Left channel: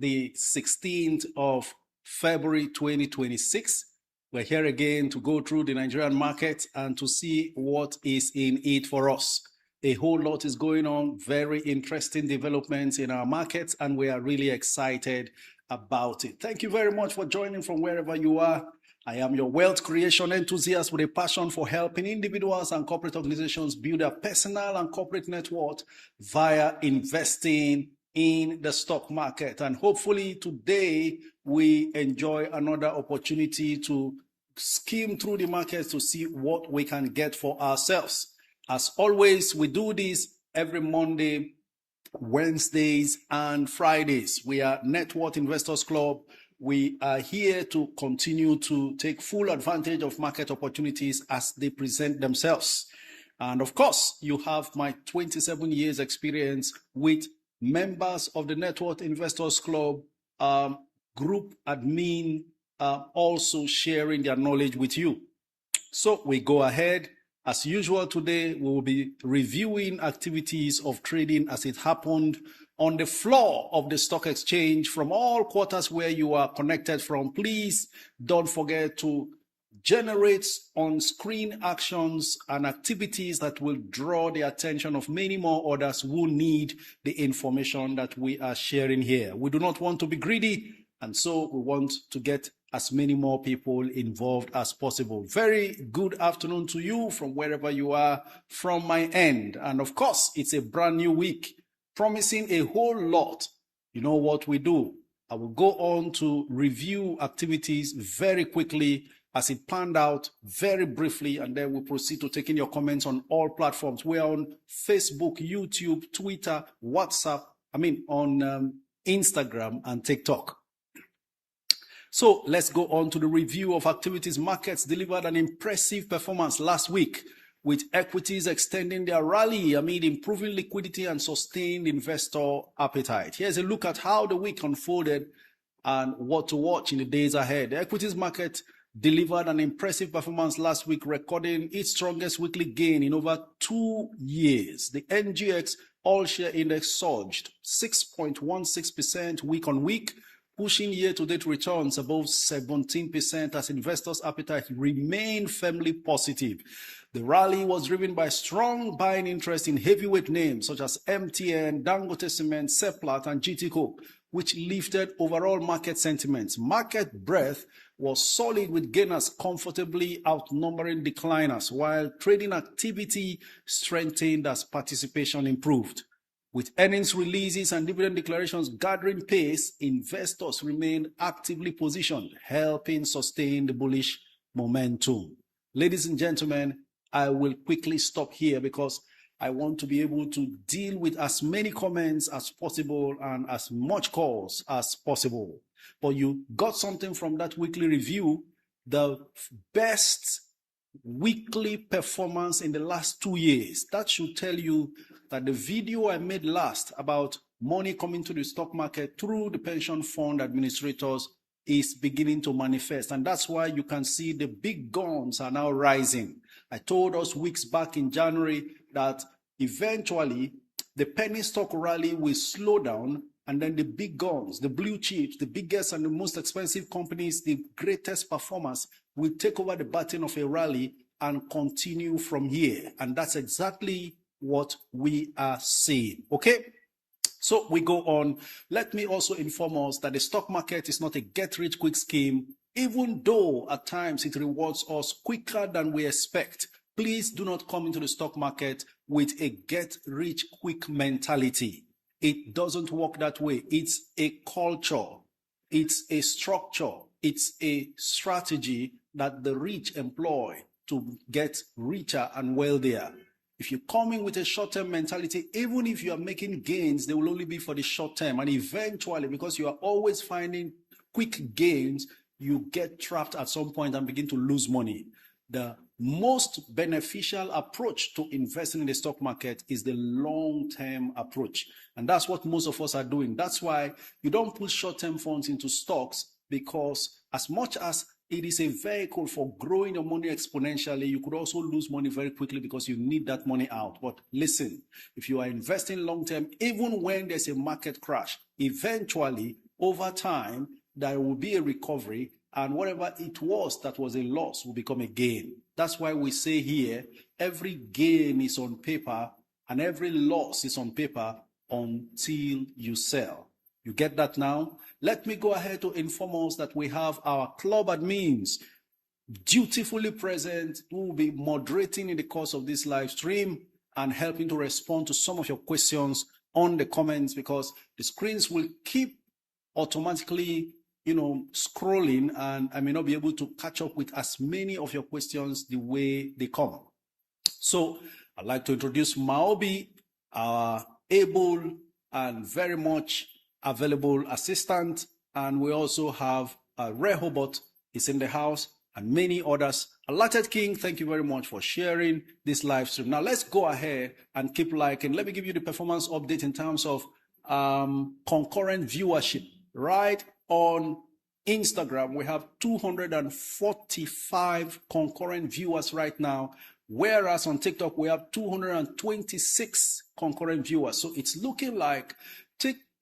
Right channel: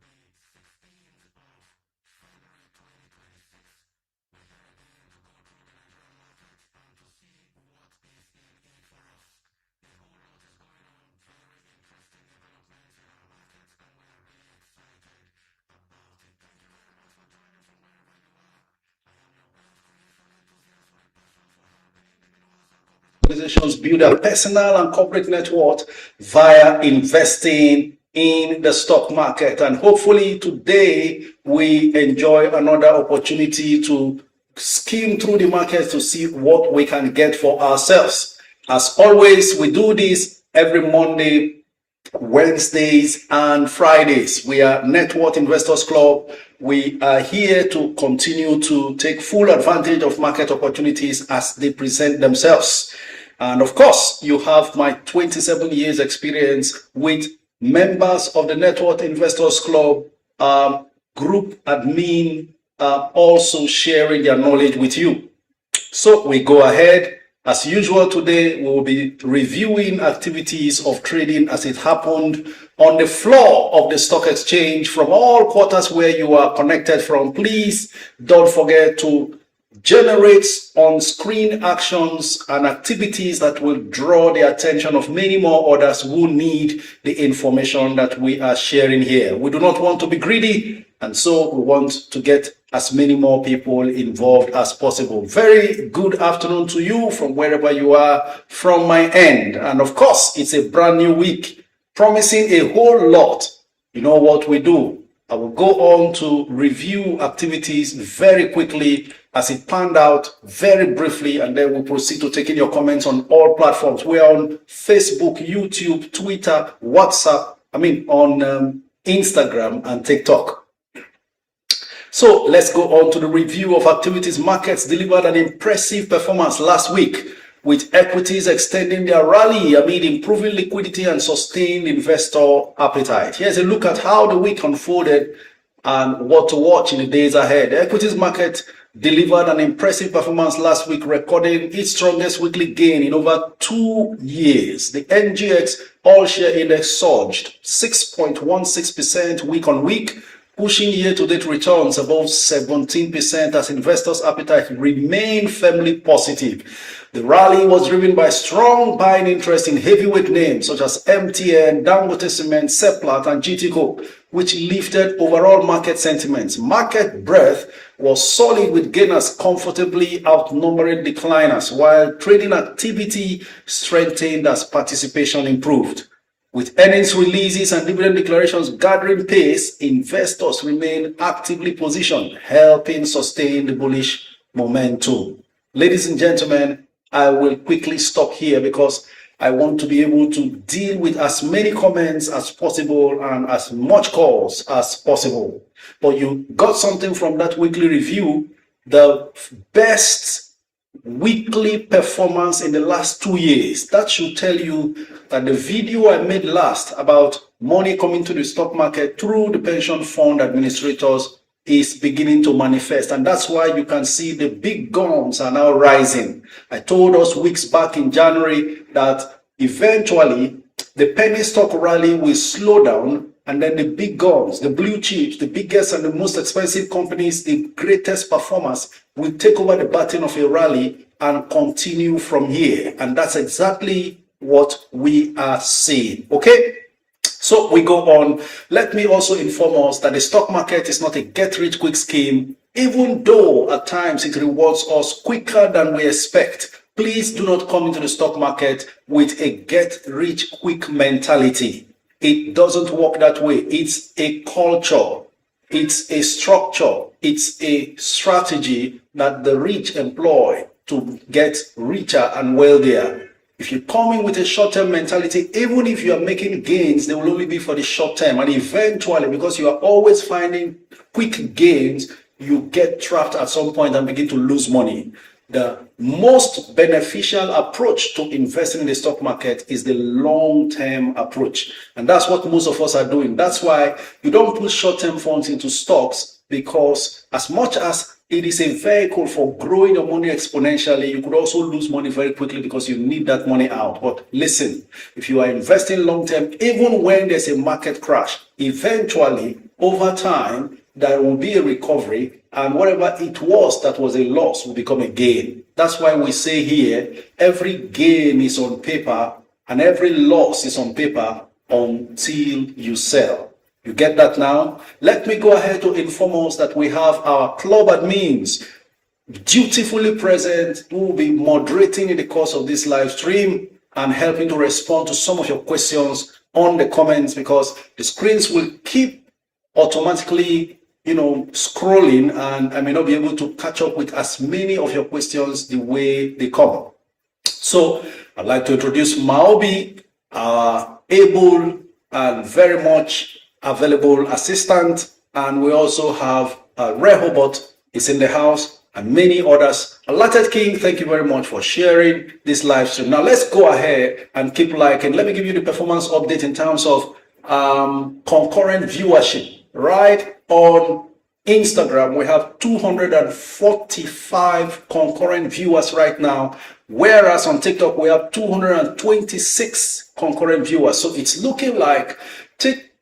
the 16th of February 2026. We're here again to go through the Nigerian market and to see what is in it for us. A whole lot is going on, very interesting developments in our markets, and we are really excited about it. Thank you very much for joining from wherever you are. I am your wealth creation enthusiast with a passion for helping individuals and corporate organizations build a personal and corporate net worth via investing in the stock market. And hopefully today we enjoy another opportunity to skim through the market to see what we can get for ourselves. As always, we do this every Monday, Wednesdays, and Fridays. We are Net Worth Investors Club. We are here to continue to take full advantage of market opportunities as they present themselves. And of course, you have my 27 years experience with members of the Net Worth Investors Club, group admin, also sharing their knowledge with you. So we go ahead. As usual, today we will be reviewing activities of trading as it happened on the floor of the stock exchange from all quarters where you are connected from. Please don't forget to generate on-screen actions and activities that will draw the attention of many more others who need the information that we are sharing here. We do not want to be greedy, and so we want to get as many more people involved as possible. Very good afternoon to you from wherever you are from my end. And of course, it's a brand new week, promising a whole lot. You know what we do. I will go on to review activities very quickly as it panned out very briefly, and then we'll proceed to taking your comments on all platforms. We are on Facebook, YouTube, Twitter, WhatsApp, on Instagram and TikTok. So let's go on to the review of activities. Markets delivered an impressive performance last week, with equities extending their rally amid improving liquidity and sustained investor appetite. Here's a look at how the week unfolded and what to watch in the days ahead. The equities market delivered an impressive performance last week, recording its strongest weekly gain in over 2 years. The NGX All-Share Index surged 6.16% week on week, pushing year-to-date returns above 17% as investors' appetite remained firmly positive. The rally was driven by strong buying interest in heavyweight names such as MTN, Dangote Cement, Seplat, and GTCO, which lifted overall market sentiments. Market breadth was solid, with gainers comfortably outnumbering decliners, while trading activity strengthened as participation improved. With earnings releases and dividend declarations gathering pace, investors remain actively positioned, helping sustain the bullish momentum. Ladies and gentlemen, I will quickly stop here because I want to be able to deal with as many comments as possible and as much calls as possible. But you got something from that weekly review, the best weekly performance in the last 2 years. That should tell you that the video I made last about money coming to the stock market through the pension fund administrators is beginning to manifest. And that's why you can see the big guns are now rising. I told us weeks back in January that eventually the penny stock rally will slow down, and then the big guns, the blue chips, the biggest and the most expensive companies, the greatest performers, will take over the baton of a rally and continue from here. And that's exactly what we are seeing. Okay, so we go on. Let me also inform us that the stock market is not a get-rich-quick scheme, even though at times it rewards us quicker than we expect. Please do not come into the stock market with a get-rich-quick mentality. It doesn't work that way. It's a culture, it's a structure, it's a strategy that the rich employ to get richer and wealthier. If you come in with a short-term mentality, even if you are making gains, they will only be for the short term. And eventually, because you are always finding quick gains, you get trapped at some point and begin to lose money. The most beneficial approach to investing in the stock market is the long-term approach. And that's what most of us are doing. That's why you don't put short-term funds into stocks, because as much as it is a vehicle for growing your money exponentially, you could also lose money very quickly because you need that money out. But listen, if you are investing long-term, even when there's a market crash, eventually over time there will be a recovery, and whatever it was that was a loss will become a gain. That's why we say here, every gain is on paper and every loss is on paper until you sell. You get that now? Let me go ahead to inform us that we have our club admins dutifully present, who will be moderating in the course of this live stream and helping to respond to some of your questions on the comments, because the screens will keep automatically scrolling, and I may not be able to catch up with as many of your questions the way they come. So I'd like to introduce Maobi, our able and very much available assistant, and we also have Rehoboth is in the house, and many others. Allotted King, thank you very much for sharing this live stream. Now let's go ahead and keep liking. Let me give you the performance update in terms of concurrent viewership. Right on Instagram, we have 245 concurrent viewers right now, whereas on TikTok, we have 226 concurrent viewers. So it's looking like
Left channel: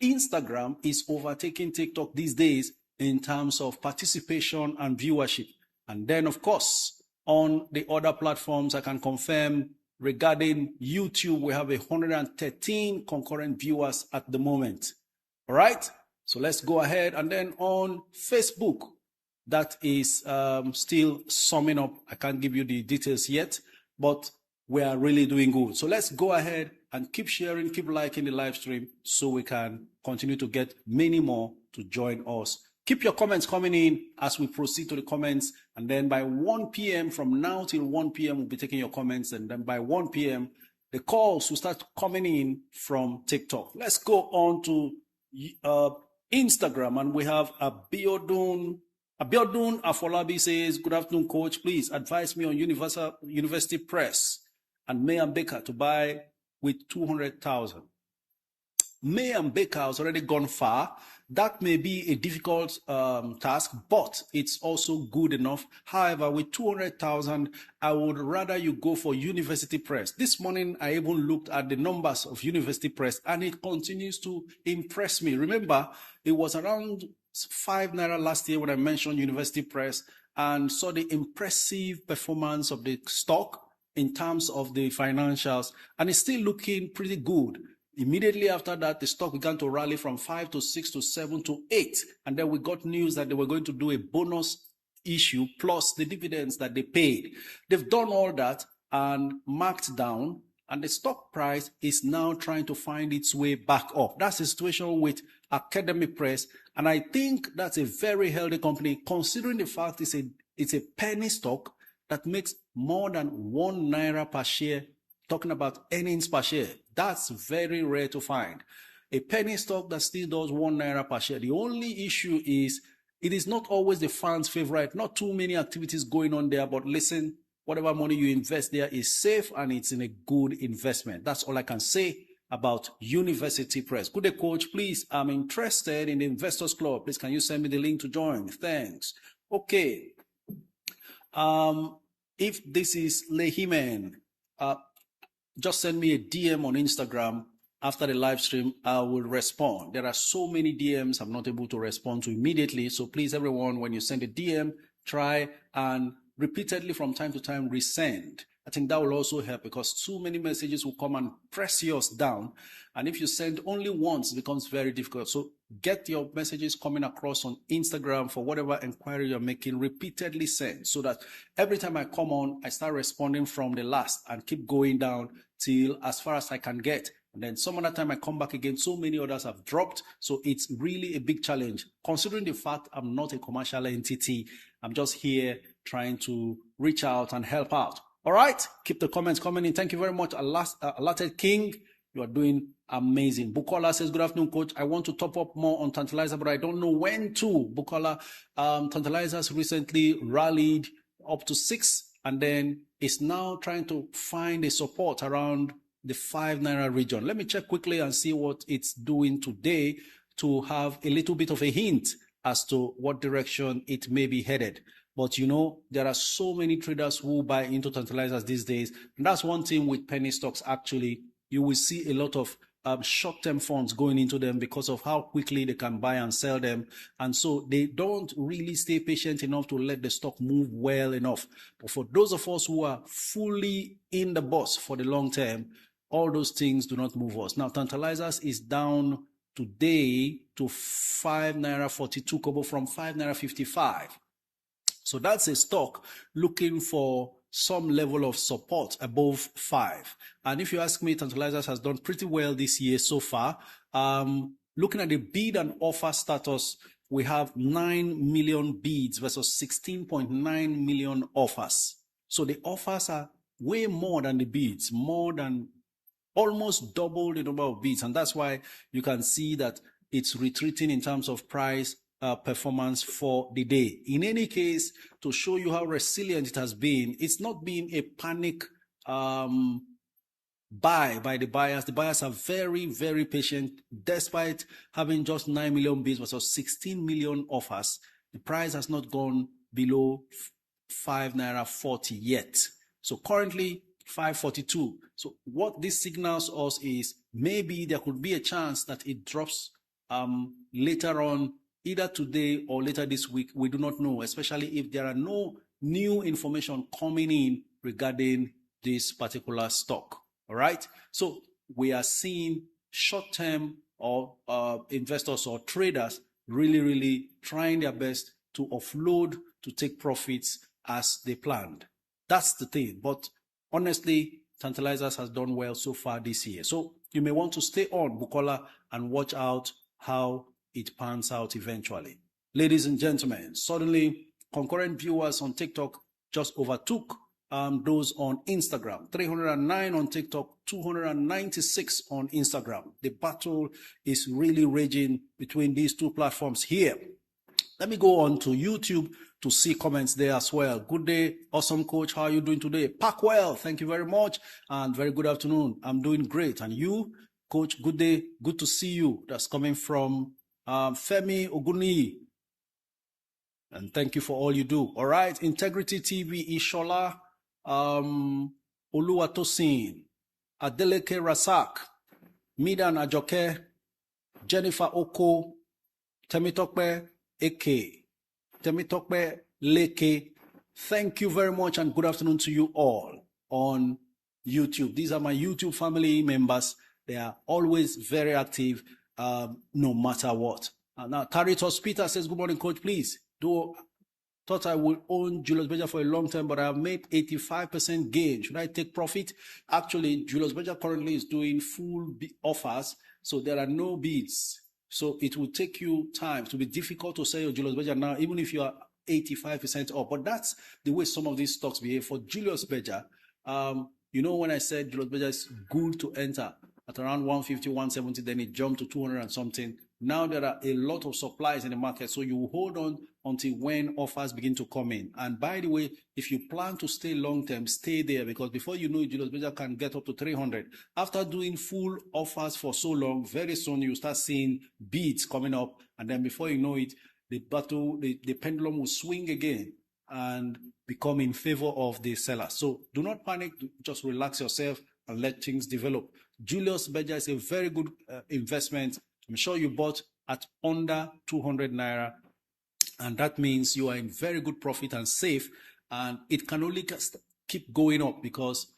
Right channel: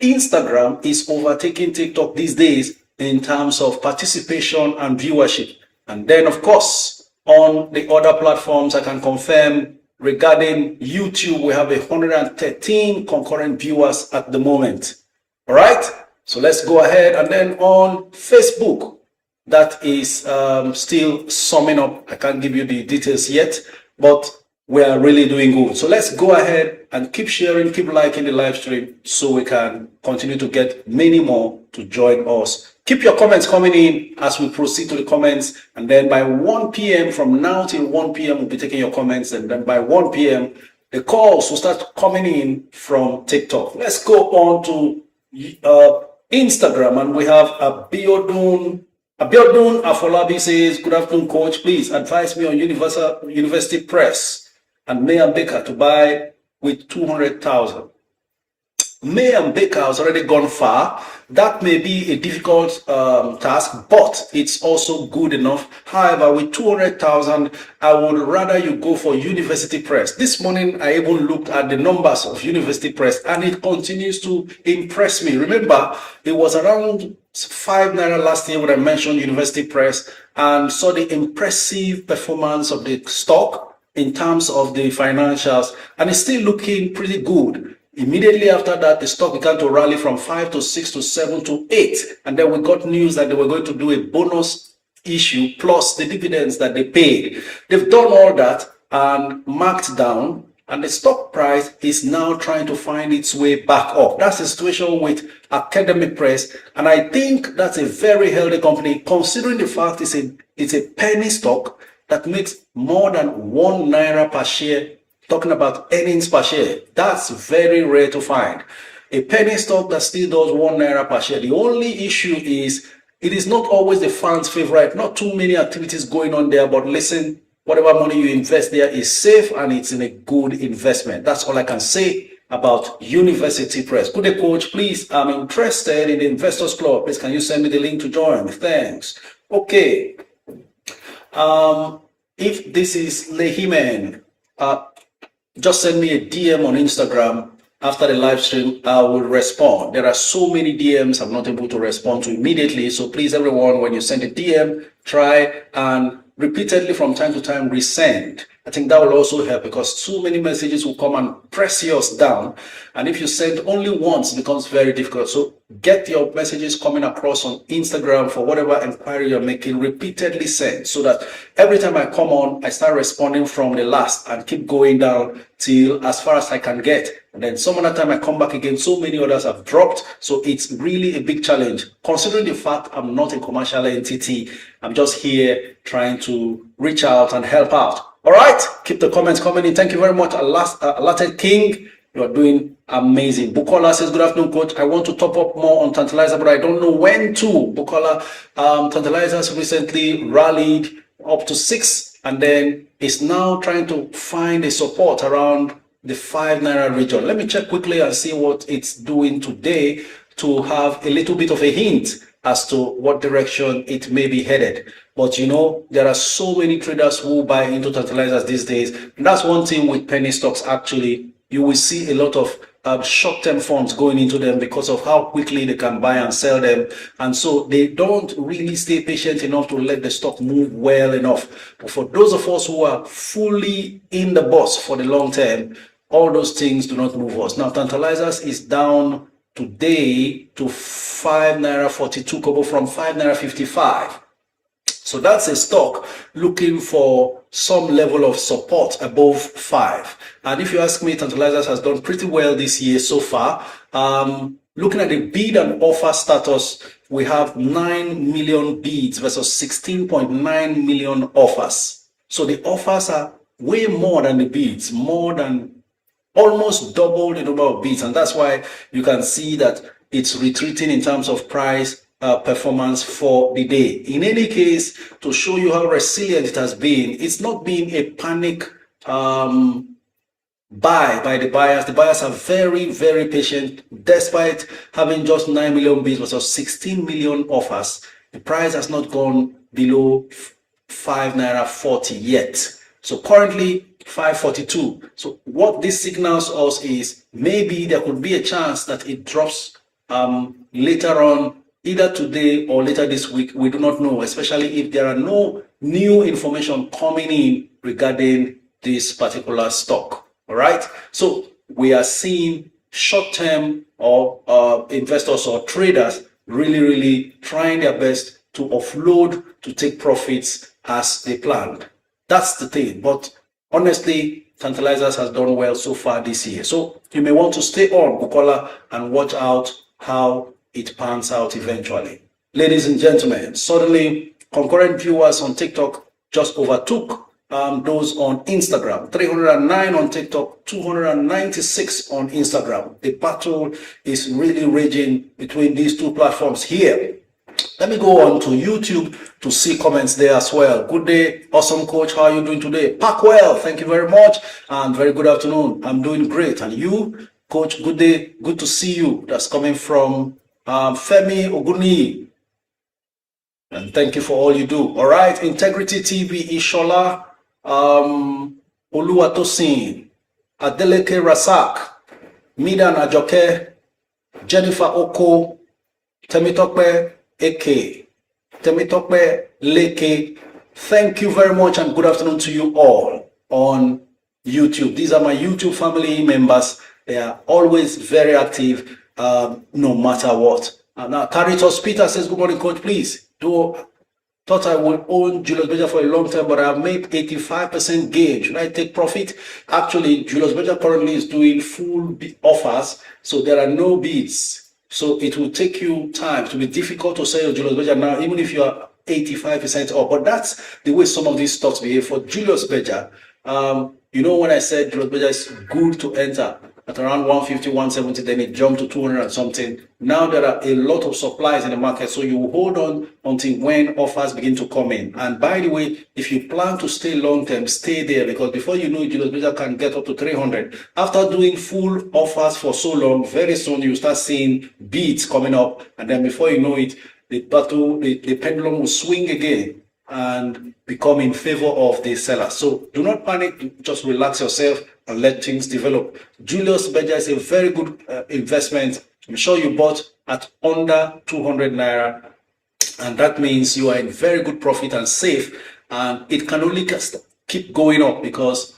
Instagram is overtaking TikTok these days in terms of participation and viewership. And then, of course, on the other platforms, I can confirm regarding YouTube, we have 113 concurrent viewers at the moment. All right? So let's go ahead. And then on Facebook, that is still summing up. I can't give you the details yet, but we are really doing good. So let's go ahead and keep sharing, keep liking the live stream so we can continue to get many more to join us. Keep your comments coming in as we proceed to the comments. And then by 1 p.m., from now till 1 p.m., we'll be taking your comments. And then by 1 p.m., the calls will start coming in from TikTok. Let's go on to Instagram, and we have Abiodun Afolabi says, good afternoon, coach. Please advise me on University Press and May and Baker to buy with 200,000. May and Baker has already gone far. That may be a difficult task, but it's also good enough. However, with 200,000, I would rather you go for University Press. This morning, I even looked at the numbers of University Press, and it continues to impress me. Remember, it was around 5 naira last year when I mentioned University Press and saw the impressive performance of the stock in terms of the financials, and it's still looking pretty good. Immediately after that, the stock began to rally from 5 to 6 to 7 to 8. And then we got news that they were going to do a bonus issue plus the dividends that they paid. They've done all that and marked down, and the stock price is now trying to find its way back up. That's the situation with Academic Press, and I think that's a very healthy company, considering the fact it's a penny stock that makes more than 1 naira per share. Talking about earnings per share, that's very rare to find. A penny stock that still does 1 naira per share. The only issue is it is not always the fans' favorite. Not too many activities going on there, but listen, whatever money you invest there is safe and it's in a good investment. That's all I can say about University Press. Good day, coach. Please, I'm interested in the Investors Club. Please, can you send me the link to join? Thanks. Okay. If this is Lehimen, just send me a DM on Instagram after the live stream. I will respond. There are so many DMs I'm not able to respond to immediately. So please, everyone, when you send a DM, try and repeatedly from time to time resend. I think that will also help, because too many messages will come and press yours down. And if you send only once, it becomes very difficult. So get your messages coming across on Instagram for whatever inquiry you're making, repeatedly send, so that every time I come on, I start responding from the last and keep going down till as far as I can get. And then some other time I come back again, so many others have dropped. So it's really a big challenge, considering the fact I'm not a commercial entity. I'm just here trying to reach out and help out. All right, keep the comments coming in. Thank you very much, Allotted King. You are doing amazing. Bukola says, good afternoon, coach. I want to top up more on Tantalizer, but I don't know when to. Bukola, Tantalizers recently rallied up to 6, and then is now trying to find a support around the 5 naira region. Let me check quickly and see what it's doing today to have a little bit of a hint as to what direction it may be headed. But you know, there are so many traders who buy into Tantalizers these days. And that's one thing with penny stocks, actually. You will see a lot of short-term funds going into them because of how quickly they can buy and sell them. And so they don't really stay patient enough to let the stock move well enough. But for those of us who are fully in the bus for the long term, all those things do not move us. Now, Tantalizers is down today to 5 naira 42 kobo from 5 naira 55. So that's a stock looking for some level of support above 5. And if you ask me, Tantalizers has done pretty well this year so far. Looking at the bid and offer status, we have 9 million bids versus 16.9 million offers. So the offers are way more than the bids, more than almost double the number of bids. And that's why you can see that it's retreating in terms of price performance for the day. In any case, to show you how resilient it has been, it's not been a panic buy by the buyers. The buyers are very, very patient. Despite having just 9 million bids versus 16 million offers, the price has not gone below 5 naira 40 yet. So currently 542. So what this signals us is maybe there could be a chance that it drops later on, either today or later this week. We do not know, especially if there are no new information coming in regarding this particular stock. All right. So we are seeing short-term or investors or traders really trying their best to offload to take profits as they planned. That's the thing. But honestly, Tantalizers has done well so far this year. So you may want to stay on, Bukola, and watch out how it pans out eventually. Ladies and gentlemen, suddenly concurrent viewers on TikTok just overtook those on Instagram. 309 on TikTok, 296 on Instagram. The battle is really raging between these two platforms here. Let me go on to YouTube to see comments there as well. Good day, awesome coach. How are you doing today? Pack well, thank you very much. And very good afternoon. I'm doing great. And you, coach, good day, good to see you. That's coming from Femi Oguni. And thank you for all you do. All right, Integrity TV, Ishola, Oluwatosin, Adeleke Rasak, Midan Ajoke, Jennifer Oko, Temitope Eke, Temitope Leke. Thank you very much and good afternoon to you all on YouTube. These are my YouTube family members. They are always very active, no matter what. Now, Caritas Peter says, good morning, coach, please. Thought I would own Julius Berger for a long time, but I've made 85% gain. Should I take profit? Actually, Julius Berger currently is doing full offers, so there are no bids. So it will take you time. It will be difficult to sell Julius Berger now, even if you are 85% off. But that's the way some of these stocks behave. For Julius Berger, you know, when I said Julius Berger is good to enter at around 150, 170, then it jumped to 200 and something. Now there are a lot of supplies in the market, so you hold on until when offers begin to come in. And by the way, if you plan to stay long term, stay there, because before you know it, Julius Berger can get up to 300. After doing full offers for so long, very soon you start seeing bids coming up, and then before you know it, the battle, the pendulum will swing again and become in favor of the seller. So do not panic, just relax yourself and let things develop. Julius Berger is a very good investment. I'm sure you bought at under 200 naira, and that means you are in very good profit and safe, and it can only keep going up because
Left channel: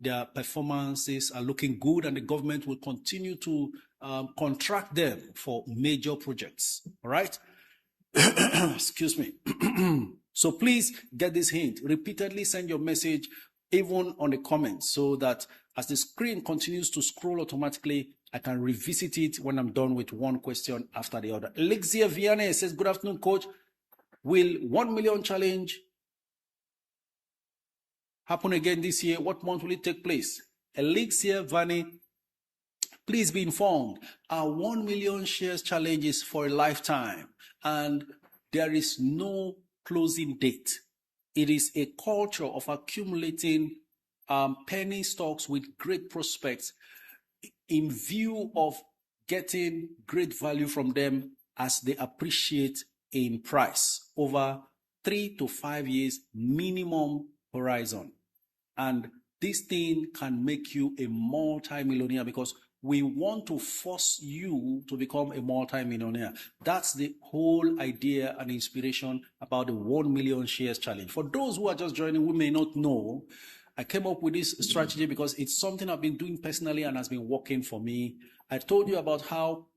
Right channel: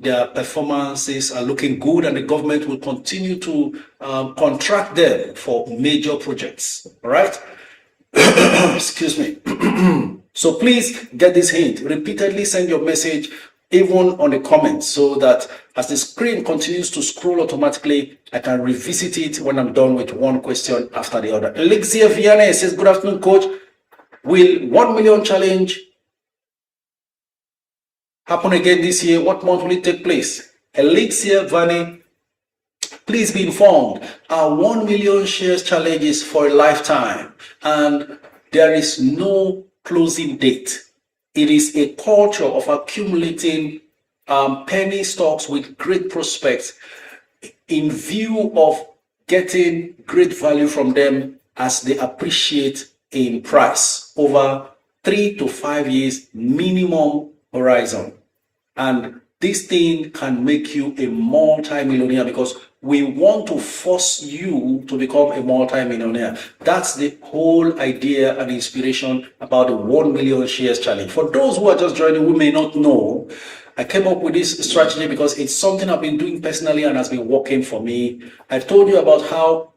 their performances are looking good, and the government will continue to contract them for major projects. All right. Excuse me. So please get this hint. Repeatedly send your message, even on the comments, so that as the screen continues to scroll automatically, I can revisit it when I'm done with one question after the other. Elixir Vianney says, good afternoon, coach. Will 1 million challenge happen again this year? What month will it take place? Elixir Vianney, please be informed. Our 1 million shares challenge is for a lifetime, and there is no closing date. It is a culture of accumulating penny stocks with great prospects in view of getting great value from them as they appreciate in price over 3 to 5 years minimum horizon. And this thing can make you a multi-millionaire, because We want to force you to become a multi-millionaire. That's the whole idea and inspiration about the 1 million shares challenge. For those who are just joining, who may not know, I came up with this strategy because it's something I've been doing personally and has been working for me. I told you about how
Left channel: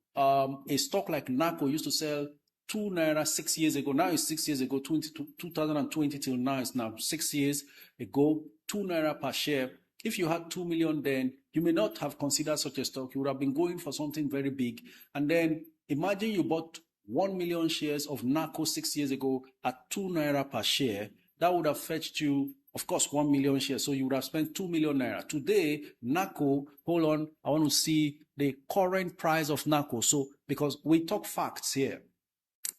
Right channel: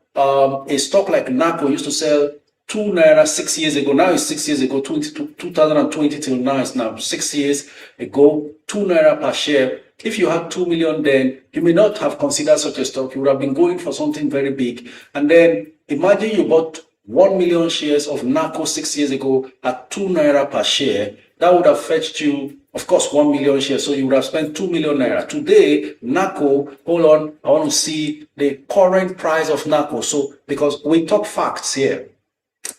a stock like NACO used to sell 2 naira 6 years ago. Now it's 6 years ago, 2020 till now, it's now 6 years ago, 2 naira per share. If you had 2 million then, you may not have considered such a stock. You would have been going for something very big. And then imagine you bought 1 million shares of NACO 6 years ago at 2 naira per share. That would have fetched you, of course, 1 million shares. So you would have spent 2 million naira. Today, NACO, hold on, I want to see the current price of NACO. So, because we talk facts here.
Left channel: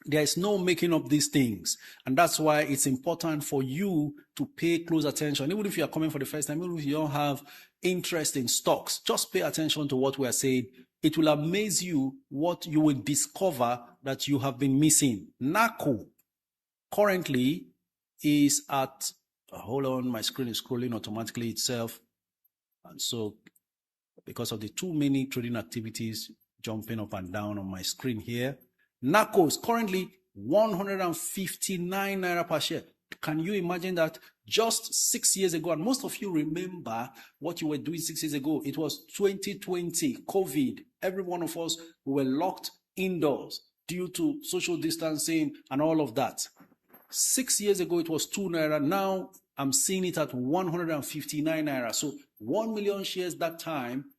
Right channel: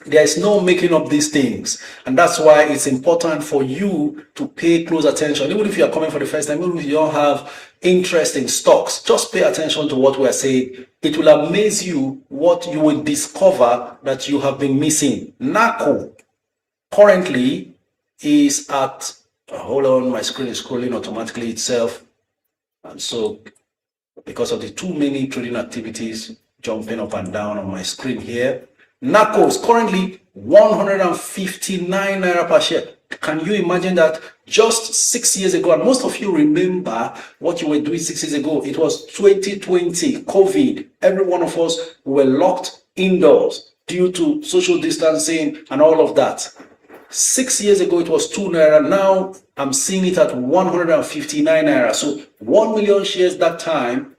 There is no making up these things, and that's why it's important for you to pay close attention. Even if you are coming for the first time, even if you don't have interest in stocks, just pay attention to what we are saying. It will amaze you what you will discover that you have been missing. NACO currently is at, hold on, my screen is scrolling automatically itself, and so because of the too many trading activities jumping up and down on my screen here, NACO is currently 159 naira per share. Can you imagine that? Just 6 years ago, and most of you remember what you were doing 6 years ago. It was 2020, COVID. Every one of us were locked indoors due to social distancing and all of that. 6 years ago, it was 2 naira. Now I'm seeing it at 159 naira. So 1 million shares that time,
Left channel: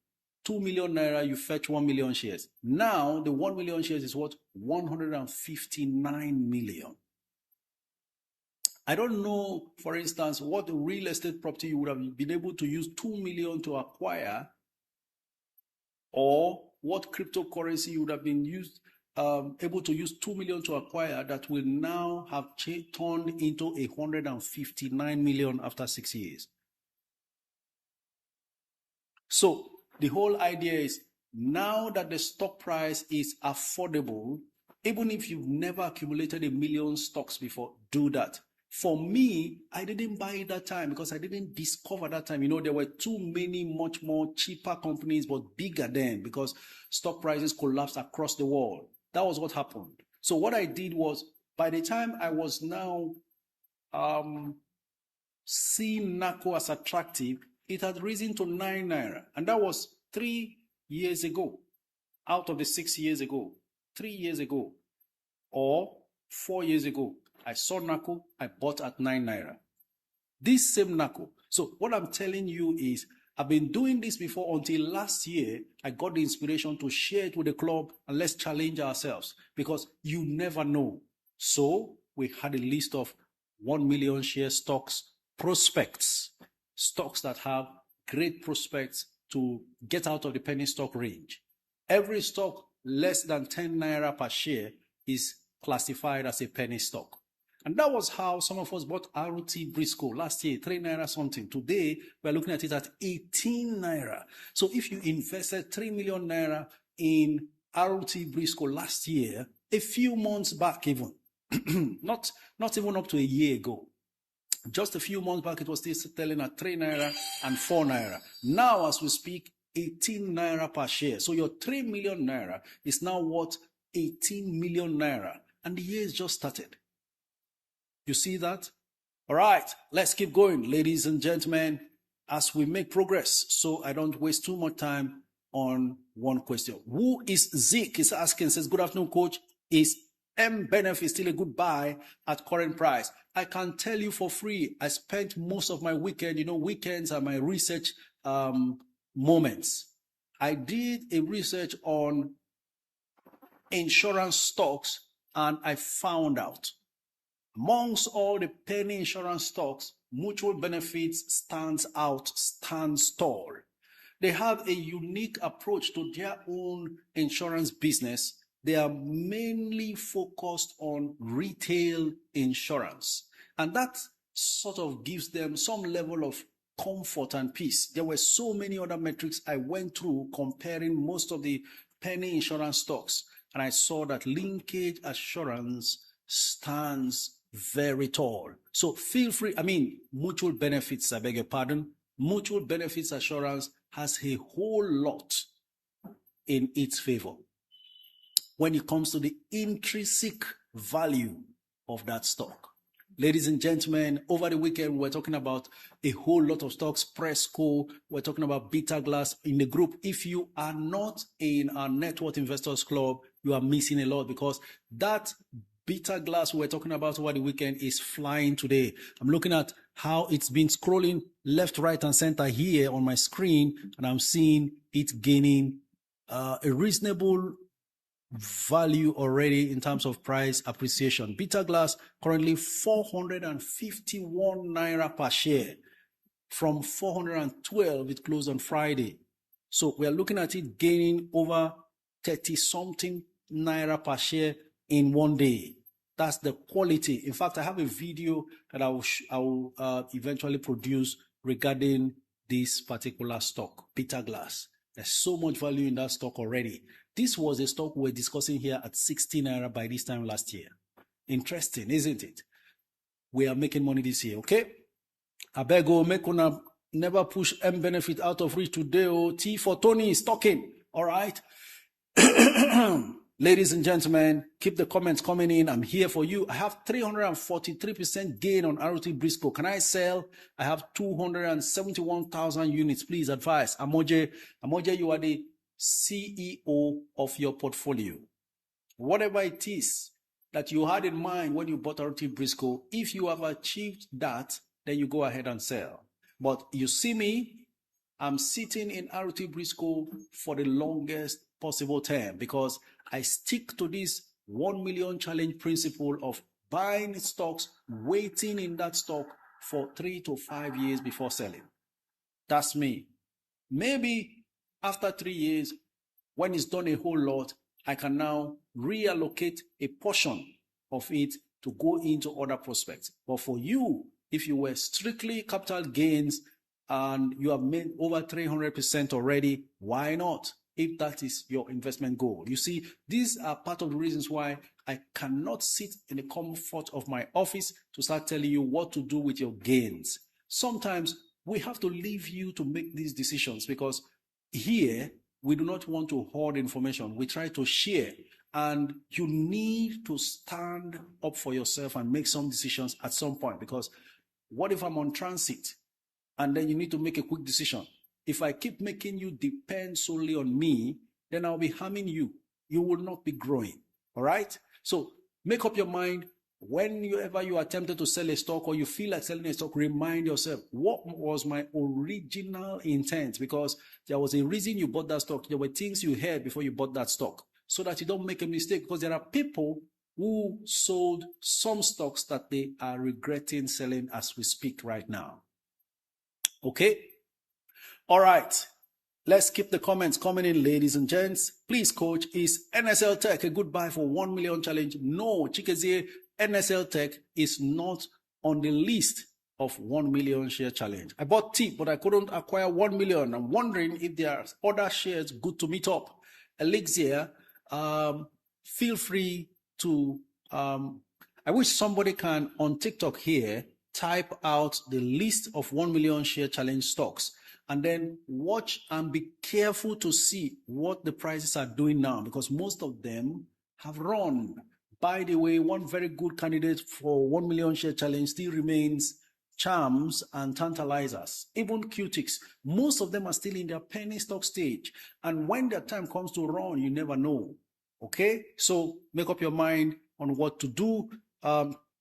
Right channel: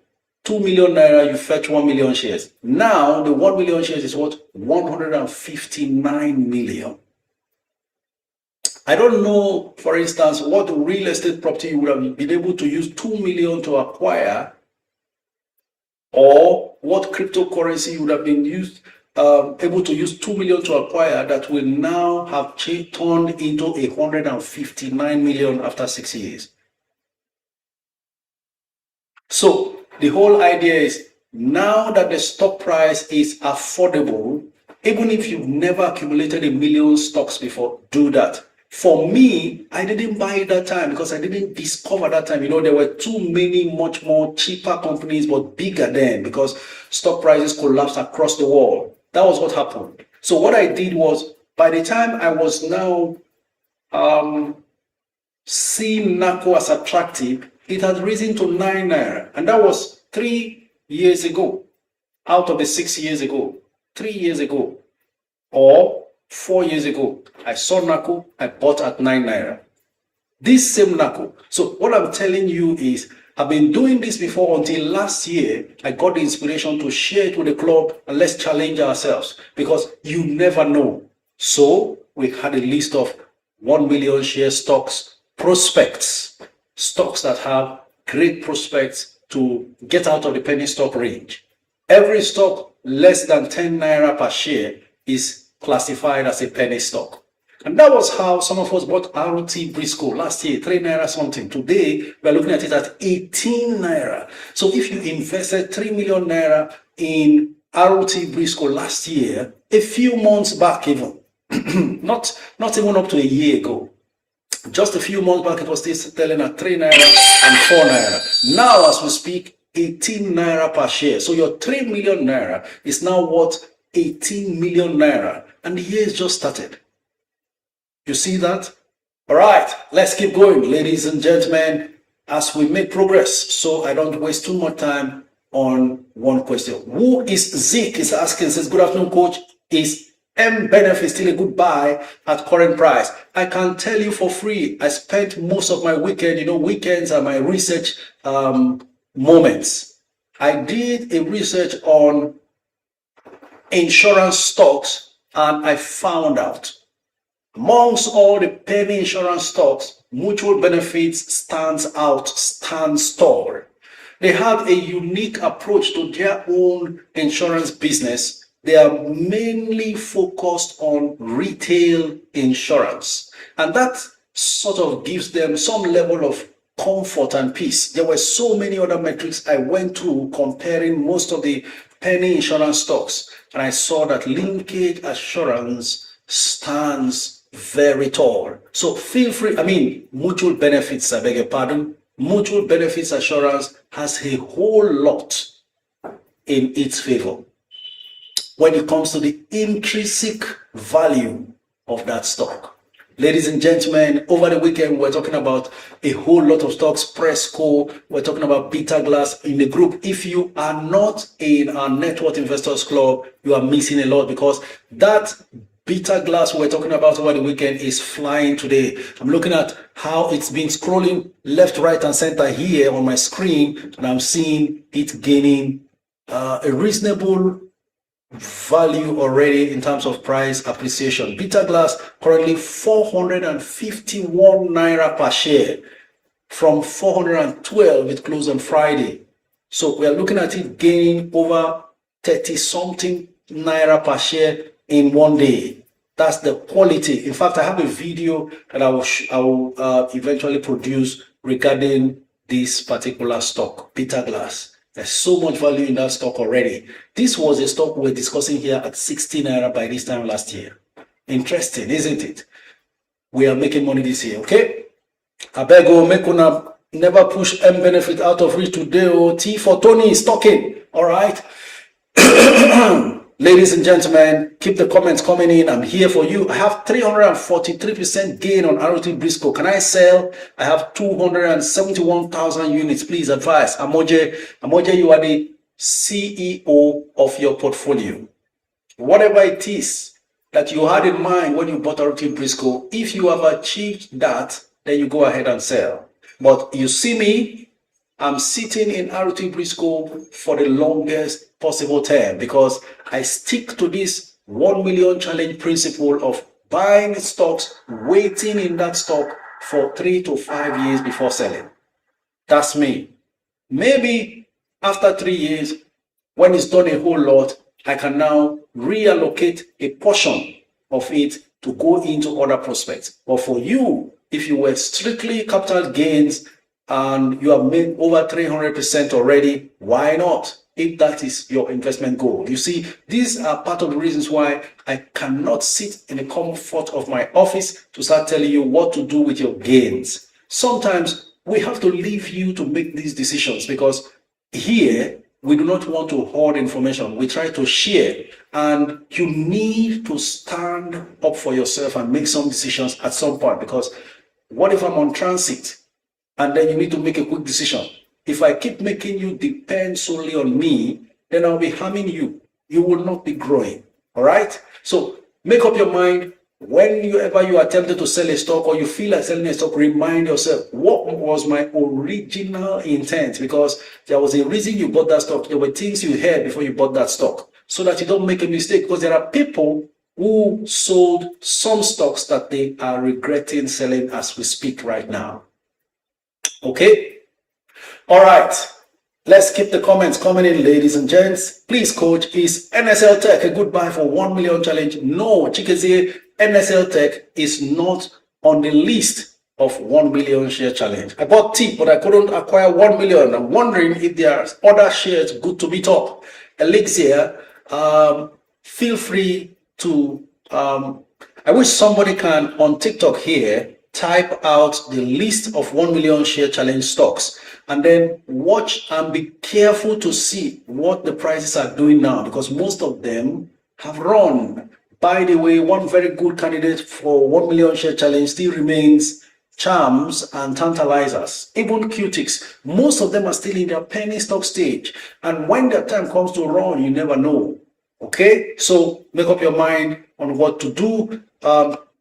2 million naira, you fetch 1 million shares. Now, the 1 million shares is what? 159 million. I don't know, for instance, what real estate property you would have been able to use 2 million to acquire, or what cryptocurrency you would have been able to use 2 million to acquire that will now have turned into 159 million after 6 years. So, the whole idea is, now that the stock price is affordable, even if you've never accumulated a million stocks before, do that. For me, I didn't buy it that time because I didn't discover that time. You know, there were too many much more cheaper companies, but bigger then, because stock prices collapsed across the world. That was what happened. So what I did was, by the time I was now seeing NACO as attractive, it had risen to 9 naira, and that was 3 years ago, out of the 6 years ago, 3 years ago, or 4 years ago. I saw NACO, I bought at 9 naira. This same NACO. So what I'm telling you is, I've been doing this before until last year. I got the inspiration to share it with the club, and let's challenge ourselves, because you never know. So we had a list of 1 million share stocks, prospects, stocks that have great prospects to get out of the penny stock range. Every stock less than 10 naira per share is classified as a penny stock. And that was how some of us bought RT Briscoe last year, 3 naira something. Today, we're looking at it at 18 naira. So if you invested 3 million naira in RT Briscoe last year, a few months back even, not even up to a year ago, just a few months back, it was still selling at 3 naira and 4 naira. Now, as we speak, 18 naira per share. So your 3 million naira is now worth 18 million naira. And the year has just started. You see that? All right, let's keep going, ladies and gentlemen, as we make progress, so I don't waste too much time on one question. Who is Zeke is asking, says, good afternoon, coach. Is M-Benefit still a good buy at current price? I can tell you for free, I spent most of my weekend, weekends are my research moments. I did a research on insurance stocks, and I found out amongst all the penny insurance stocks, mutual benefits stands tall. They have a unique approach to their own insurance business. They are mainly focused on retail insurance, and that sort of gives them some level of comfort and peace. There were so many other metrics I went through comparing most of the penny insurance stocks, and I saw that linkage assurance stands very tall. So feel free, mutual benefits, I beg your pardon, mutual benefits assurance has a whole lot in its favor when it comes to the intrinsic value of that stock. Ladies and gentlemen, over the weekend, we're talking about a whole lot of stocks, Presco, we're talking about Beta Glass in the group. If you are not in our Net Worth Investors Club, you are missing a lot, because that Beta Glass we're talking about over the weekend is flying today. I'm looking at how it's been scrolling left, right, and center here on my screen, and I'm seeing it gaining a reasonable value already in terms of price appreciation. Beta Glass currently 451 naira per share from 412 it closed on Friday. So we are looking at it gaining over 30 something naira per share in one day. That's the quality. In fact, I have a video that I will eventually produce regarding this particular stock, Beta Glass. There's so much value in that stock already. This was a stock we're discussing here at 60 naira by this time last year. Interesting, isn't it? We are making money this year, okay? I beg you, make una never push M benefit out of reach today. T for Tony is talking, all right? Ladies and gentlemen, keep the comments coming in. I'm here for you. I have 343% gain on ROT Briscoe. Can I sell? I have 271,000 units. Please advise. Amoje, you are the CEO of your portfolio. Whatever it is that you had in mind when you bought ROT Briscoe, if you have achieved that, then you go ahead and sell. But you see me, I'm sitting in ROT Briscoe for the longest possible term, because I stick to this 1 million challenge principle of buying stocks, waiting in that stock for 3 to 5 years before selling. That's me. Maybe after 3 years, when it's done a whole lot, I can now reallocate a portion of it to go into other prospects. But for you, if you were strictly capital gains and you have made over 300% already, why not? If that is your investment goal. You see, these are part of the reasons why I cannot sit in the comfort of my office to start telling you what to do with your gains. Sometimes we have to leave you to make these decisions, because here we do not want to hoard information. We try to share, and you need to stand up for yourself and make some decisions at some point, because what if I'm on transit and then you need to make a quick decision? If I keep making you depend solely on me, then I'll be harming you. You will not be growing. All right? So make up your mind. Whenever you are tempted to sell a stock or you feel like selling a stock, remind yourself, what was my original intent? Because there was a reason you bought that stock. There were things you heard before you bought that stock, so that you don't make a mistake. Because there are people who sold some stocks that they are regretting selling as we speak right now. Okay? All right, let's keep the comments coming in, ladies and gents. Please, coach, is NSL Tech a good buy for 1 million challenge? No, Chikezie, NSL Tech is not on the list of 1 million share challenge. I bought T, but I couldn't acquire 1 million. I'm wondering if there are other shares good to meet up. Elixir, feel free to, I wish somebody can on TikTok here type out the list of 1 million share challenge stocks, and then watch and be careful to see what the prices are doing now, because most of them have run. By the way, one very good candidate for 1 million share challenge still remains Charms and Tantalizers. Even Qtics, most of them are still in their penny stock stage, and when the time comes to run, you never know. Okay, so make up your mind on what to do.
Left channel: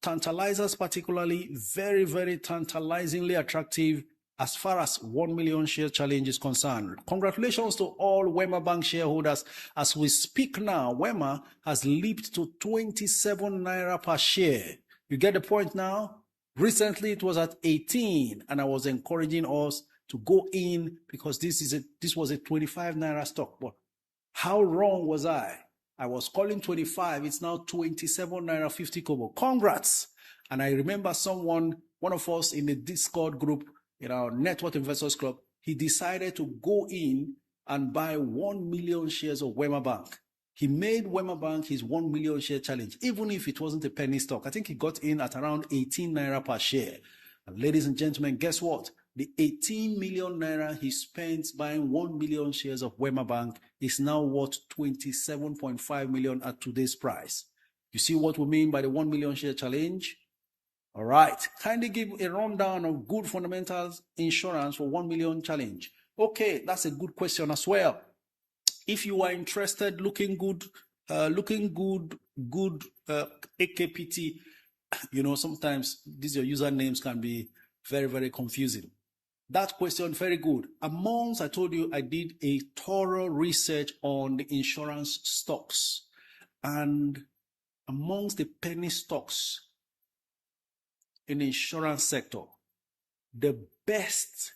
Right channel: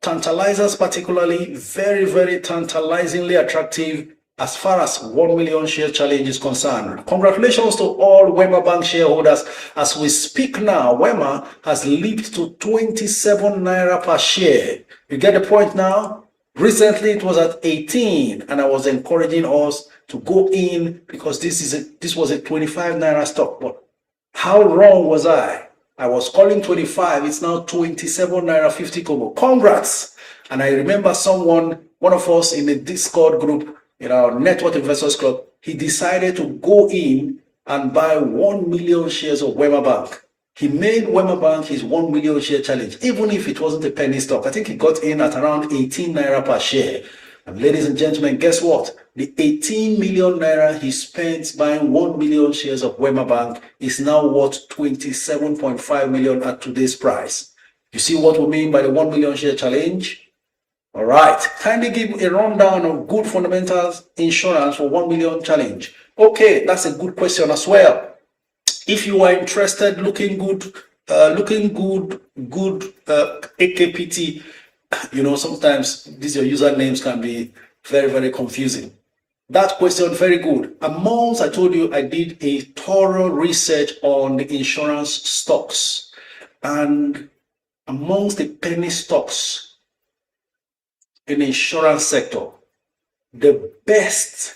Tantalizers particularly, very, very tantalizingly attractive as far as 1 million share challenge is concerned. Congratulations to all Wema Bank shareholders. As we speak now, Wema has leaped to 27 naira per share. You get the point now? Recently it was at 18, and I was encouraging us to go in because this was a 25 naira stock. But how wrong was I? I was calling 25, it's now 27 naira 50 kobo. Congrats! And I remember one of us in the Discord group, in our Net Worth Investors Club, he decided to go in and buy 1 million shares of Wema Bank. He made Wema Bank his 1 million share challenge, even if it wasn't a penny stock. I think he got in at around 18 naira per share. And ladies and gentlemen, guess what? The 18 million naira he spent buying 1 million shares of Wema Bank is now worth 27.5 million at today's price. You see what we mean by the 1 million share challenge? All right, kindly give a rundown of good fundamentals insurance for 1 million challenge. Okay, that's a good question as well. If you are interested, looking good, AKPT, you know, sometimes these your usernames can be very, very confusing. That question, very good. Amongst, I told you, I did a thorough research on the insurance stocks. And amongst the penny stocks in the insurance sector, the best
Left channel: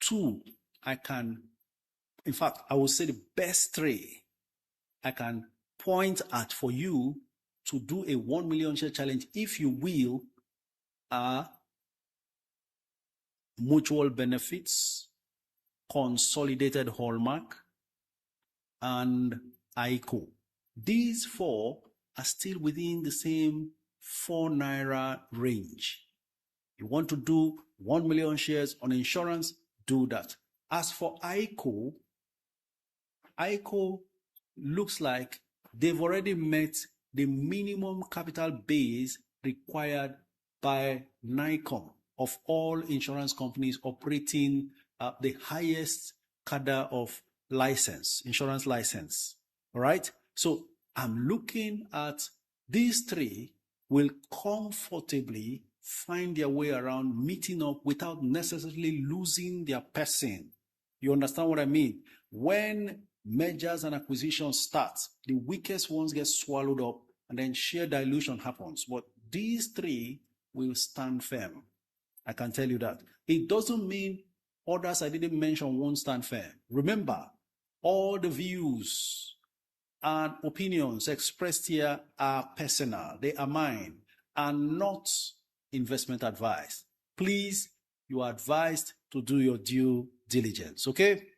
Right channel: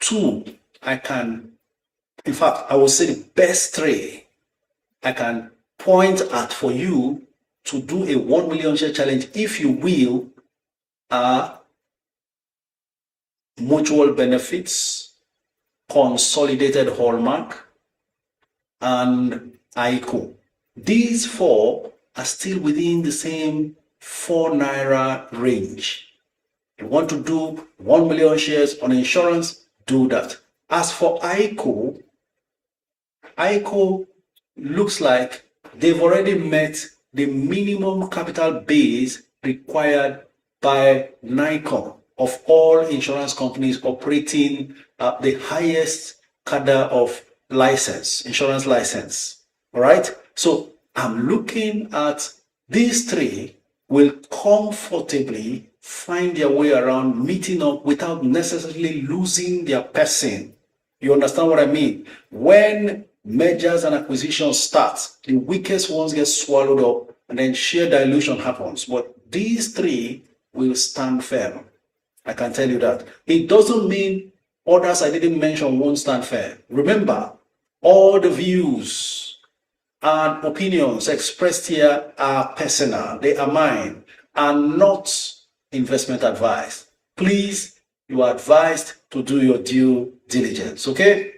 two I can, in fact, I will say the best three I can point at for you to do a 1 million share challenge, if you will, are mutual benefits, consolidated hallmark, and ICO. These four are still within the same 4 naira range. You want to do 1 million shares on insurance, do that. As for ICO looks like they've already met the minimum capital base required by NICOM of all insurance companies operating the highest cadre of license, insurance license. All right. So I'm looking at these three will comfortably find their way around meeting up without necessarily losing their person. You understand what I mean? When mergers and acquisitions start, the weakest ones get swallowed up and then share dilution happens. But these three will stand firm. I can tell you that. It doesn't mean others I didn't mention won't stand firm. Remember, all the views and opinions expressed here are personal. They are mine and not investment advice. Please, you are advised to do your due diligence, okay?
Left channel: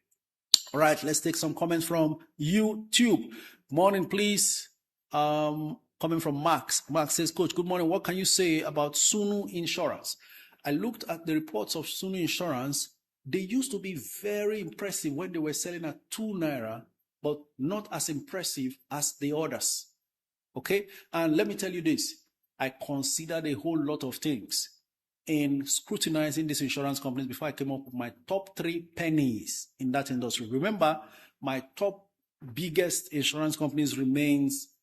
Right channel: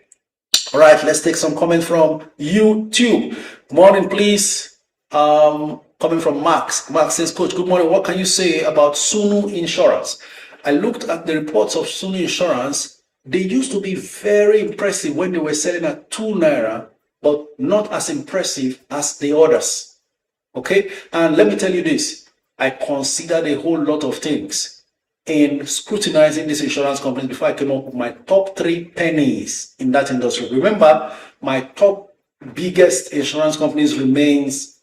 All right, let's take some comments from YouTube. Morning, please. Coming from Max. Max says, Coach, good morning. What can you say about Sunu Insurance? I looked at the reports of Sunu Insurance. They used to be very impressive when they were selling at 2 naira, but not as impressive as the others. Okay, and let me tell you this. I considered a whole lot of things in scrutinizing this insurance company before I came up with my top 3 pennies in that industry. Remember, my top biggest insurance companies remains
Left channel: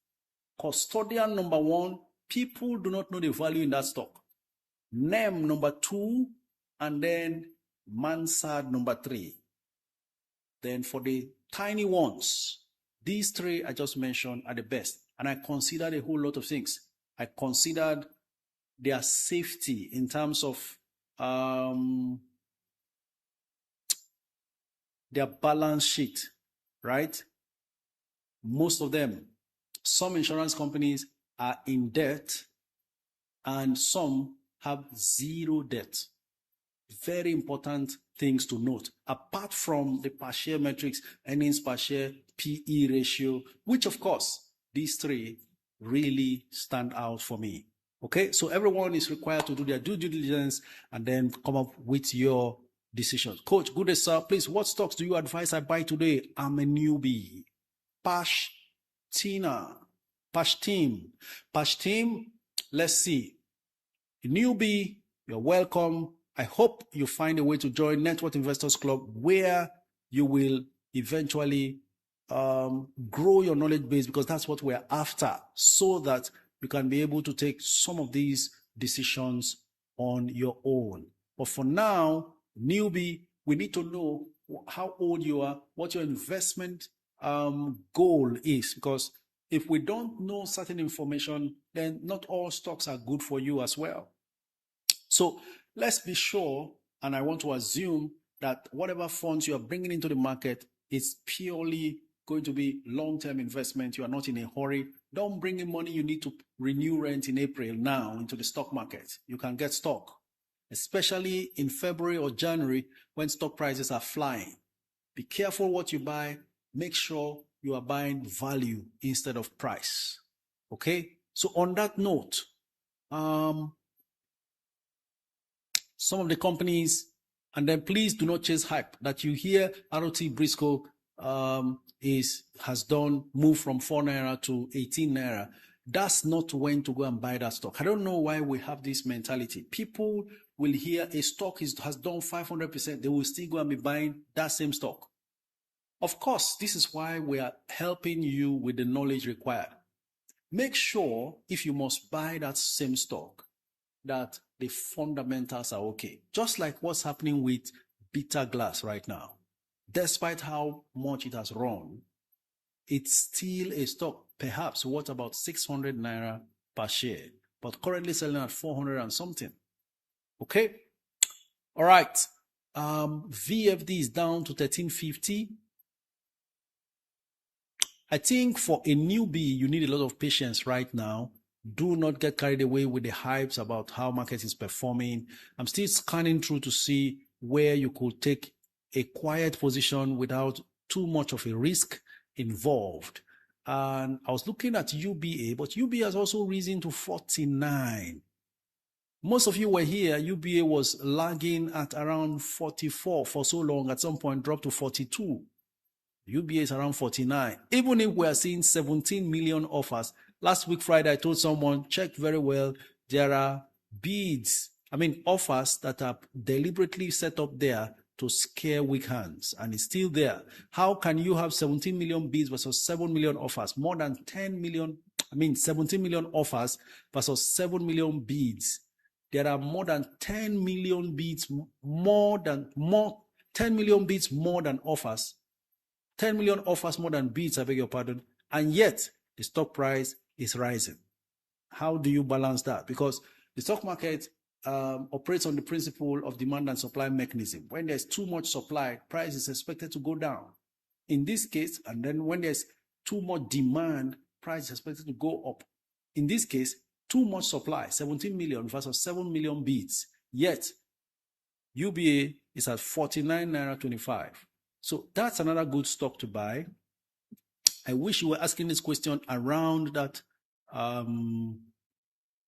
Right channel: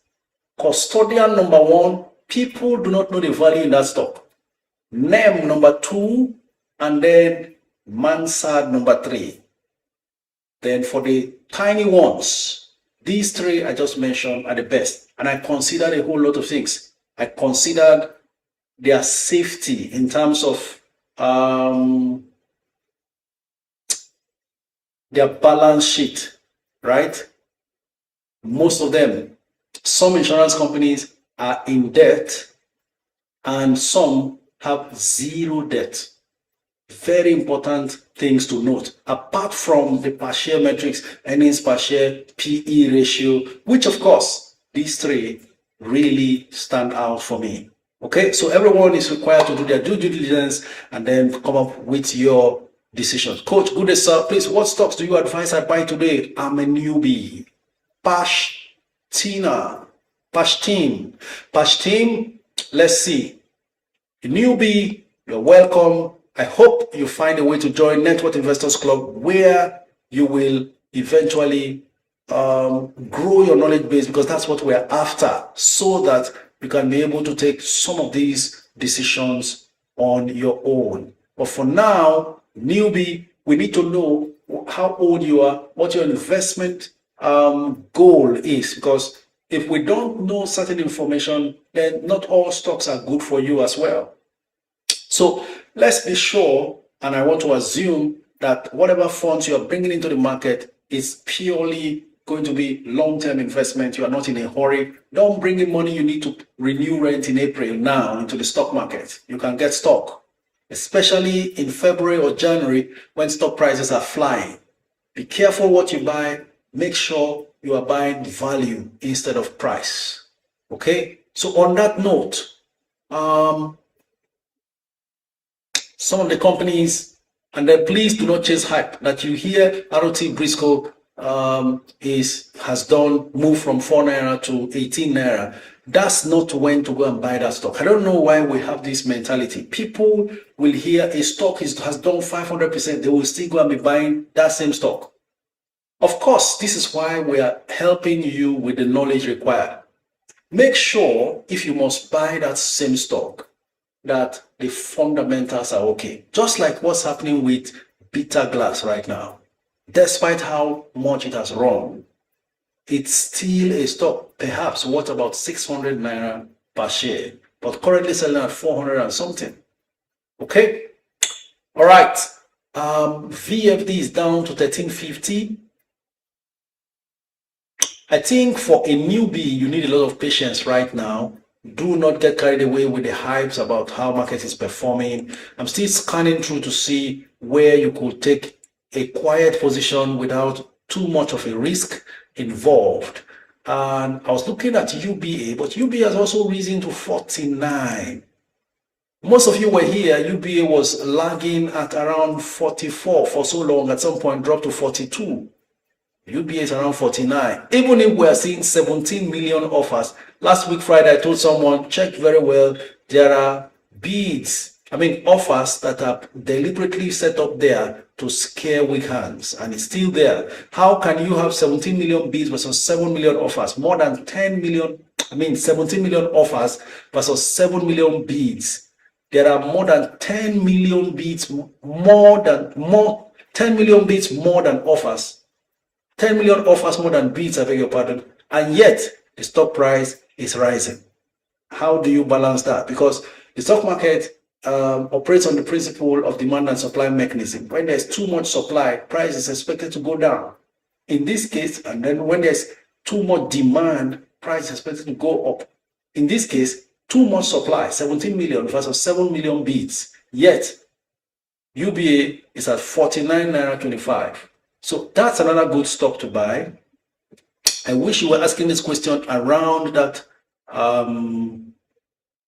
Custodian number 1. People do not know the value in that stock. NEM number 2, and then Mansard number 3. Then for the tiny ones, these 3 I just mentioned are the best. And I considered a whole lot of things. I considered their safety in terms of their balance sheet, right? Most of them, some insurance companies are in debt and some have 0 debt. Very important things to note, apart from the per share metrics, earnings per share, PE ratio, which of course, these 3 really stand out for me. Okay, so everyone is required to do their due diligence and then come up with your decisions. Coach, good day, sir. Please, what stocks do you advise I buy today? I'm a newbie. Pashtin. Let's see. A newbie, you're welcome. I hope you find a way to join Network Investors Club where you will eventually grow your knowledge base, because that's what we're after, so that you can be able to take some of these decisions on your own. But for now, newbie, we need to know how old you are, what your investment goal is, because if we don't know certain information, then not all stocks are good for you as well. So let's be sure, and I want to assume that whatever funds you are bringing into the market is purely going to be long-term investment. You are not in a hurry. Don't bring in money you need to renew rent in April now into the stock market. You can get stock, especially in February or January when stock prices are flying. Be careful what you buy. Make sure you are buying value instead of price. Okay? So on that note, some of the companies And then please do not chase hype that you hear ROT Briscoe has done move from 4 naira to 18 naira. That's not when to go and buy that stock. I don't know why we have this mentality. People will hear a stock has done 500%, they will still go and be buying that same stock. Of course, this is why we are helping you with the knowledge required. Make sure if you must buy that same stock, that the fundamentals are okay. Just like what's happening with bitter glass right now. Despite how much it has run, it's still a stock, perhaps worth about 600 naira per share, but currently selling at 400 and something. Okay? All right. VFD is down to 1350. I think for a newbie, you need a lot of patience right now. Do not get carried away with the hypes about how market is performing. I'm still scanning through to see where you could take a quiet position without too much of a risk involved. And I was looking at UBA, but UBA has also risen to 49. Most of you were here. UBA was lagging at around 44 for so long, at some point dropped to 42. UBA is around 49. Even if we are seeing 17 million offers, last week Friday I told someone, check very well, there are offers that are deliberately set up there to scare weak hands, and it's still there. How can you have 17 million bids versus 7 million offers? More than 10 million, 17 million offers versus 7 million bids. There are more than 10 million bids, 10 million bids more than offers. 10 million offers more than bids, I beg your pardon, and yet the stock price is rising. How do you balance that? Because the stock market operates on the principle of demand and supply mechanism. When there's too much supply, price is expected to go down. In this case, and then when there's too much demand, price is expected to go up. In this case, too much supply, 17 million versus 7 million bids, yet UBA is at 49 naira 25. So that's another good stock to buy. I wish you were asking this question around that,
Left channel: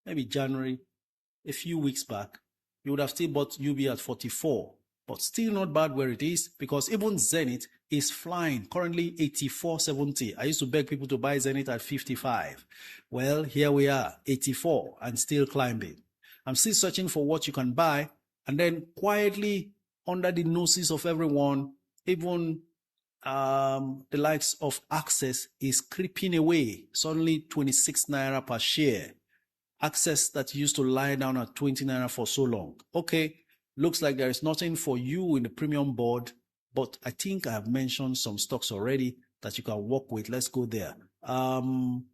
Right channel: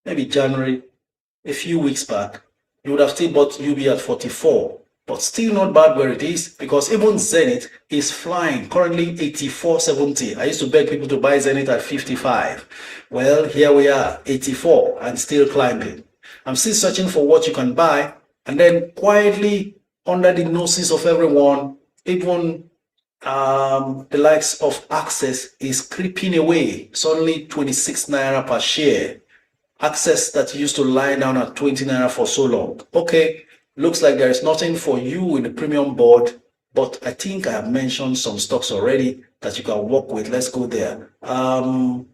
maybe January, a few weeks back. You would have still bought UBA at 44, but still not bad where it is, because even Zenith is flying, currently 84.70. I used to beg people to buy Zenith at 55. Well, here we are, 84 and still climbing. I'm still searching for what you can buy, and then quietly under the noses of everyone, even the likes of Access is creeping away. It's only 26 naira per share. Access that used to lie down at 20 naira for so long. Okay, looks like there is nothing for you in the premium board, but I think I have mentioned some stocks already that you can work with. Let's go there. I'm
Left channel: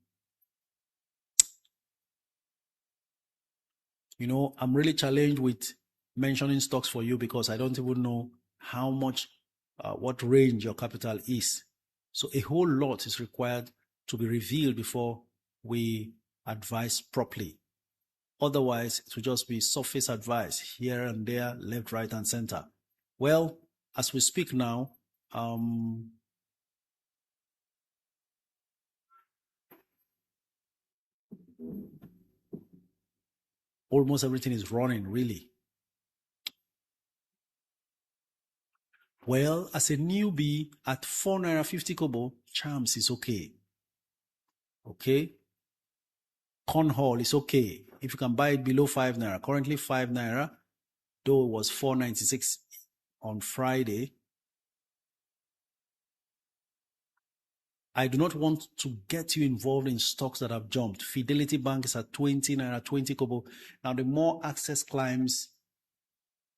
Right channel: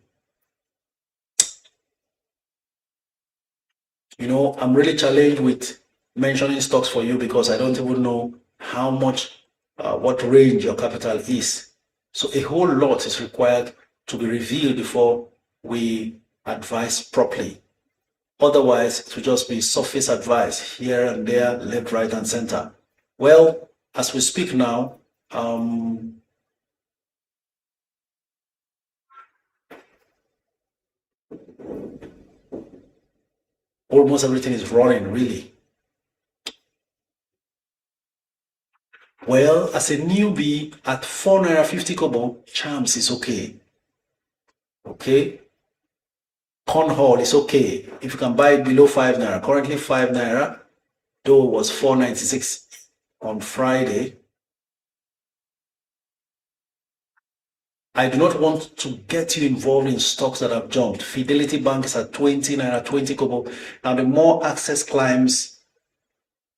really challenged with mentioning stocks for you because I don't even know how much what range your capital is. So a whole lot is required to be revealed before we advise properly. Otherwise, it will just be surface advice here and there, left, right, and center. Well, as we speak now, almost everything is running, really. Well, as a newbie at 4 naira 50 kobo, Champs is okay. Okay. Cornhall is okay. If you can buy it below 5 naira, currently 5 naira, though it was 4.96 on Friday. I do not want to get you involved in stocks that have jumped. Fidelity Bank is at 20 naira 20 kobo. Now, the more Access climbs,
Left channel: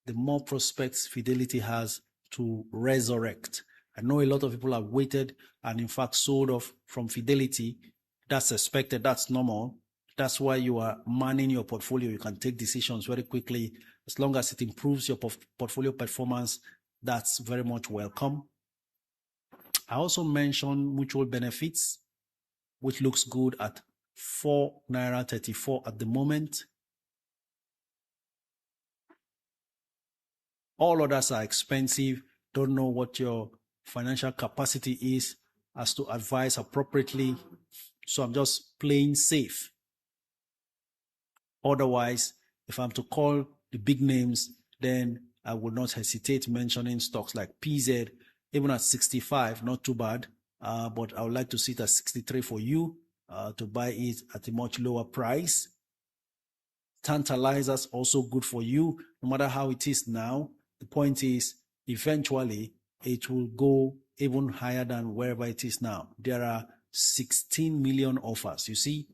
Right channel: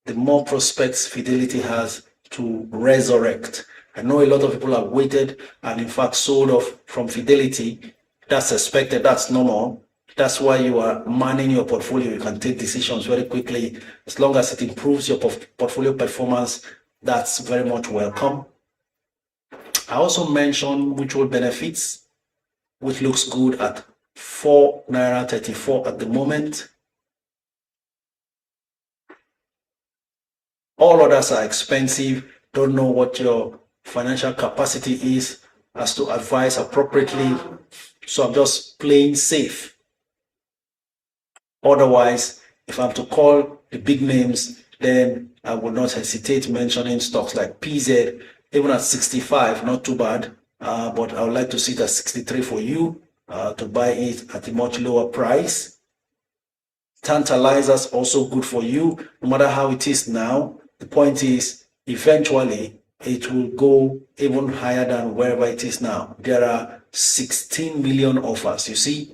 the more prospects Fidelity has to resurrect. I know a lot of people have waited and in fact sold off from Fidelity. That's expected, that's normal. That's why you are manning your portfolio. You can take decisions very quickly. As long as it improves your portfolio performance, that's very much welcome. I also mentioned mutual benefits, which looks good at 4 naira 34 at the moment. All others are expensive. Don't know what your financial capacity is as to advise appropriately. So I'm just playing safe. Otherwise, if I'm to call the big names, then I will not hesitate mentioning stocks like PZ, even at 65, not too bad. But I would like to see it at 63 for you to buy it at a much lower price. Tantalizers also good for you, no matter how it is now. The point is, eventually, it will go even higher than wherever it is now. There are 16 million offers. You see,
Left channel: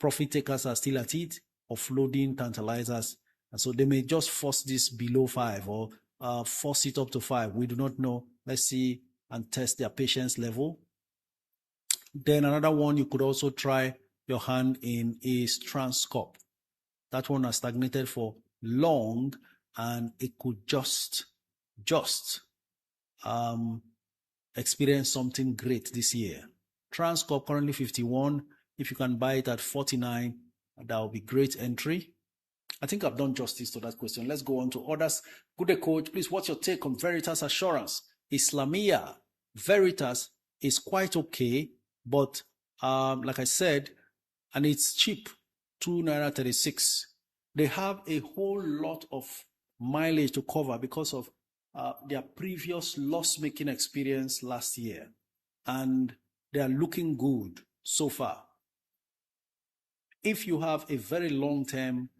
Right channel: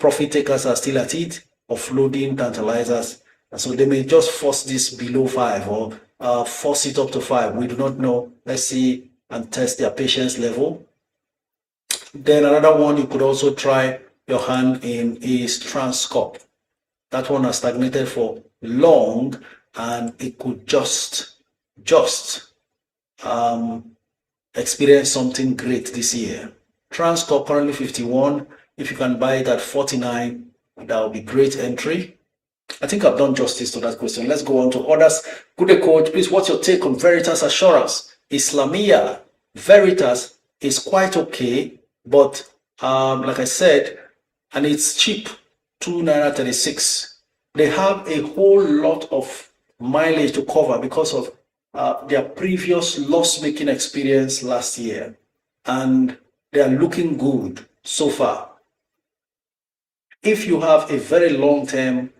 profit takers are still at it, offloading tantalizers. And so they may just force this below 5 or force it up to 5. We do not know. Let's see and test their patience level. Then another one you could also try your hand in is Transcorp. That one has stagnated for long, and it could just experience something great this year. Transcorp currently 51. If you can buy it at 49, that will be great entry. I think I've done justice to that question. Let's go on to others. Good day, coach. Please, what's your take on Veritas Assurance? Islamia. Veritas is quite okay, but like I said, and it's cheap, 2.36 naira. They have a whole lot of mileage to cover because of their previous loss-making experience last year, and they are looking good so far. If you have a very long-term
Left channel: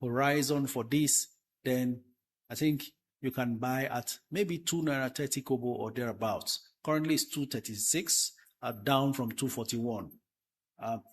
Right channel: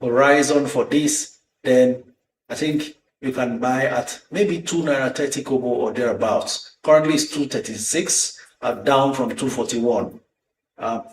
horizon for this, then I think you can buy at maybe 2.30 naira kobo or thereabouts. Currently it's 2.36, down from 2.41.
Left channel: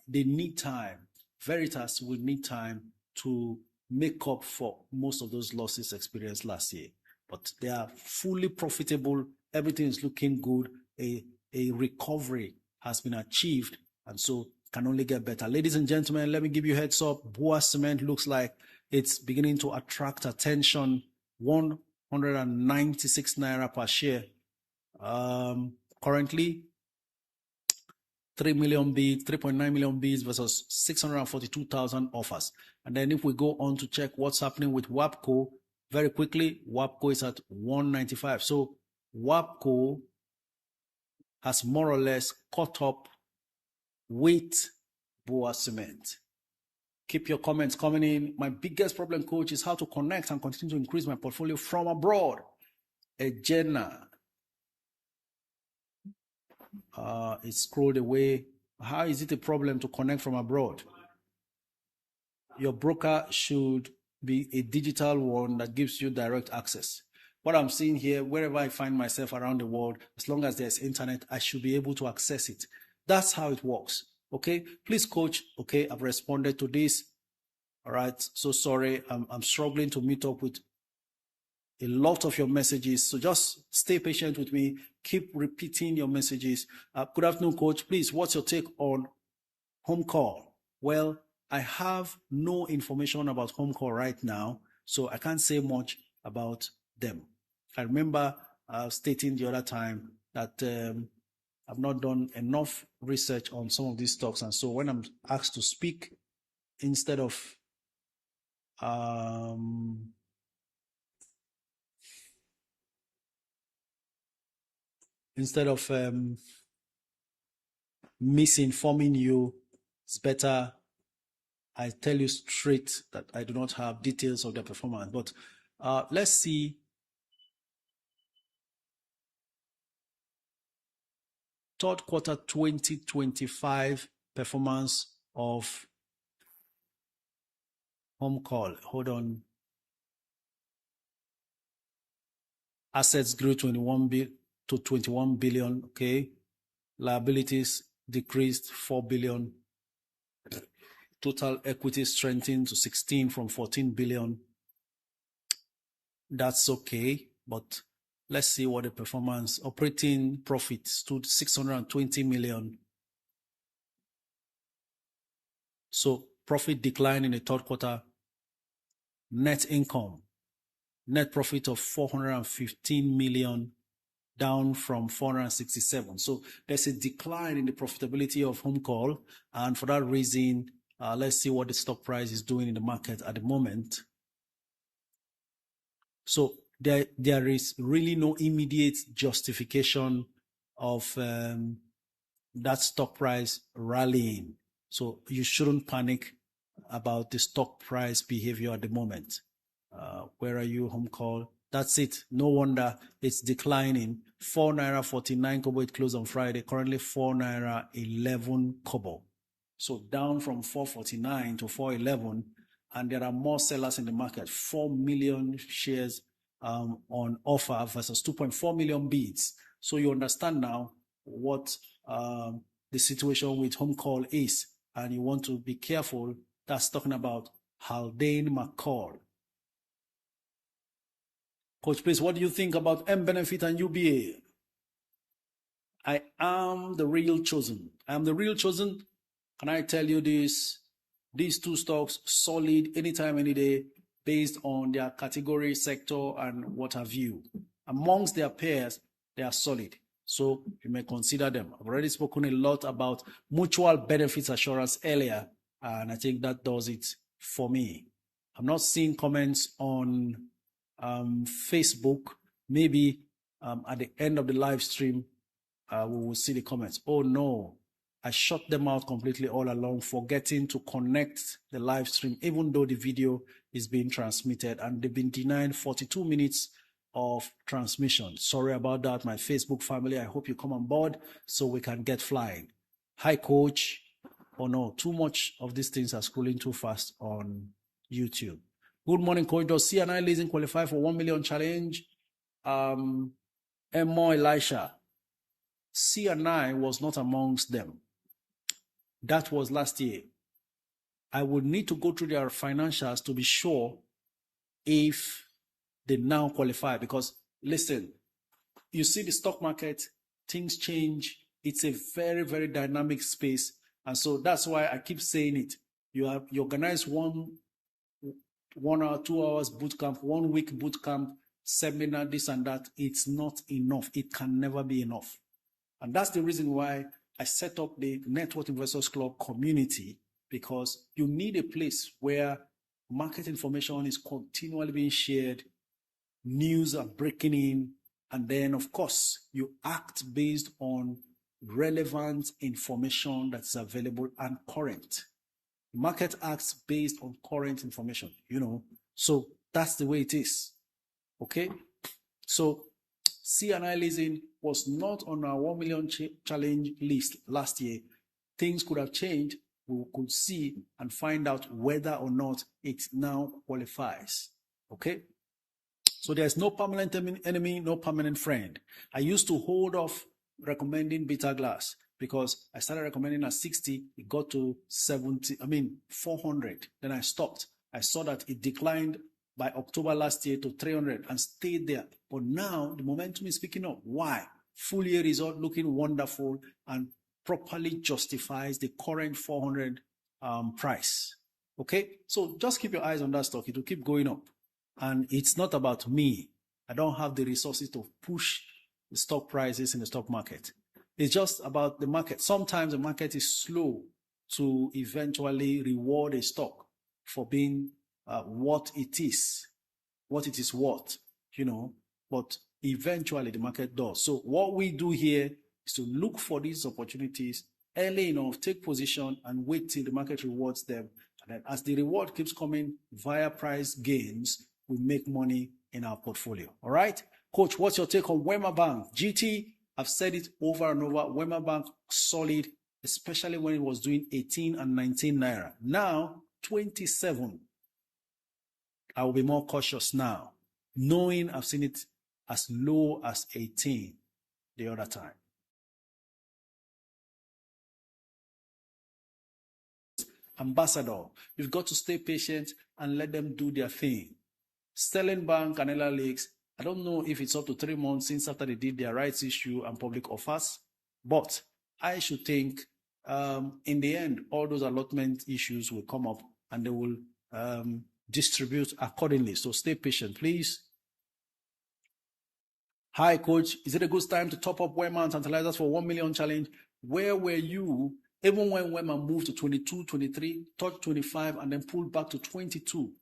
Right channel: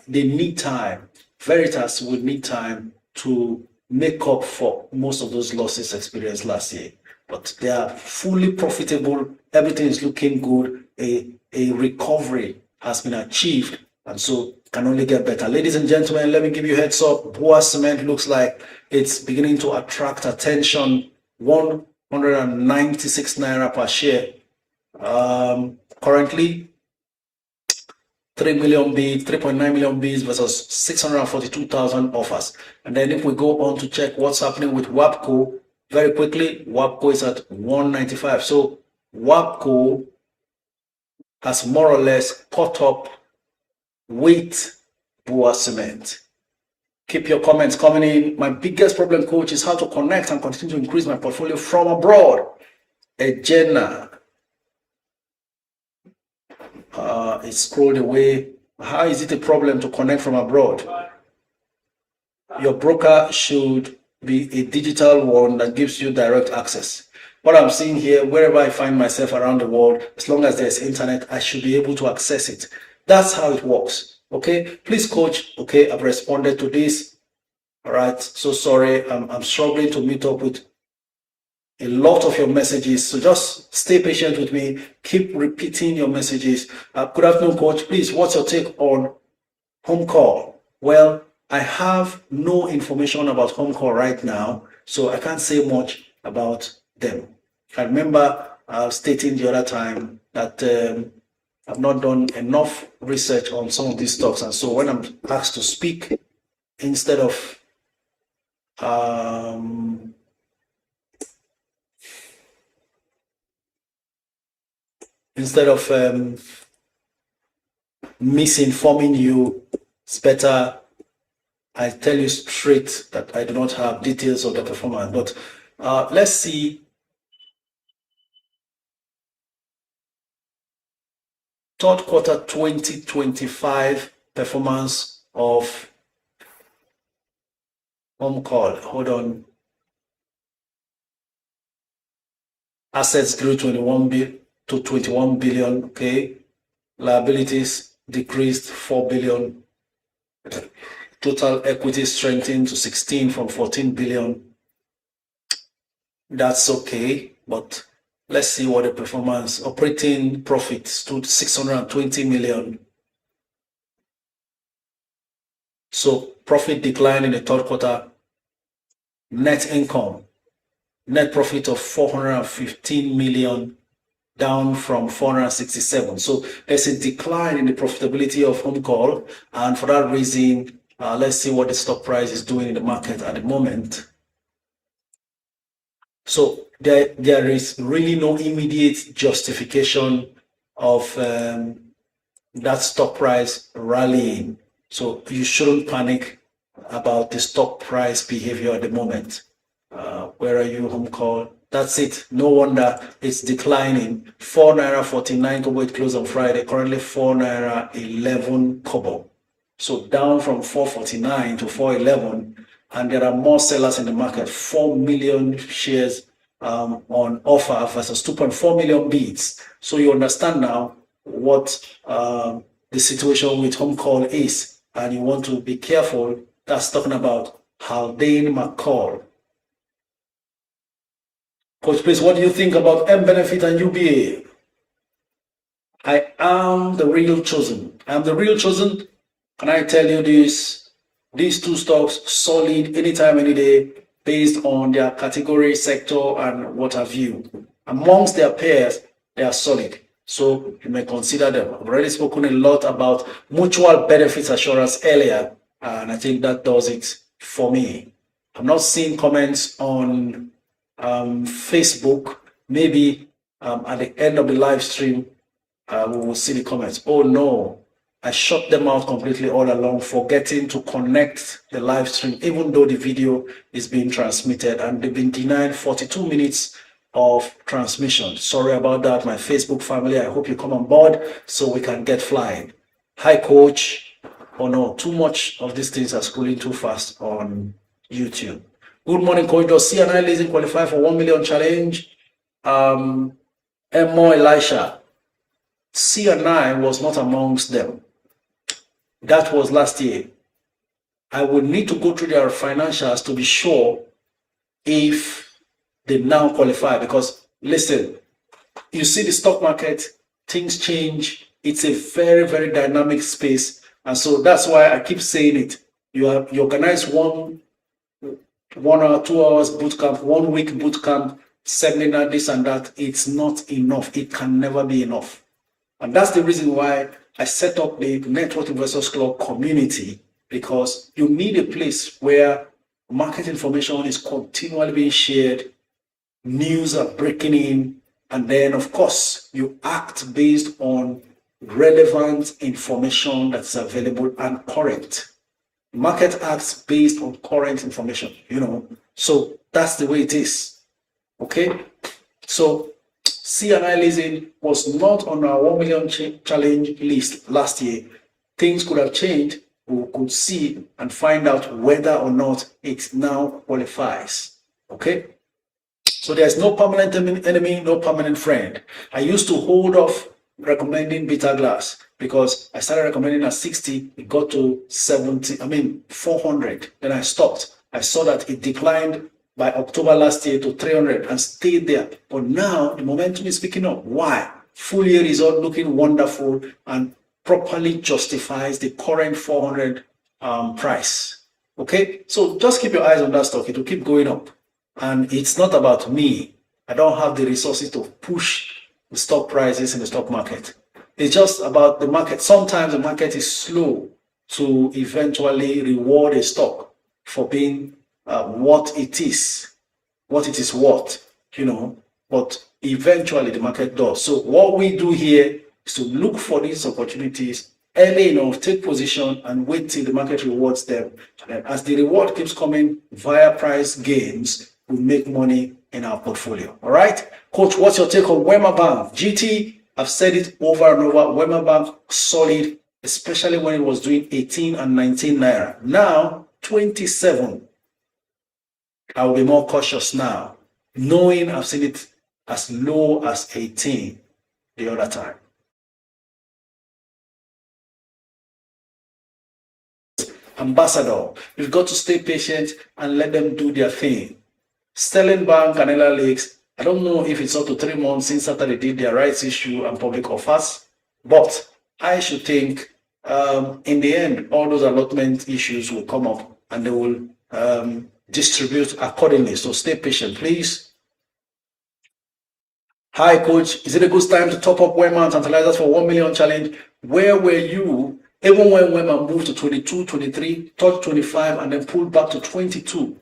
They need time. Veritas will need time to make up for most of those losses experienced last year. But they are fully profitable. Everything is looking good. A recovery has been achieved, and so can only get better. Ladies and gentlemen, let me give you a heads up. Boa Cement looks like it's beginning to attract attention. 196 naira per share. Currently, 3 million bids, 3.9 million bids versus 642,000 offers. And then if we go on to check what's happening with WAPCO, very quickly, WAPCO is at 195. So WAPCO has more or less caught up with Boa Cement. Keep your comments coming in. My biggest problem, coach, is how to connect and continue to increase my portfolio from abroad. Ejena. It scrolled away. How is it a problem to connect from abroad? Your broker should be a digital one that gives you direct access. What I'm seeing here, wherever I find myself around the world, as long as there's internet, I should be able to access it. That's how it works. Okay, please, coach. Okay, I've responded to this. All right, so sorry, I'm struggling to meet up with a lot of your messages, so just stay patient with me. Keep repeating your messages. Good afternoon, coach. Please, what's your take on home call? Well, I have no information about home call right now, so I can't say much about them. I remember stating the other time that I've not done enough research on some of these stocks, and so when I'm asked to speak, instead of misinforming you, it's better I tell you straight that I do not have details of the performance. But let's see. Third quarter 2025 performance of home call. Hold on. Assets grew 21 billion. Okay. Liabilities decreased 4 billion. Total equity strengthened to 16 from 14 billion. That's okay, but let's see what the performance. Operating profit stood 620 million. So profit declined in the third quarter. Net income, net profit of 415 million, down from 467. So there's a decline in the profitability of home call, and for that reason, let's see what the stock price is doing in the market at the moment. So there is really no immediate justification of that stock price rallying. So you shouldn't panic about the stock price behavior at the moment. Where are you, home call? That's it. No wonder it's declining. 4 naira 49 kobo. It closed on Friday. Currently 4 naira 11 kobo. So down from 449 to 411. And there are more sellers in the market. 4 million shares on offer versus 2.4 million bids. So you understand now what the situation with home call is. And you want to be careful. That's talking about Haldane McCall. Coach, please, what do you think about M-Benefit and UBA? I am the real chosen. I am the real chosen. Can I tell you this? These two stocks, solid anytime, any day, based on their category, sector, and what have you. Amongst their peers, they are solid. So you may consider them. I've already spoken a lot about mutual benefits assurance earlier, and I think that does it for me. I'm not seeing comments on Facebook. Maybe at the end of the live stream, we will see the comments. Oh no, I shut them out completely all along, forgetting to connect the live stream, even though the video is being transmitted, and they've been denied 42 minutes of transmission. Sorry about that, my Facebook family. I hope you come on board so we can get flying. Hi, coach. Oh no, too much of these things are scrolling too fast on YouTube. Good morning, coach. Does C&I leasing qualify for 1 million challenge? Emo Elisha. C&I was not amongst them. That was last year. I would need to go through their financials to be sure if they now qualify. Because listen, you see the stock market, things change. It's a very, very dynamic space. And so that's why I keep saying it. You organize one or 2 hours boot camp, 1 week boot camp, seminar, this and that. It's not enough. It can never be enough. And that's the reason why I set up the Network Investors Club community, because you need a place where market information is continually being shared, news are breaking in, and then, of course, you act based on relevant information that's available and current. Market acts based on current information, So that's the way it is. Okay? So C&I leasing was not on our 1 million challenge list last year. Things could have changed. We could see and find out whether or not it now qualifies. Okay? So there's no permanent enemy, no permanent friend. I used to hold off recommending Beta Glass because I started recommending at 60, it got to 400. Then I stopped. I saw that it declined by October last year to 300 and stayed there. But now the momentum is picking up. Why? Full year result looking wonderful and properly justifies the current 400 price. Okay, so just keep your eyes on that stock. It will keep going up. And it's not about me. I don't have the resources to push the stock prices in the stock market. It's just about the market. Sometimes the market is slow to eventually reward a stock for being what it is worth, but eventually the market does. So what we do here is to look for these opportunities early enough, take position and wait till the market rewards them. And as the reward keeps coming via price gains, we make money in our portfolio. All right, coach, what's your take on Wema Bank? GT, I've said it over and over. Wema Bank solid, especially when it was doing 18 and 19 naira. Now 27. I will be more cautious now, knowing I've seen it as low as 18 the other time. Ambassador, you've got to stay patient and let them do their thing. Sterling Bank and Ella Lakes, I don't know if it's up to 3 months since after they did their rights issue and public offers, but I should think in the end, all those allotment issues will come up and they will distribute accordingly. So stay patient, please. Hi, coach. Is it a good time to top up Wema and Tantalizers for 1 million challenge? Where were you even when Wema moved to 22, 23, touched 25, and then pulled back to 22?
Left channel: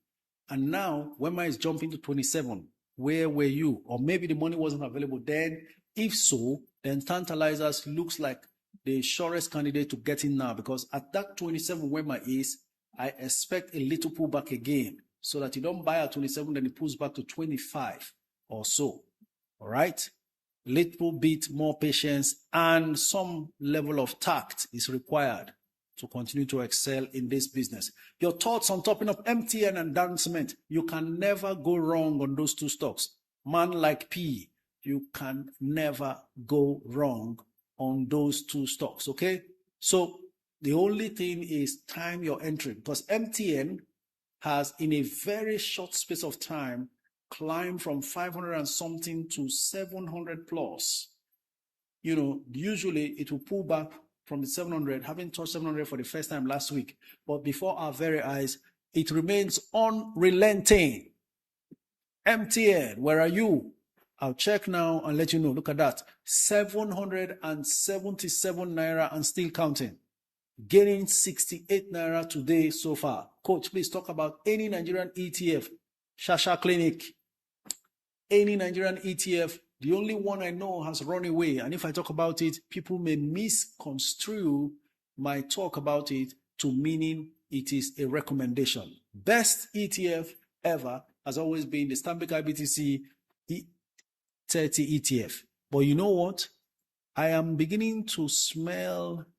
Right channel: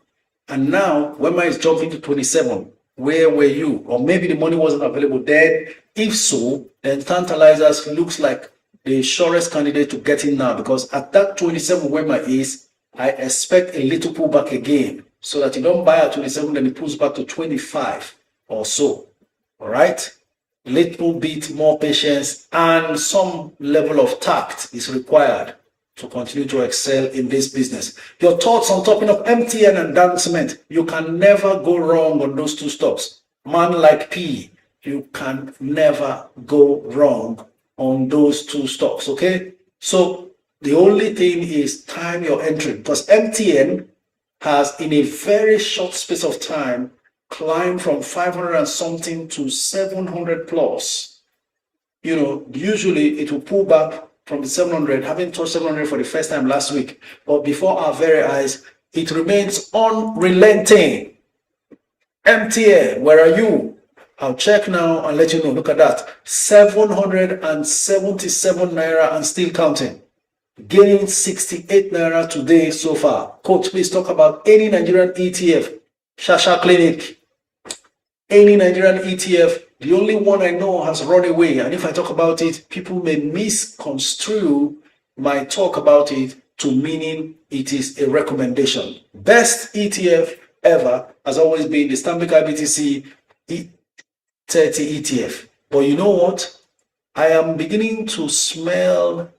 And now Wema is jumping to 27. Where were you? Or maybe the money wasn't available then. If so, then Tantalizers looks like the surest candidate to get in now, because at that 27 Wema is, I expect a little pullback again. so that you don't buy at 27, then it pulls back to 25 or so. All right? Little bit more patience and some level of tact is required to continue to excel in this business. Your thoughts on topping up MTN and Dan Cement. You can never go wrong on those two stocks. Man like P, you can never go wrong on those two stocks, okay? So the only thing is time your entry, because MTN has, in a very short space of time, climbed from 500 and something to 700 plus. You know, usually it will pull back from the 700, having touched 700 for the first time last week. But before our very eyes, it remains unrelenting. MTN, where are you? I'll check now and let you know. Look at that. 777 naira and still counting. Gaining 68 naira today so far. Coach, please talk about any Nigerian ETF. Shasha Clinic. Any Nigerian ETF. The only one I know has run away. And if I talk about it, people may misconstrue my talk about it to meaning it is a recommendation. Best ETF ever has always been the Stanbic IBTC 30 ETF. But you know what? I am beginning to smell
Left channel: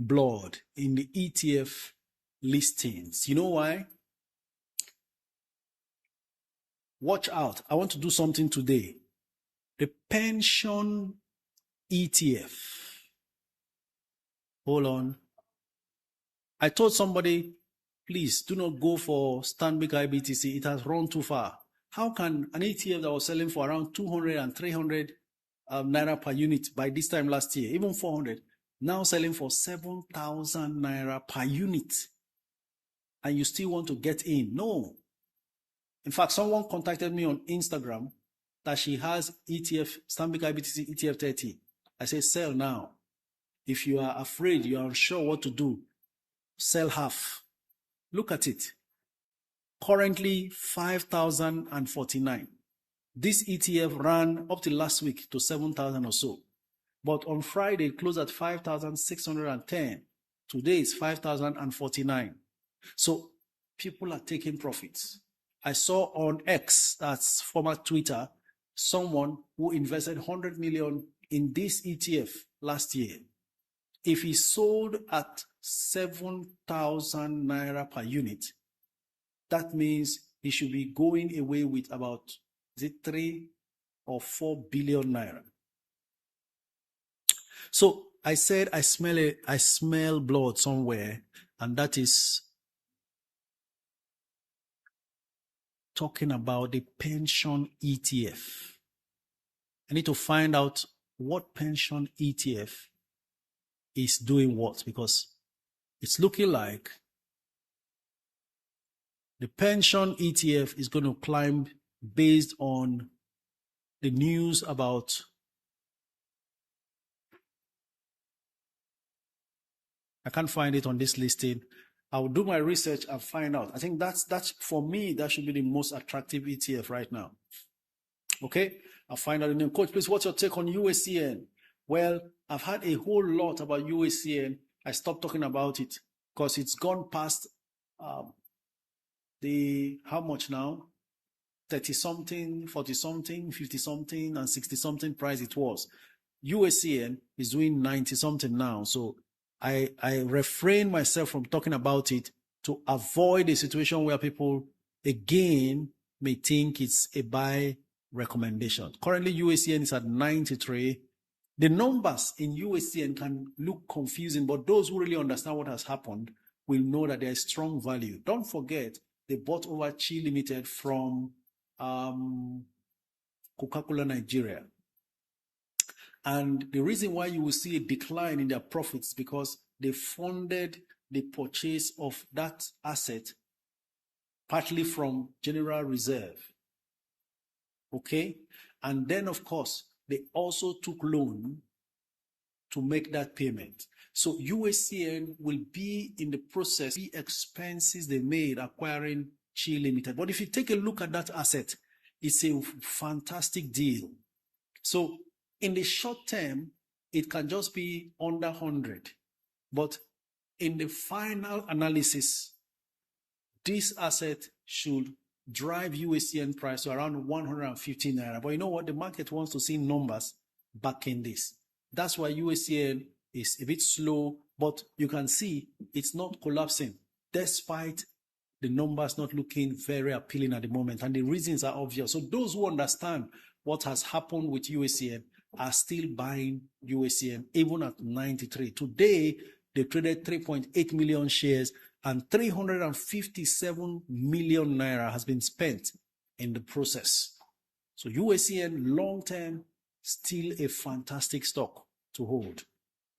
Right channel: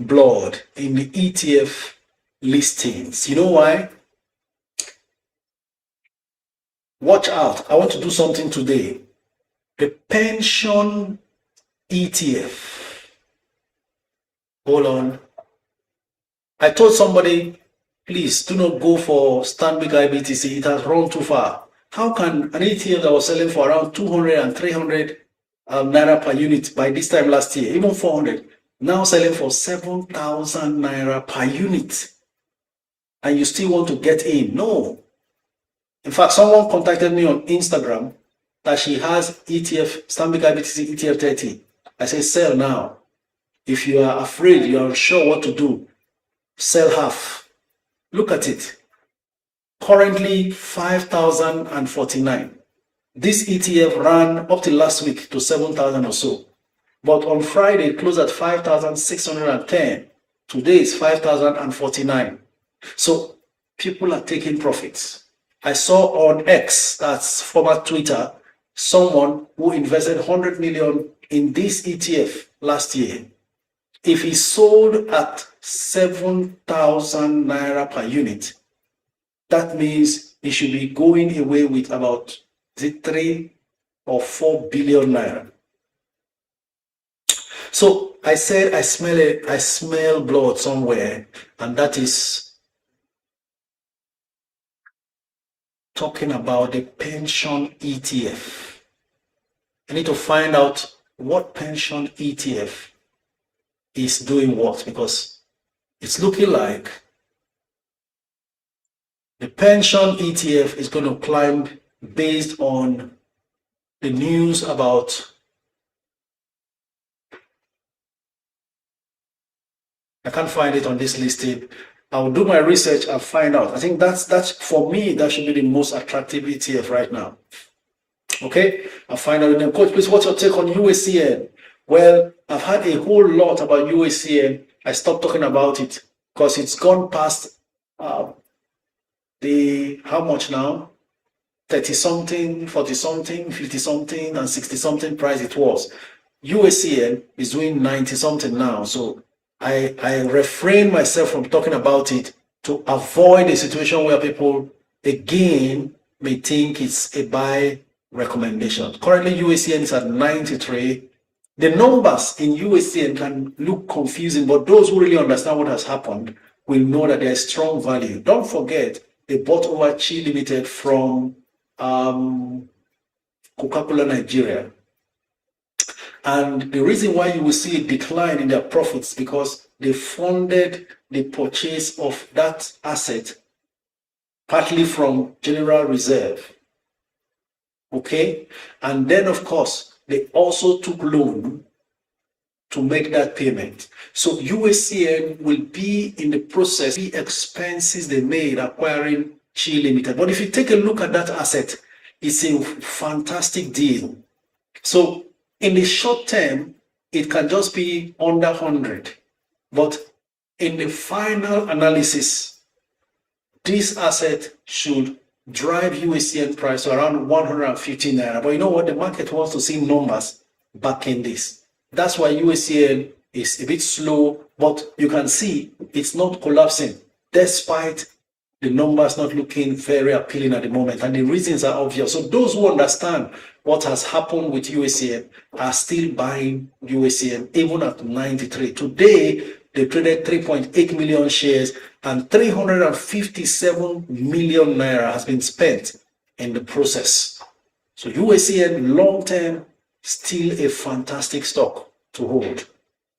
blood in the ETF listings. You know why? Watch out. I want to do something today. The pension ETF. Hold on. I told somebody, please do not go for Stanbic IBTC. It has run too far. How can an ETF that was selling for around 200 and 300 naira per unit by this time last year, even 400, now selling for 7,000 naira per unit, and you still want to get in? No. In fact, someone contacted me on Instagram that she has ETF, Stanbic IBTC ETF 30. I say, sell now. If you are afraid, you are unsure what to do, sell half. Look at it. Currently 5,049. This ETF ran up to last week to 7,000 or so. But on Friday, it closed at 5,610. Today is 5,049. So people are taking profits. I saw on X, that's former Twitter, someone who invested 100 million in this ETF last year. If he sold at 7,000 naira per unit, that means he should be going away with about 3 or 4 billion naira. So I said I smell blood somewhere, and that is talking about the pension ETF. I need to find out what pension ETF is doing what, because it's looking like the pension ETF is going to climb based on the news about I can't find it on this listing. I'll do my research and find out. I think that's for me, that should be the most attractive ETF right now. Okay, I'll find out. And Coach, please, what's your take on USCN? Well, I've had a whole lot about USCN. I stopped talking about it because it's gone past the how much now? 30 something, 40 something, 50 something, and 60 something price it was. USCN is doing 90 something now. So I refrain myself from talking about it to avoid a situation where people again may think it's a buy recommendation. Currently, USCN is at 93. The numbers in USCN can look confusing, but those who really understand what has happened will know that there is strong value. Don't forget, they bought over Chi Limited from Coca-Cola Nigeria. And the reason why you will see a decline in their profits because they funded the purchase of that asset partly from General Reserve. Okay? And then, of course, they also took loan to make that payment. So USCN will be in the process, the expenses they made acquiring Chi Limited. But if you take a look at that asset, it's a fantastic deal. So in the short term, it can just be under 100. But in the final analysis, this asset should drive USCN price to around 150 naira. But you know what? The market wants to see numbers back in this. That's why USCN is a bit slow, but you can see it's not collapsing despite the numbers not looking very appealing at the moment. And the reasons are obvious. So those who understand what has happened with USCN are still buying USCN even at 93. Today, they traded 3.8 million shares and 357 million naira has been spent in the process. So USCN long-term, still a fantastic stock to hold.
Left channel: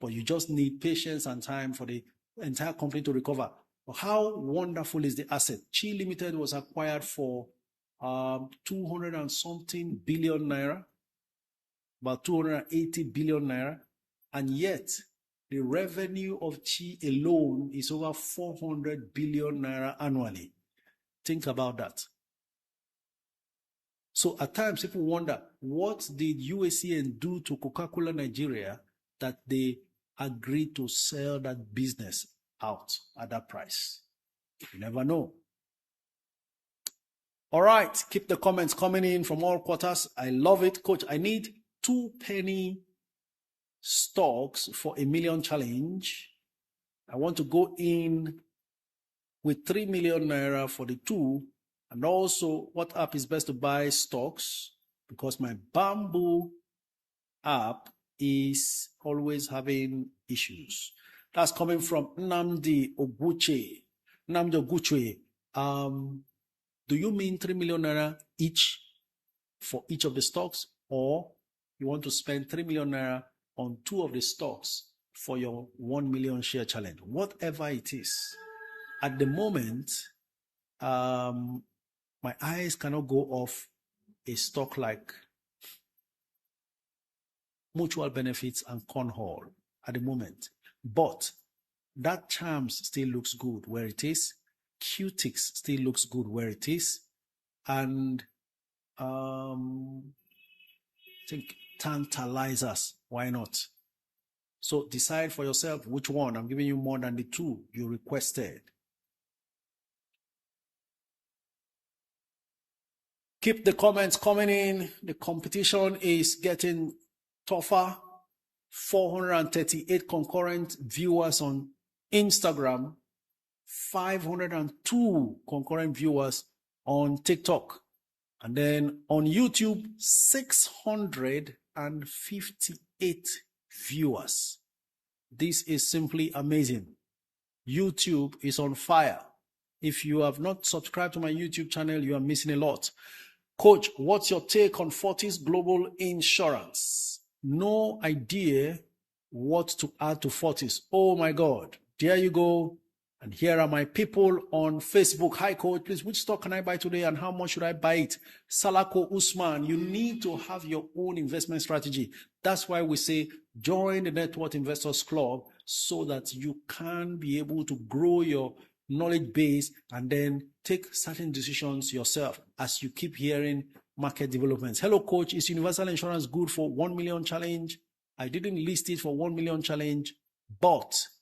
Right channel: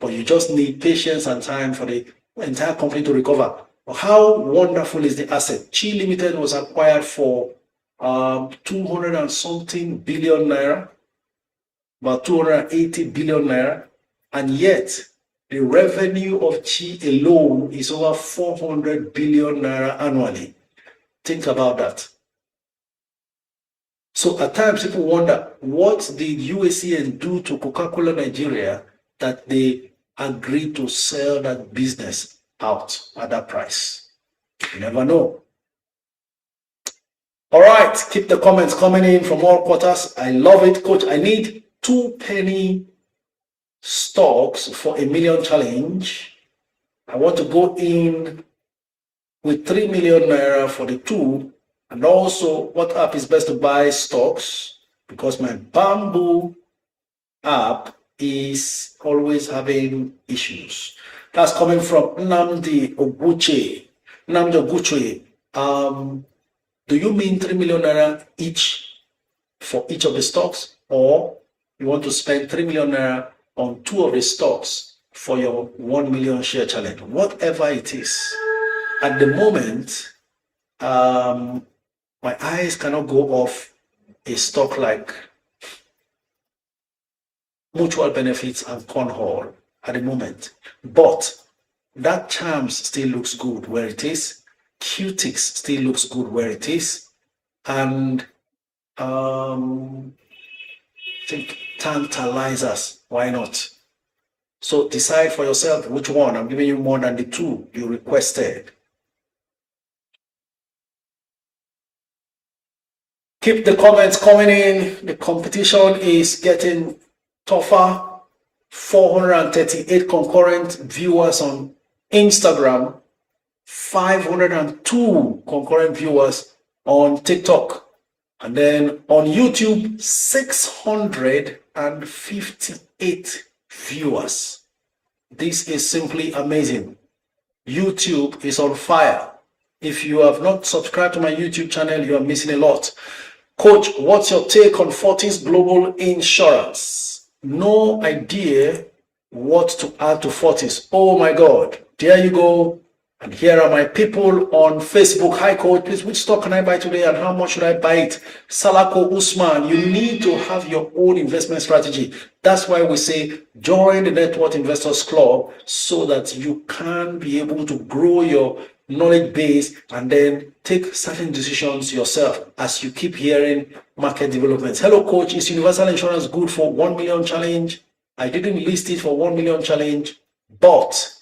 But you just need patience and time for the entire company to recover. How wonderful is the asset? Chi Limited was acquired for 200 and something billion naira, about 280 billion naira, and yet the revenue of Chi alone is over 400 billion naira annually. Think about that. So at times people wonder, what did USCN do to Coca-Cola Nigeria that they agreed to sell that business out at that price? You never know. All right, keep the comments coming in from all quarters. I love it, Coach. I need 2 penny stocks for a million challenge. I want to go in with 3 million naira for the 2. And also, what app is best to buy stocks? Because my Bamboo app is always having issues. That's coming from Nnamdi Oguche. Nnamdi Oguche, do you mean 3 million naira each for each of the stocks? Or you want to spend 3 million naira on 2 of the stocks for your 1 million share challenge? Whatever it is. At the moment, my eyes cannot go off a stock like Mutual Benefits and Cornhall at the moment. But that Charms still looks good where it is. Qtix still looks good where it is. And I think Tantalizers, why not? So decide for yourself which one. I'm giving you more than the 2 you requested. Keep the comments coming in. The competition is getting tougher. 438 concurrent viewers on Instagram, 502 concurrent viewers on TikTok, and then on YouTube, 658 viewers. This is simply amazing. YouTube is on fire. If you have not subscribed to my YouTube channel, you are missing a lot. Coach, what's your take on Fortis Global Insurance? No idea what to add to Fortis. Oh my God, there you go. And here are my people on Facebook. Hi Coach, please, which stock can I buy today and how much should I buy it? Salako Usman, you need to have your own investment strategy. That's why we say join the Network Investors Club so that you can be able to grow your knowledge base and then take certain decisions yourself as you keep hearing market developments. Hello Coach, is Universal Insurance good for 1 million challenge? I didn't list it for 1 million challenge, but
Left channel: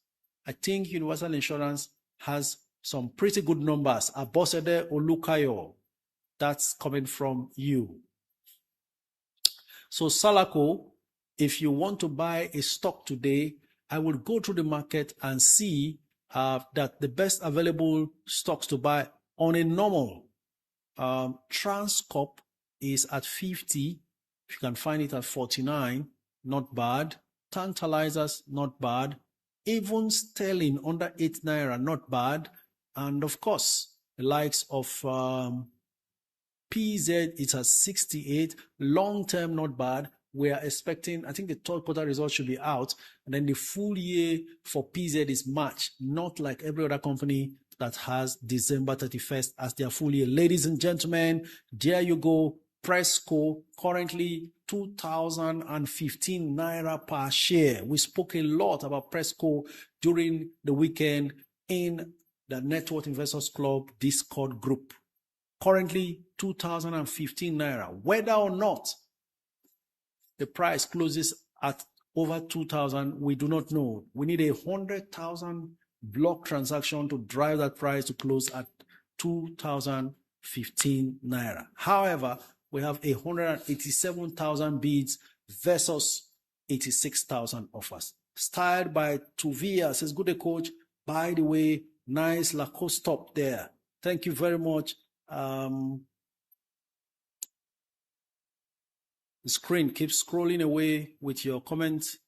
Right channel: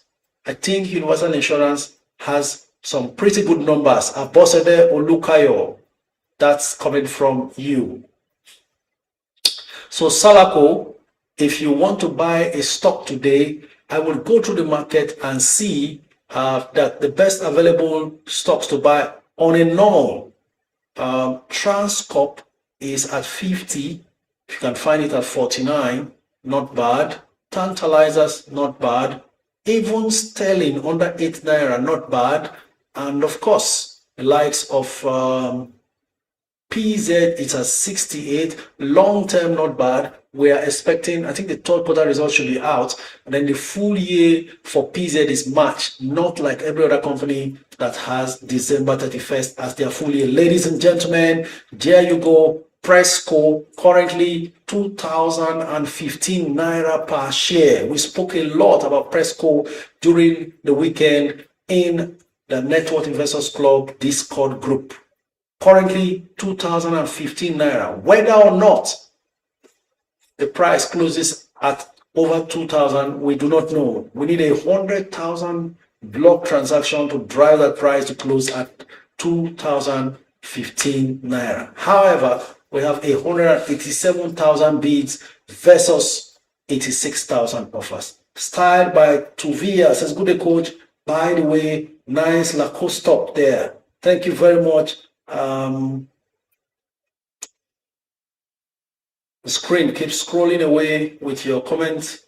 I think Universal Insurance has some pretty good numbers. Abosede Olukayo, that's coming from you. So Salako, if you want to buy a stock today, I will go through the market and see that the best available stocks to buy on a normal. Transcorp is at 50. If you can find it at 49, not bad. Tantalizers, not bad. Even Sterling under 8 naira, not bad. And of course, the likes of PZ is at 68. Long term, not bad. We are expecting, I think the 3rd quarter results should be out. And then the full year for PZ is March, not like every other company that has December 31st as their full year. Ladies and gentlemen, there you go. Presco, currently 2,015 naira per share. We spoke a lot about Presco during the weekend in the Network Investors Club Discord group. Currently 2,015 naira. Whether or not the price closes at over 2,000, we do not know. We need 100,000 block transaction to drive that price to close at 2,015 naira. However, we have 187,000 bids versus 86,000 offers. Styled by Tuvia, says good day, coach. By the way, nice Lacoste top there. Thank you very much. The screen keeps scrolling away with your comments.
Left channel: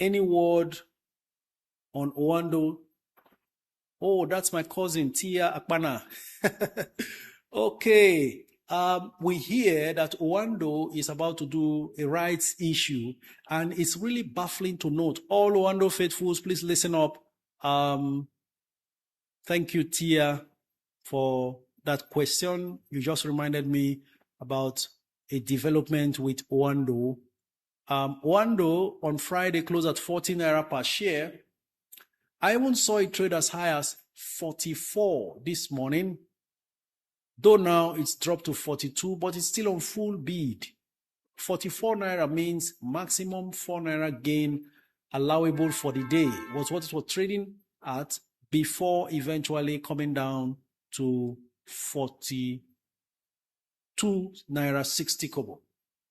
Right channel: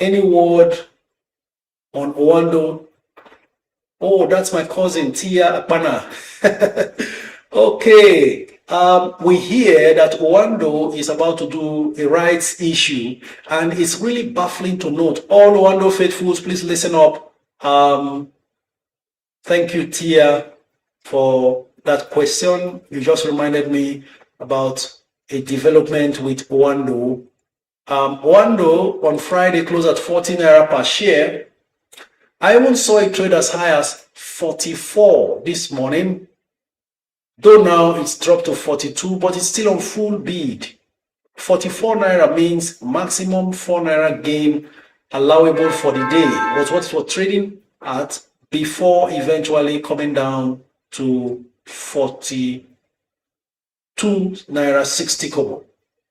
Any word on Owando? Oh, that's my cousin, Tia Apana. Okay. We hear that Owando is about to do a rights issue, and it's really baffling to note. All Owando faithfuls, please listen up. Thank you, Tia, for that question. You just reminded me about a development with Owando. Owando on Friday closed at 14 naira per share. I even saw it trade as high as 44 this morning, though now it's dropped to 42, but it's still on full bid. 44 naira means maximum 4 naira gain allowable for the day. Was what it was trading at before eventually coming down to 42 naira 60 kobo.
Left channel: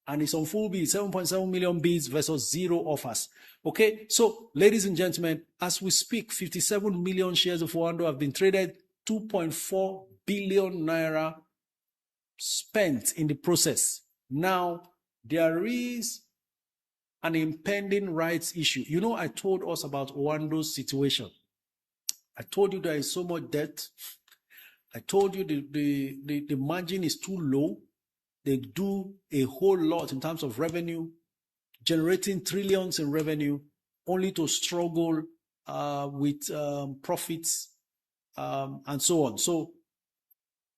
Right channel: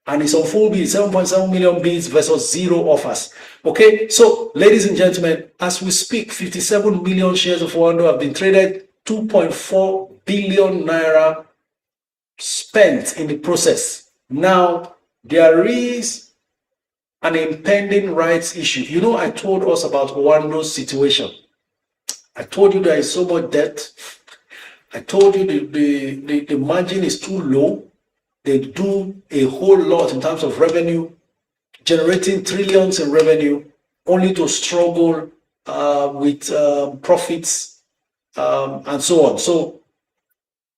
And it's on full bid, 7.7 million bids versus 0 offers. Okay, so ladies and gentlemen, as we speak, 57 million shares of Owando have been traded, 2.4 billion naira spent in the process. Now, there is an impending rights issue. You know, I told us about Owando's situation. I told you there is so much debt. I told you the margin is too low. They do a whole lot in terms of revenue, generating trillions in revenue, only to struggle with profits and so on. So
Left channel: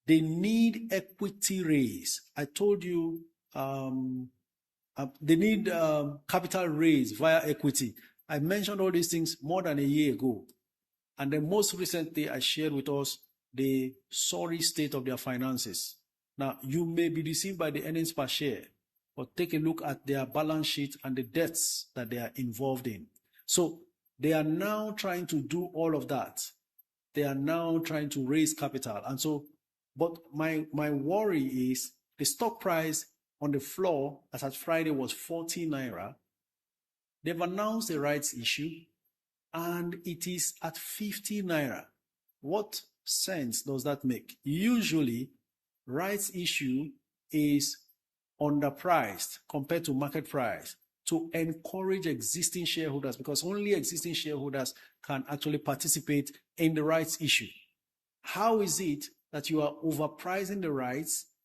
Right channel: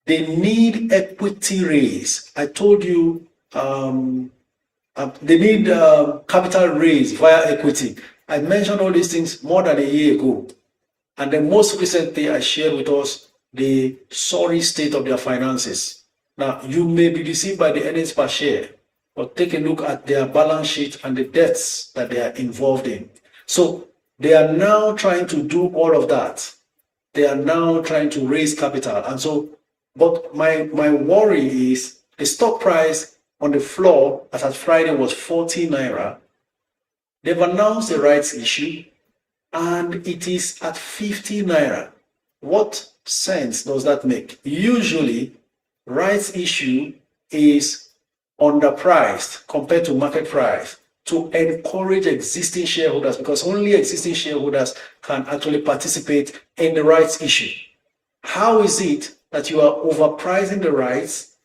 they need equity raise. I told you they need capital raise via equity. I mentioned all these things more than a year ago. And then most recently, I shared with us the sorry state of their finances. Now, you may be deceived by the earnings per share, but take a look at their balance sheet and the debts that they are involved in. So they are now trying to do all of that. They are now trying to raise capital. And so, but my worry is the stock price on the floor as at Friday was 40 naira. They've announced a rights issue and it is at 50 naira. What sense does that make? Usually, rights issue is underpriced compared to market price to encourage existing shareholders, because only existing shareholders can actually participate in the rights issue. How is it that you are overpricing the rights?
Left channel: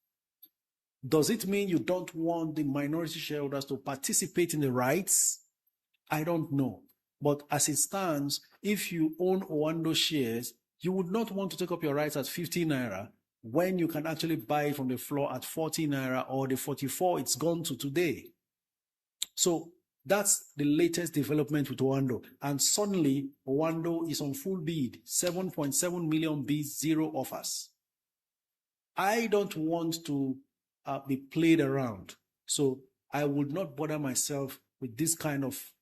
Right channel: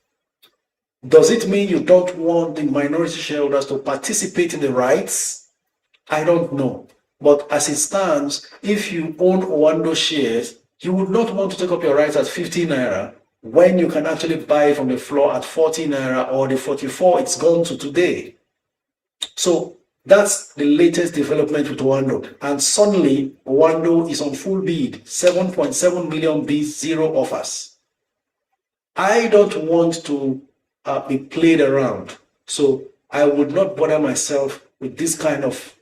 Does it mean you don't want the minority shareholders to participate in the rights? I don't know. But as it stands, if you own Owando shares, you would not want to take up your rights at 50 naira when you can actually buy from the floor at 40 naira or the 44 it's gone to today. So that's the latest development with Owando. And suddenly, Owando is on full bid, 7.7 million bids, 0 offers. I don't want to be played around. So I would not bother myself with this kind of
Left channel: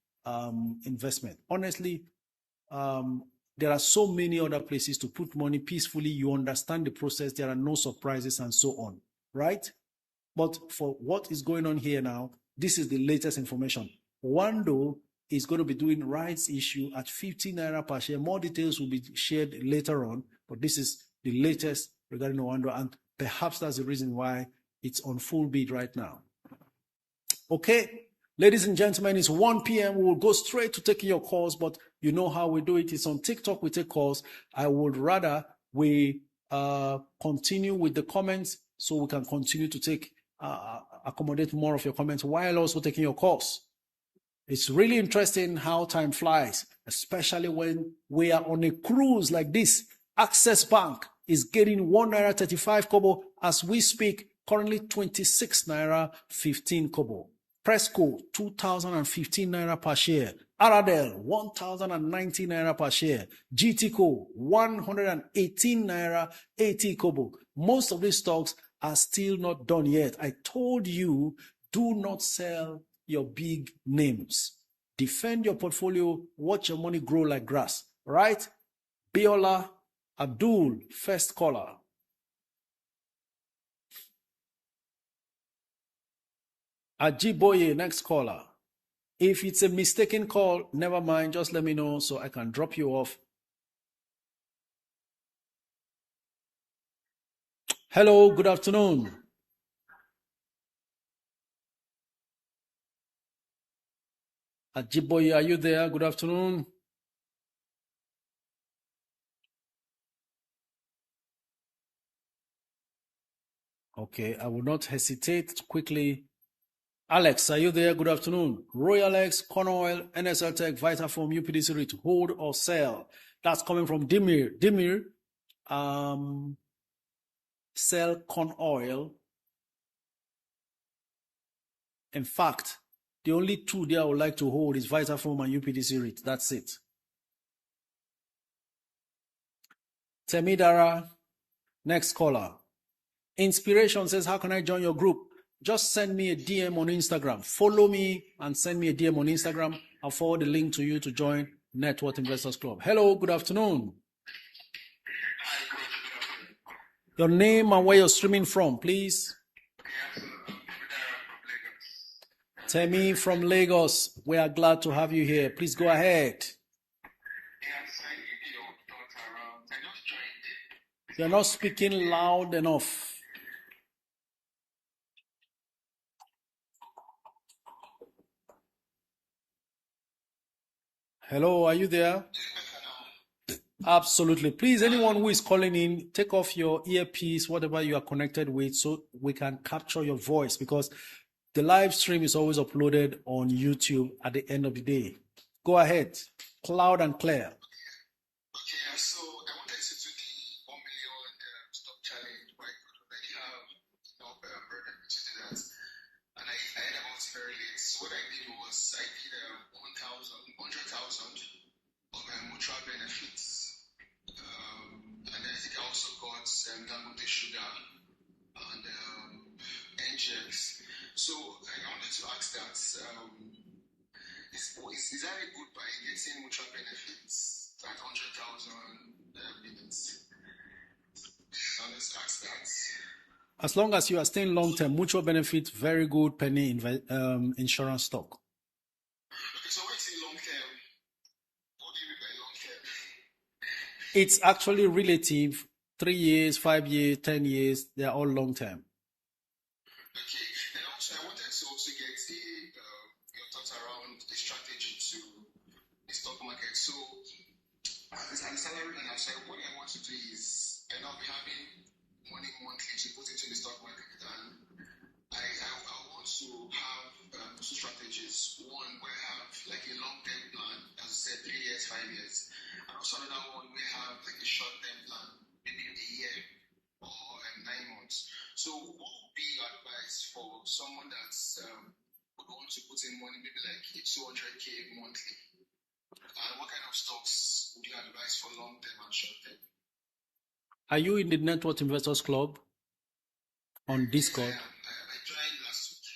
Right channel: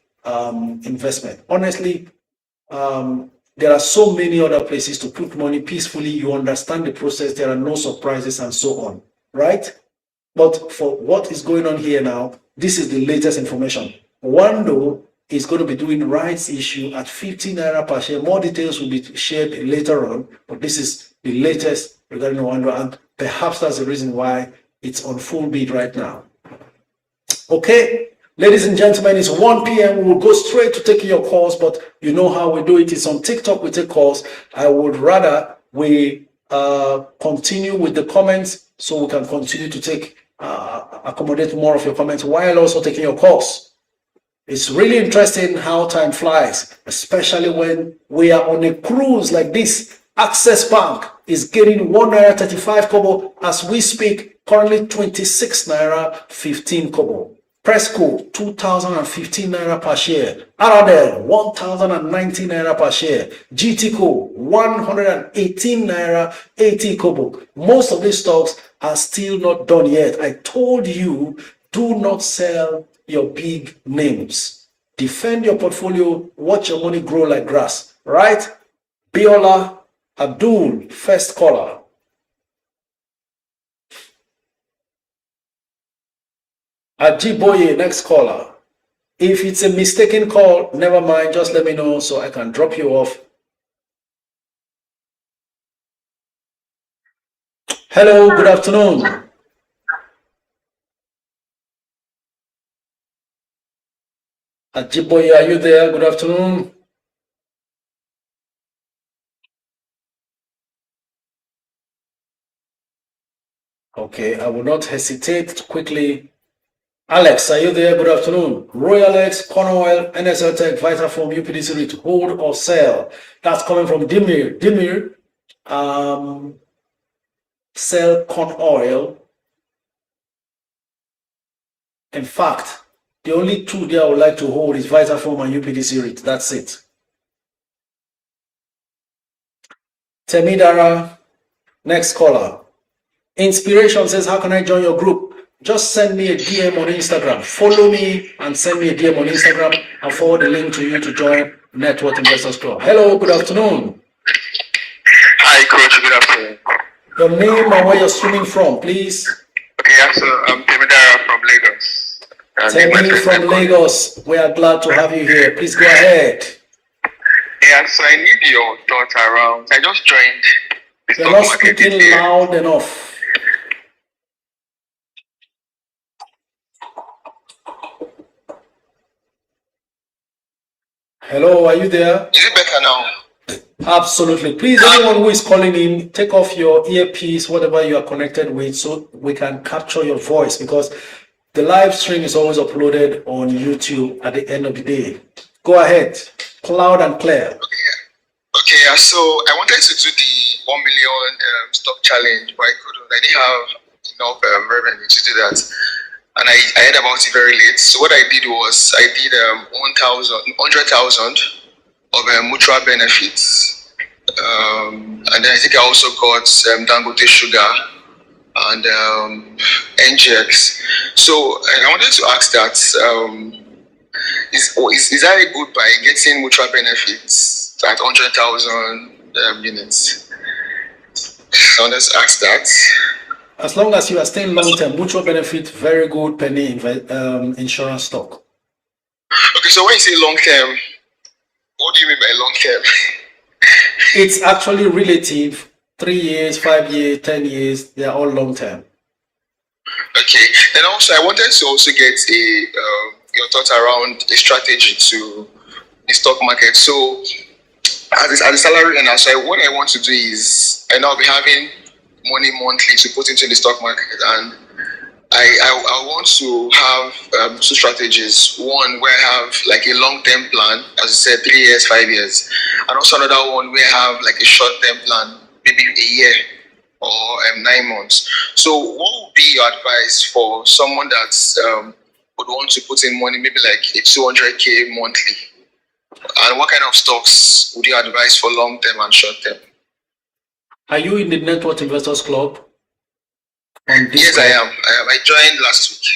investment. Honestly, there are so many other places to put money peacefully. You understand the process. There are no surprises and so on, right? But for what is going on here now, this is the latest information. Owando is going to be doing rights issue at 50 naira per share. More details will be shared later on, but this is the latest regarding Owando, and perhaps that's the reason why it's on full bid right now. Okay. Ladies and gentlemen, it's 1 p.m. We will go straight to taking your calls, but you know how we do it. It's on TikTok, we take calls. I would rather we continue with the comments so we can continue to take, accommodate more of your comments while also taking your calls. It's really interesting how time flies, especially when we are on a cruise like this. Access Bank is getting 1 naira 35 kobo as we speak, currently 26 naira 15 kobo. Presco, 2,015 naira per share. Aradel, 1,019 naira per share. GTCO, 118 naira 80 kobo. Most of these stocks are still not done yet. I told you Do not sell your big names. Defend your portfolio. Watch your money grow like grass. Right? Biola Abdul, first caller. Ajiboye, next caller. If it's a mistaken call, never mind. Just let me know so I can drop you off. Hello, good afternoon. Ajiboye, are you there? Good afternoon. Okay, I will not hesitate to quickly. Alex, are you there? Good afternoon. Royal X, Cornwell, NSL Tech, Vitafoam, UPDC Read, hold or sell. That's coming from Dimir. Dimir, sell corn oil. In fact, the only two there I would like to hold is Vitafoam and UPDC Read. That's it. Temidara, next caller. Inspiration says, how can I join your group? Just send me a DM on Instagram. Follow me and send me a DM on Instagram. I'll forward the link to you to join Network Investors Club. Hello, good afternoon. Hi, Coach. Good afternoon. Your name and where you're streaming from, please. Okay, yeah, so I'm Temidara from Lagos. Temi from Lagos. We are glad to have you here. Please go ahead. Yeah, so I need your thoughts around. I just joined the You're stock not market speaking this year. loud enough. Hello, are you there? Is it better now? Absolutely. Please, anyone who is calling in, take off your earpiece, whatever you are connected with, so we can capture your voice, because the live stream is always uploaded on YouTube at the end of the day. Go ahead, loud and clear. Okay, yeah, so I wanted to do the 1 million stock challenge, but I couldn't. I didn't have enough revenue to do that. And I heard about it very late. So what I did was I did 100,000 of mutual benefits. And then I think I also got Dangote Sugar and NGX. So I wanted to ask that, is that a good buy, getting mutual benefits at 100,000 units? So let's ask that. As long as you are staying long-term, mutual benefit, very good penny insurance stock. Okay, so when you say long-term, what do you mean by long-term? It's actually relative. 3 years, 5 years, 10 years, they are all long-term. Okay, and also I wanted to also get your thoughts around a strategy to the stock market. So as a salary earner, so what I want to do is, and I'll be having money monthly to put into the stock market, and I want to have two strategies. One where I have like a long-term plan, as I said, 3 years, 5 years, and also another one where I have like a short-term plan, maybe a year or 9 months. So what would be your advice for someone that would want to put in money, maybe like a 200K monthly? And what kind of stocks would you advise for long-term and short-term? Are you in the Network Investors Club? Yes, I am. I joined last week.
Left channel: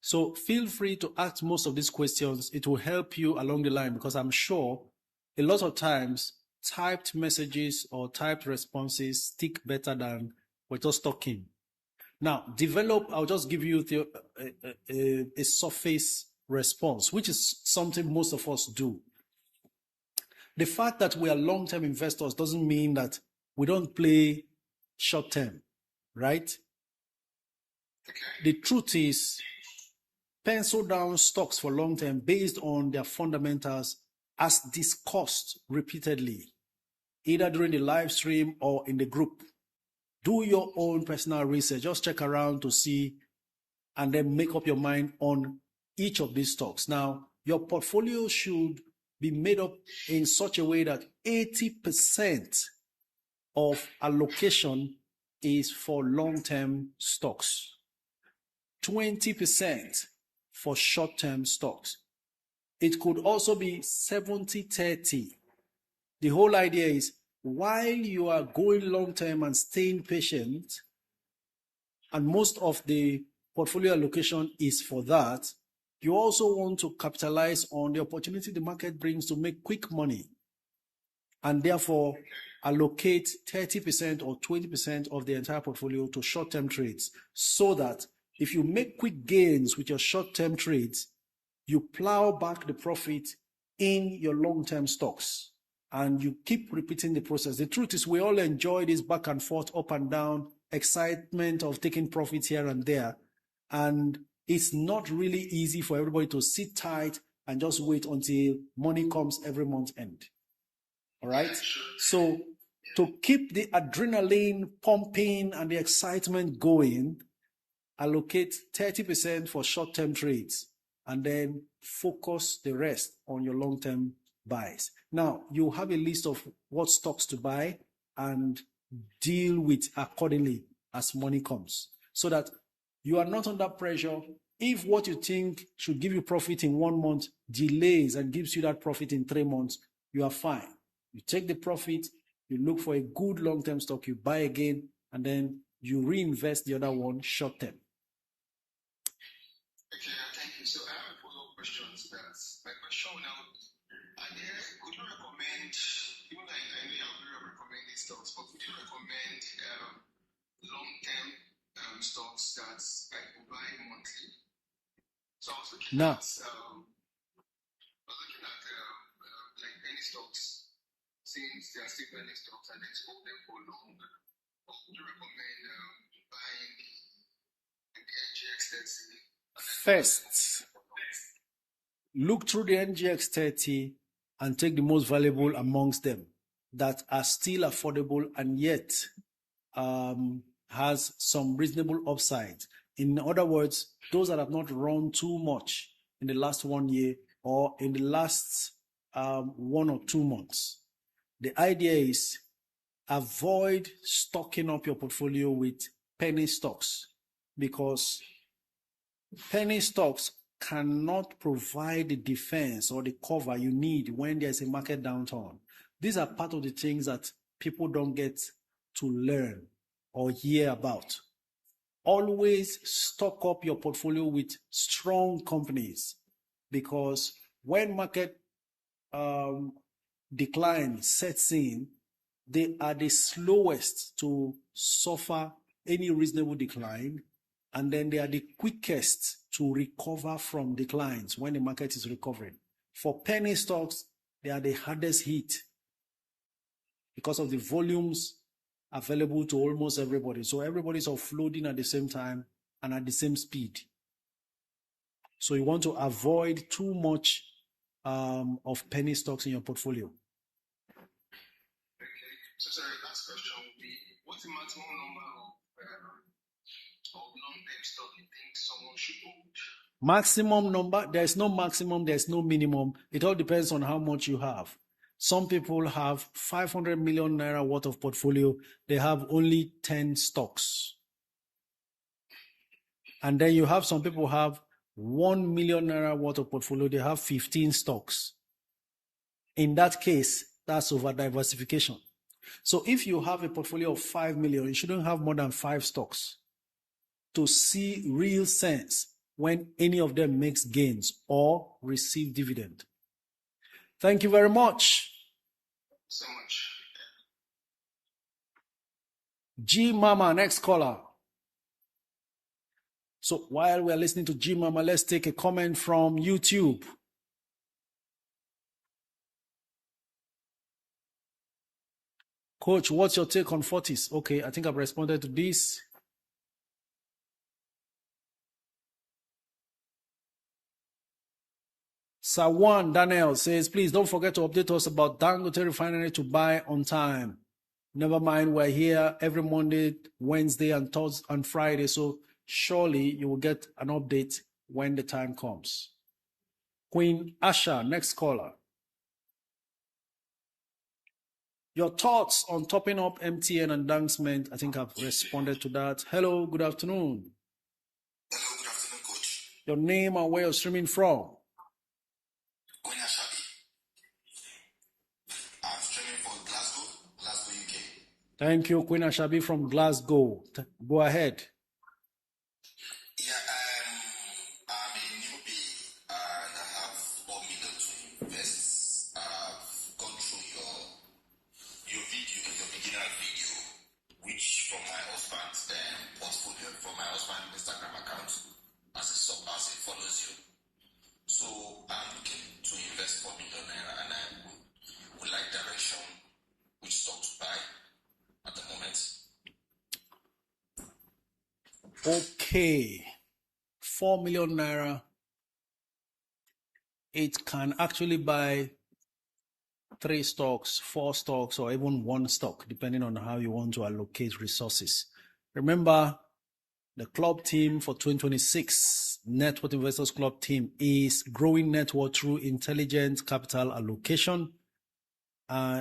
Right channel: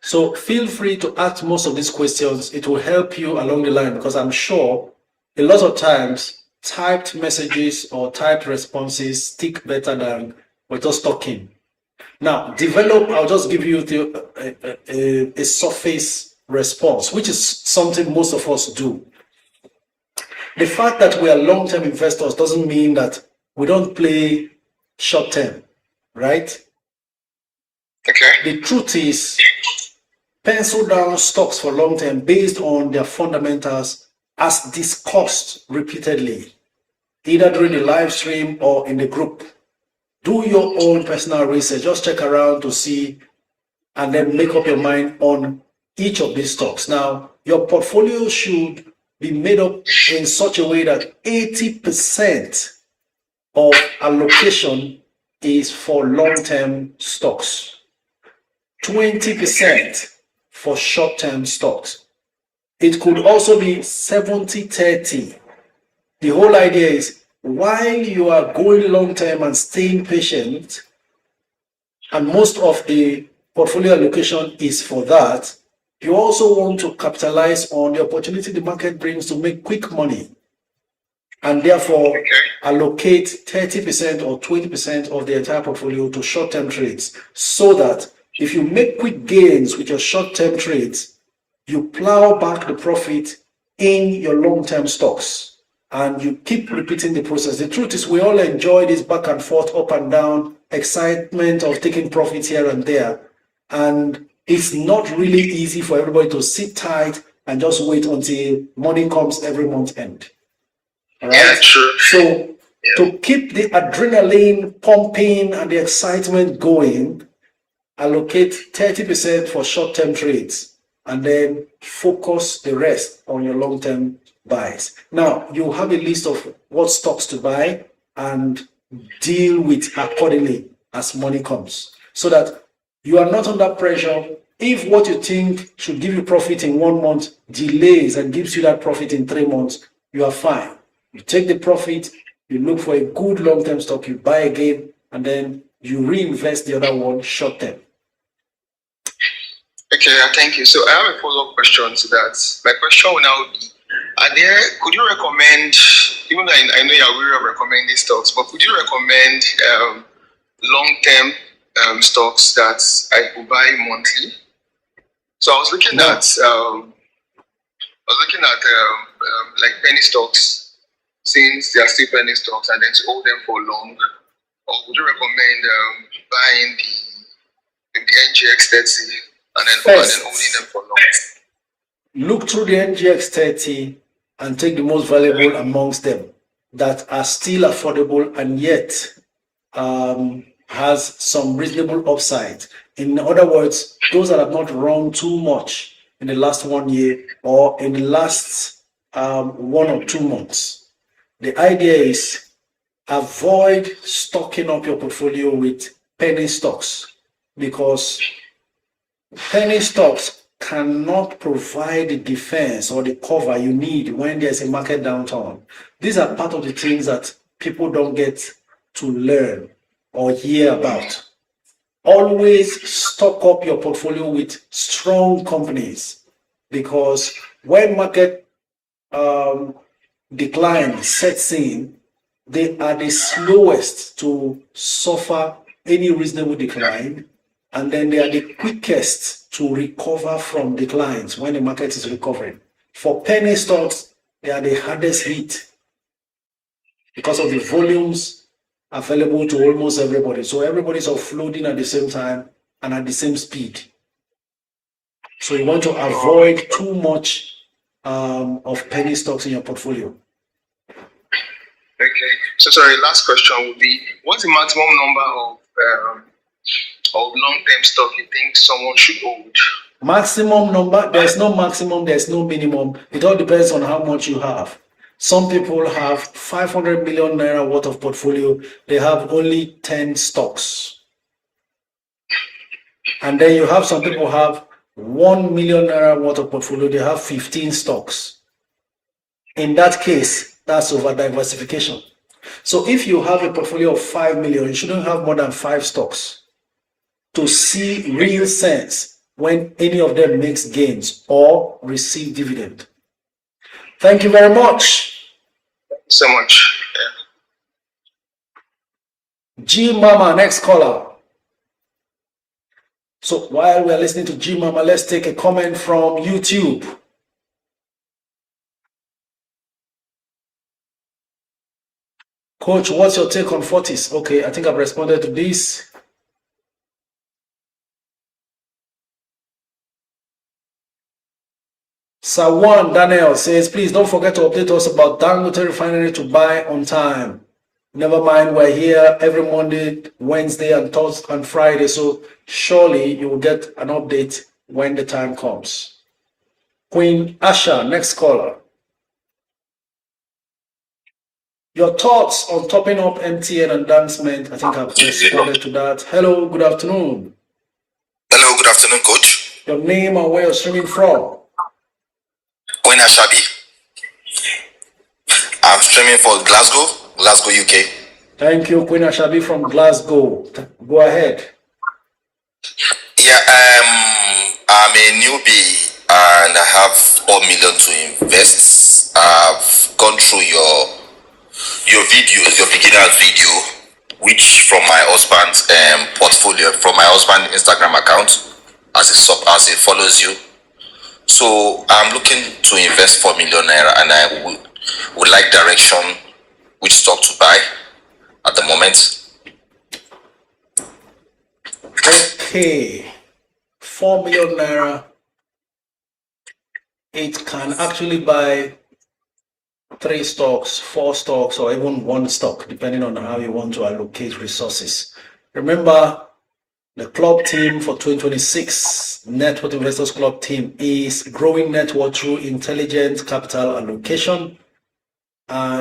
So feel free to ask most of these questions. It will help you along the line, because I'm sure a lot of times typed messages or typed responses stick better than we're just talking. Now, I'll just give you a surface response, which is something most of us do. The fact that we are long-term investors doesn't mean that we don't play short-term, right? Okay. The truth is, pencil down stocks for long-term based on their fundamentals as discussed repeatedly, either during the live stream or in the group. Do your own personal research. Just check around to see, and then make up your mind on each of these stocks. Now, your portfolio should be made up in such a way that 80% of allocation is for long-term stocks, 20% for short-term stocks. It could also be 70-30. The whole idea is, while you are going long-term and staying patient, and most of the portfolio allocation is for that. You also want to capitalize on the opportunity the market brings to make quick money, and therefore allocate 30% or 20% of the entire portfolio to short-term trades, so that if you make quick gains with your short-term trades, you plow back the profit in your long-term stocks, and you keep repeating the process. The truth is, we all enjoy this back and forth, up and down, excitement of taking profits here and there, and it's not really easy for everybody to sit tight and just wait until money comes every month end. All right? Yeah, true. So to keep the adrenaline pumping and the excitement going, allocate 30% for short-term trades, and then focus the rest on your long-term buys. Now, you have a list of what stocks to buy and deal with accordingly as money comes, so that you are not under pressure. If what you think should give you profit in 1 month delays and gives you that profit in 3 months, you are fine. You take the profit, you look for a good long-term stock, you buy again, and then you reinvest the other one short-term. Okay, thank you. So I have a follow-up question to that. My question will now be, could you recommend, even though I know you're aware of recommending stocks, but could you recommend long-term stocks that I could buy monthly? So I was looking at like penny stocks, since they are still penny stocks, and then to hold them for long. Or would you recommend buying the NGX 30 and then holding them for long? Look through the NGX 30 and take the most valuable amongst them that are still affordable and yet has some reasonable upside. In other words, those that have not run too much in the last 1 year or in the last 1 or 2 months. The idea is avoid stocking up your portfolio with penny stocks, because penny stocks cannot provide the defense or the cover you need when there's a market downturn. These are part of the things that people don't get to learn or hear about. Always stock up your portfolio with strong companies, because when market decline sets in, they are the slowest to suffer any reasonable decline, and then they are the quickest to recover from declines when the market is recovering. For penny stocks, they are the hardest hit because of the volumes available to almost everybody. So everybody's offloading at the same time and at the same speed. So you want to avoid too much of penny stocks in your portfolio. Okay. So sorry, last question would be, what's the maximum number of long-term stock you think someone should hold? Maximum number, there's no maximum, there's no minimum. It all depends on how much you have. Some people have 500 million naira worth of portfolio. They have only 10 stocks. And then you have some people have 1 million naira worth of portfolio. They have 15 stocks. In that case, that's over diversification. So if you have a portfolio of 5 million, you shouldn't have more than 5 stocks to see real sense when any of them makes gains or receive dividend. Thank you very much. Thank you so much. Yeah. G Mama, next caller. So while we're listening to G Mama, let's take a comment from YouTube. Coach, what's your take on Fortis? Okay, I think I've responded to this. Sawan Daniel says, please don't forget to update us about Dangote Refinery to buy on time. Never mind, we're here every Monday, Wednesday, and Thursday and Friday, so surely you will get an update when the time comes. Queen Asha, next caller. Your thoughts on topping up MTN and Dancement? I think I've responded to that. Hello, good afternoon. Hello, good afternoon, Coach. Your name and where you're streaming from? Queen Ashabi. I'm streaming for Glasgow, UK. Thank you, Queen Ashabi from Glasgow. Go ahead. Yeah, Yeah, I'm a newbie and I have 4 million to invest. I've gone through your videos, your beginner's video, which from my husband's portfolio, from my husband's Instagram account, as it follows you. So I'm looking to invest 4 million naira, and I would like direction which stock to buy at the moment. Okay, 4 million naira. It can actually buy 3 stocks, 4 stocks, or even 1 stock, depending on how you want to allocate resources. Remember, the club team for 2026, Net Worth Investors Club team, is growing net worth through intelligent capital allocation.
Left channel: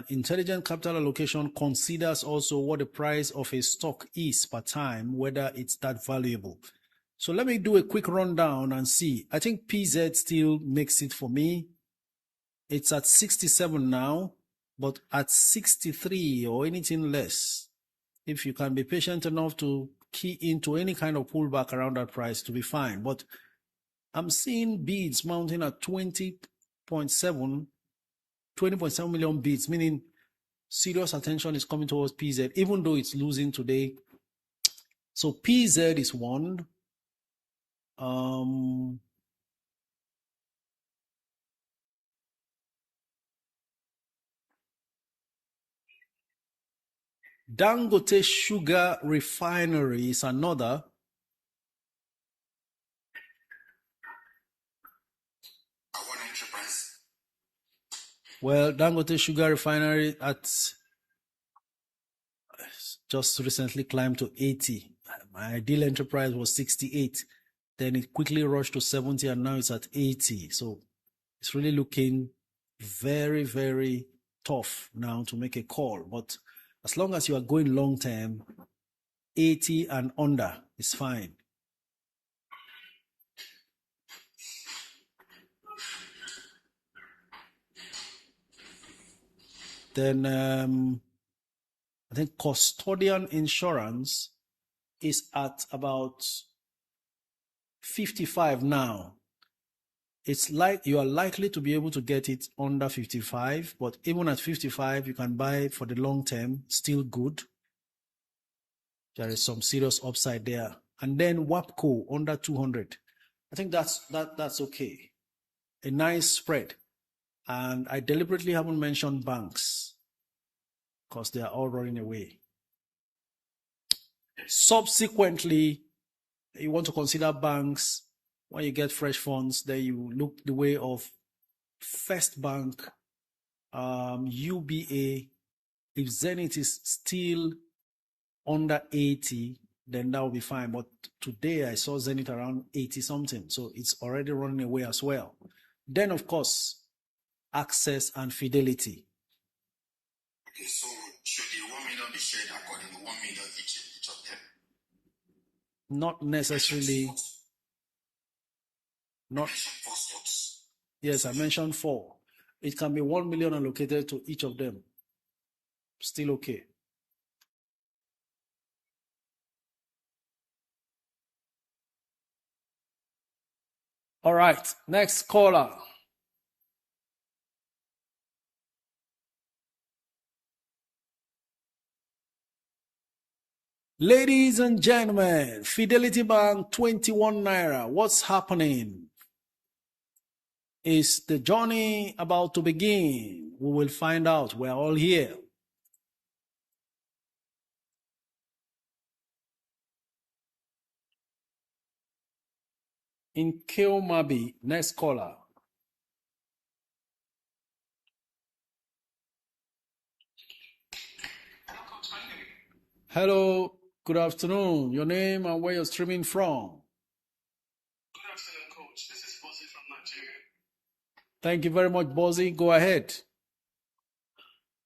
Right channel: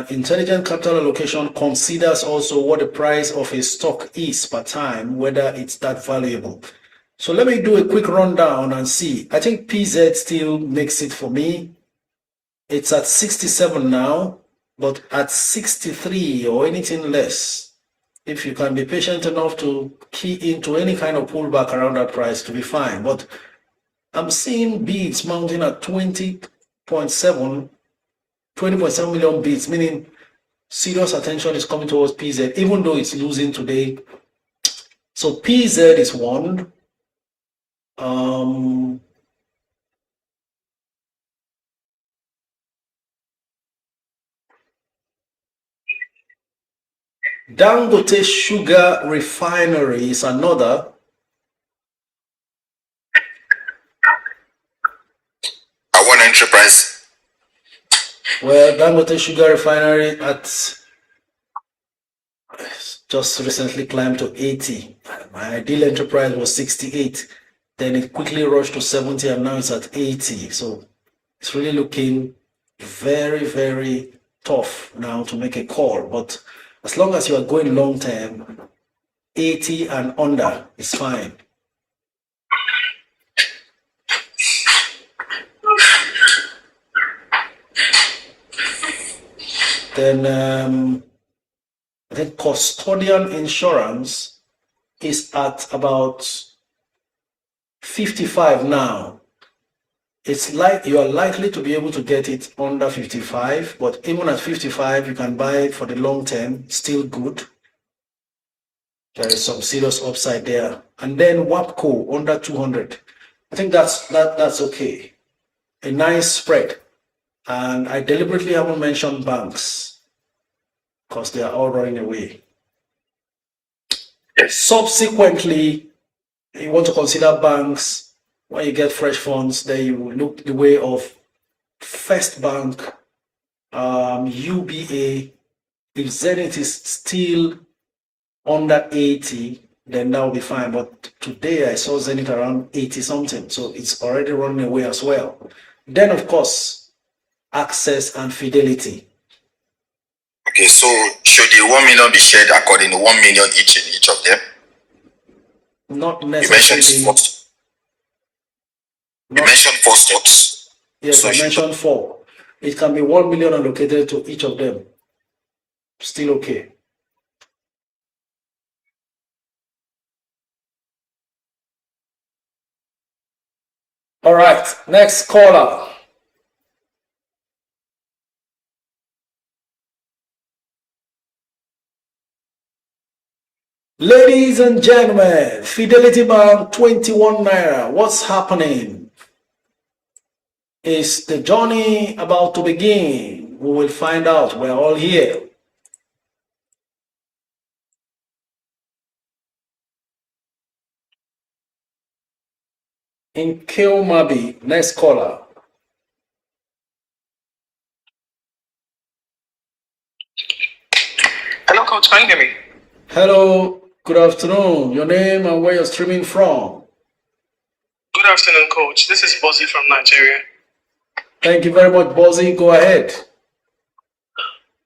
Intelligent capital allocation considers also what the price of a stock is per time, whether it's that valuable. So let me do a quick rundown and see. I think PZ still makes it for me. It's at 67 now, but at 63 or anything less, if you can be patient enough to key into any kind of pullback around that price, to be fine. But I'm seeing bids mounting at 20.7 million bids, meaning serious attention is coming towards PZ, even though it's losing today. So PZ is one. Dangote Sugar Refinery is another. I want enterprise. Well, Dangote Sugar Refinery just recently climbed to 80. My ideal enterprise was 68. Then it quickly rushed to 70 and now it's at 80. So it's really looking very, very tough now to make a call. But as long as you are going long term, 80 and under is fine. Then I think custodian insurance is at about 55 now. It's like you are likely to be able to get it under 55, but even at 55, you can buy it for the long term, still good. There is some serious upside there. And then WAPCO under 200. I think that's okay. A nice spread. And I deliberately haven't mentioned banks because they are all running away. Subsequently, you want to consider banks. When you get fresh funds, then you look the way of First Bank, UBA. If Zenith is still under 80, then that will be fine. But today I saw Zenith around 80 something, so it's already running away as well. Then, of course, Access and Fidelity. Okay, so should the 1 million be shared according to 1 million each in each of them? Not necessarily. You mentioned 4 stocks. Yes, so I mentioned 4. It can be 1 million allocated to each of them. Still okay. All right, next caller. Ladies and gentlemen, Fidelity Bank 21 naira. What's happening? Is the journey about to begin? We will find out. We're all here. In Kilmabi, next caller. Hello, Coach. Can you hear me? Hello. Good afternoon. Your name and where you're streaming from? Good afternoon, Coach. This is Bozi from Nigeria. Thank you very much, Bozi. Go ahead.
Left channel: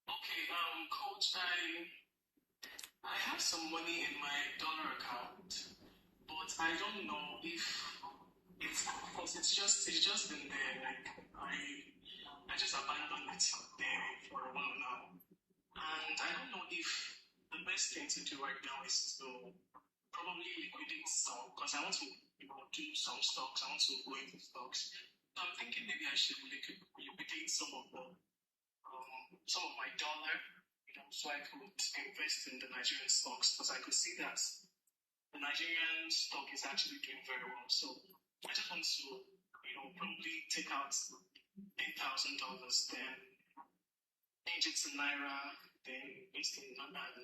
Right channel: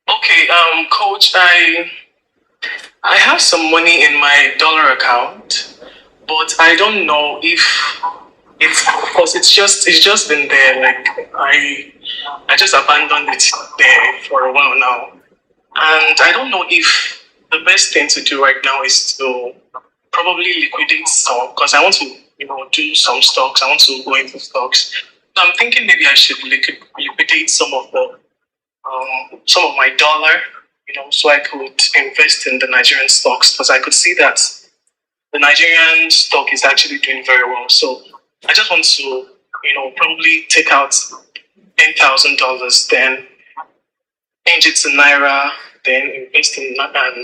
Okay, Coach, I have some money in my dollar account, but I don't know if it's just been there. Like I just abandoned it there for a while now, and I don't know if the best thing to do right now is to probably liquidate some, because I want to do some stocks. I want to go into stocks. So I'm thinking maybe I should liquidate some of my dollar, so I could invest in the Nigerian stocks, because I could see that the Nigerian stock is actually doing very well. So I just want to, probably take out $10,000, then change it to Naira, then invest in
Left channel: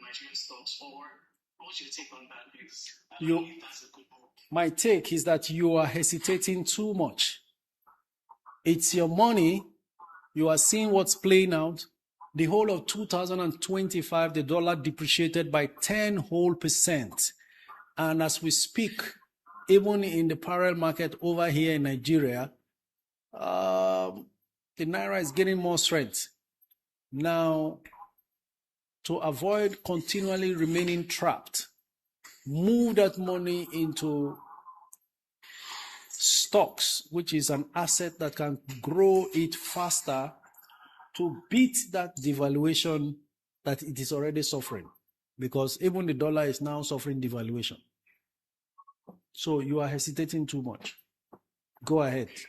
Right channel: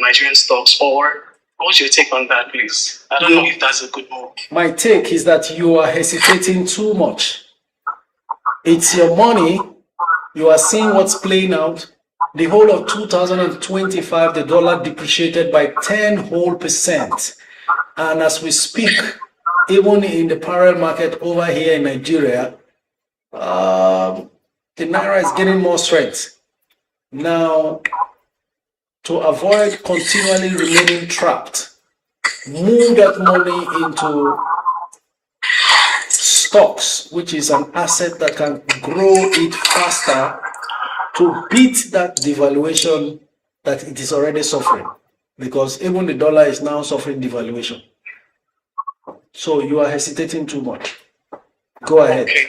Nigerian stocks. Or what's your take on that, please? I don't know if that's a good move. My take is that you are hesitating too much. It's your money. You are seeing what's playing out. The whole of 2025, the dollar depreciated by 10%. And as we speak, even in the parallel market over here in Nigeria, the Naira is gaining more strength. Now, to avoid continually remaining trapped, move that money into stocks, which is an asset that can grow it faster to beat that devaluation that it is already suffering, because even the dollar is now suffering devaluation. So you are hesitating too much. Go ahead. Okay.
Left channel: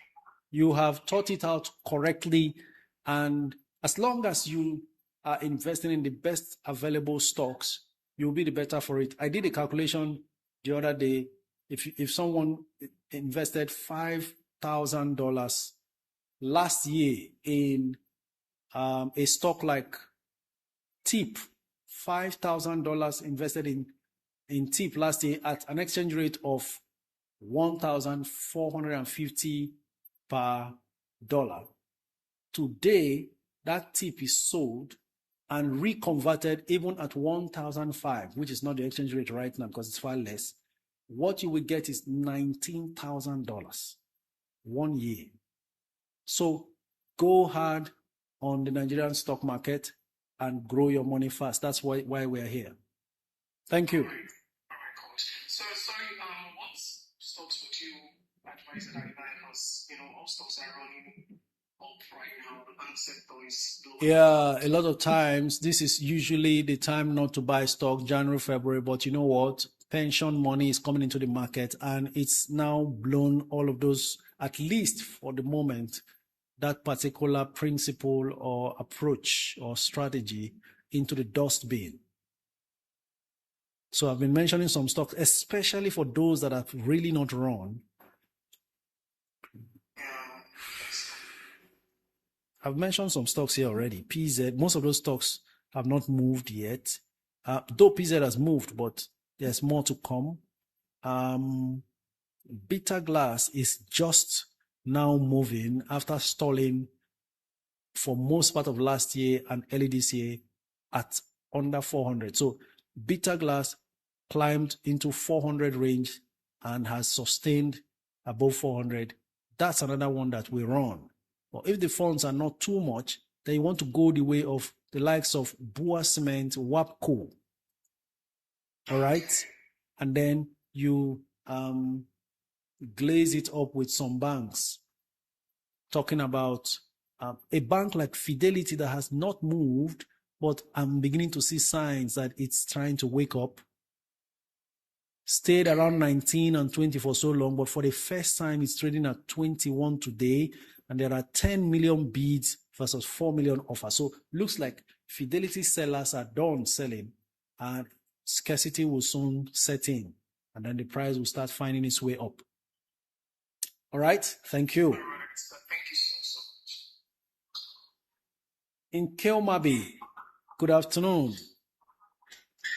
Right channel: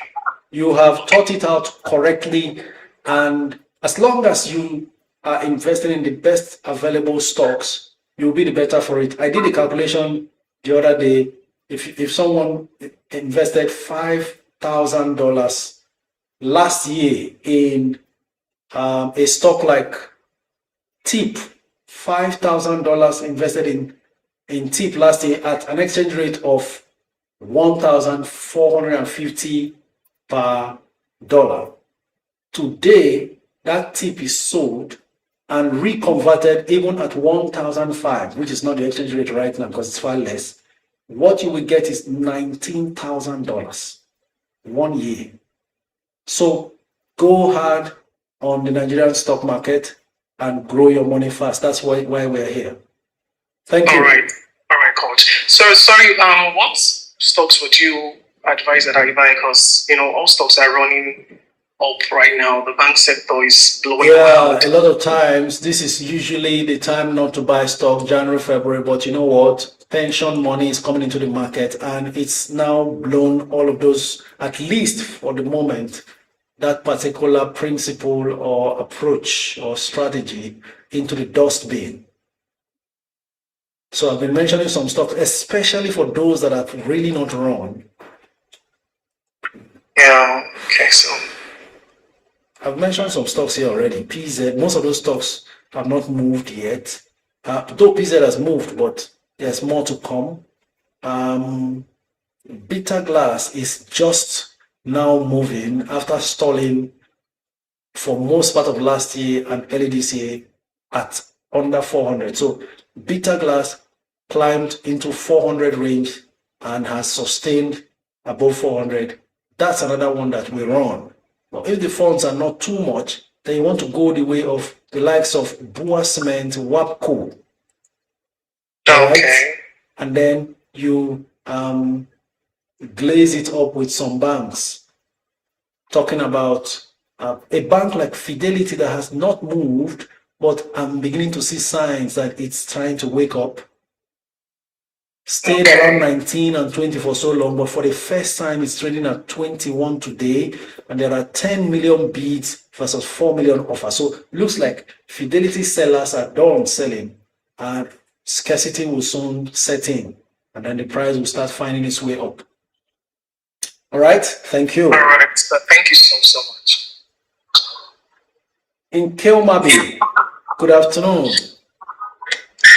You have thought it out correctly, and as long as you are investing in the best available stocks, you'll be the better for it. I did a calculation the other day. If someone invested $5,000 last year in a stock like TIP, $5,000 invested in TIP last year at an exchange rate of 1,450 per dollar. Today, that TIP is sold and reconverted even at 1,005, which is not the exchange rate right now because it's far less. What you will get is $19,000 1 year. So go hard on the Nigerian stock market and grow your money fast. That's why we're here. Thank you. All right, coach. So sorry, what stocks would you advise that I buy? Because all stocks are running up right now. The bank sector is blowing out. A lot of times this is usually the time not to buy stock, January, February, but you know what? Pension money is coming into the market and it's now blown all of those, at least for the moment, that particular principle or approach or strategy into the dustbin. So I've been mentioning some stocks, especially for those that have really not run. Yeah, okay, so I've mentioned some stocks here already. PZ, most of those stocks have not moved yet. Though PZ has moved, but there's more to come. Bitter Glass is just now moving after stalling for most part of last year and early this year at under 400. So Bitter Glass climbed into 400 range and has sustained above 400. That's another one that we run. But if the funds are not too much, then you want to go the way of the likes of Bua Cement, WAPCO. okay. Right? And then you glaze it up with some banks. Talking about a bank like Fidelity that has not moved, but I'm beginning to see signs that it's trying to wake up. Stayed around 19 and 20 for so long, but for the first time it's trading at 21 today, and there are 10 million bids versus 4 million offers. So it looks like Fidelity sellers are done selling, and scarcity will soon set in, and then the price will start finding its way up. All right, thank you. All right, thank you so much. In Kelmabi, good afternoon.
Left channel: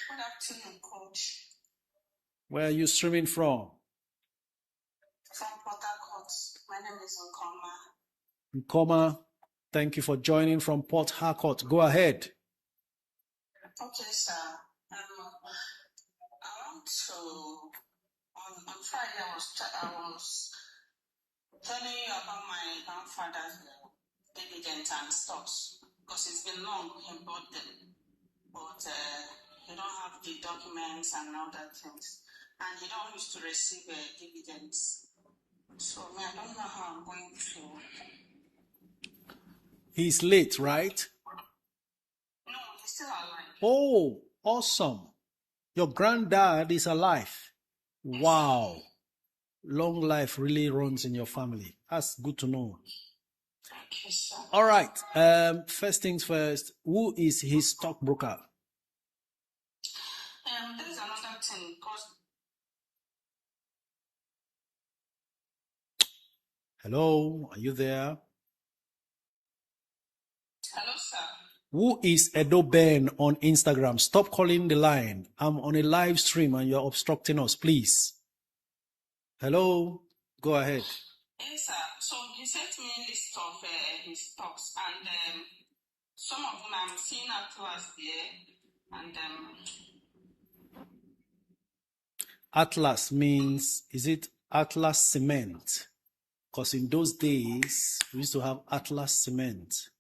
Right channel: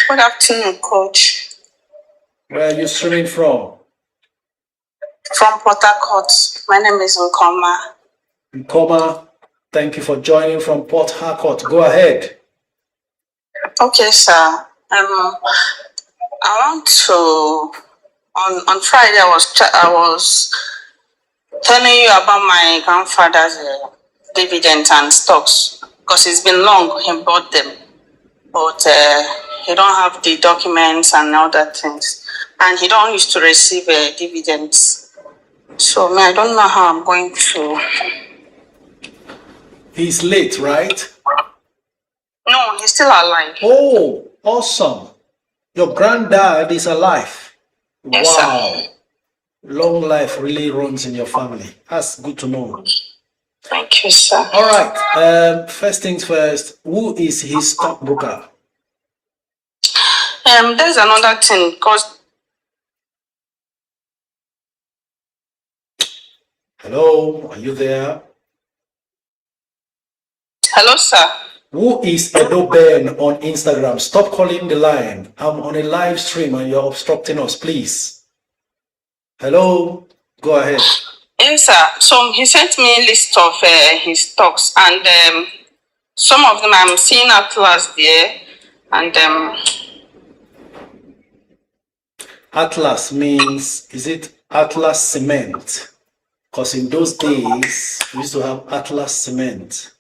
Good afternoon, Coach. Where are you streaming from? From Port Harcourt. My name is Nkoma. Nkoma, thank you for joining from Port Harcourt. Go ahead. Okay, sir. I want to. On Friday, I was telling you about my grandfather's dividends and stocks, because it's been long he bought them, but he don't have the documents and all that things. And he don't used to receive dividends. So I don't know how I'm going to. He's late, right? No, he's still alive. Oh, awesome. Your granddad is alive. Yes, Wow. sir. Long life really runs in your family. That's good to know. Thank you, sir. All right. First things first, who is his stockbroker? There's another thing because. Hello, are you there? Hello, sir. Who is Edo Ben on Instagram? Stop calling the line. I'm on a live stream and you're obstructing us, please. Hello, go ahead. Yes, sir. So he sent me a list of his stocks, and some of them I'm seeing Atlas there, and Atlas means, is it Atlas Cement? Because in those days, we used to have Atlas Cement.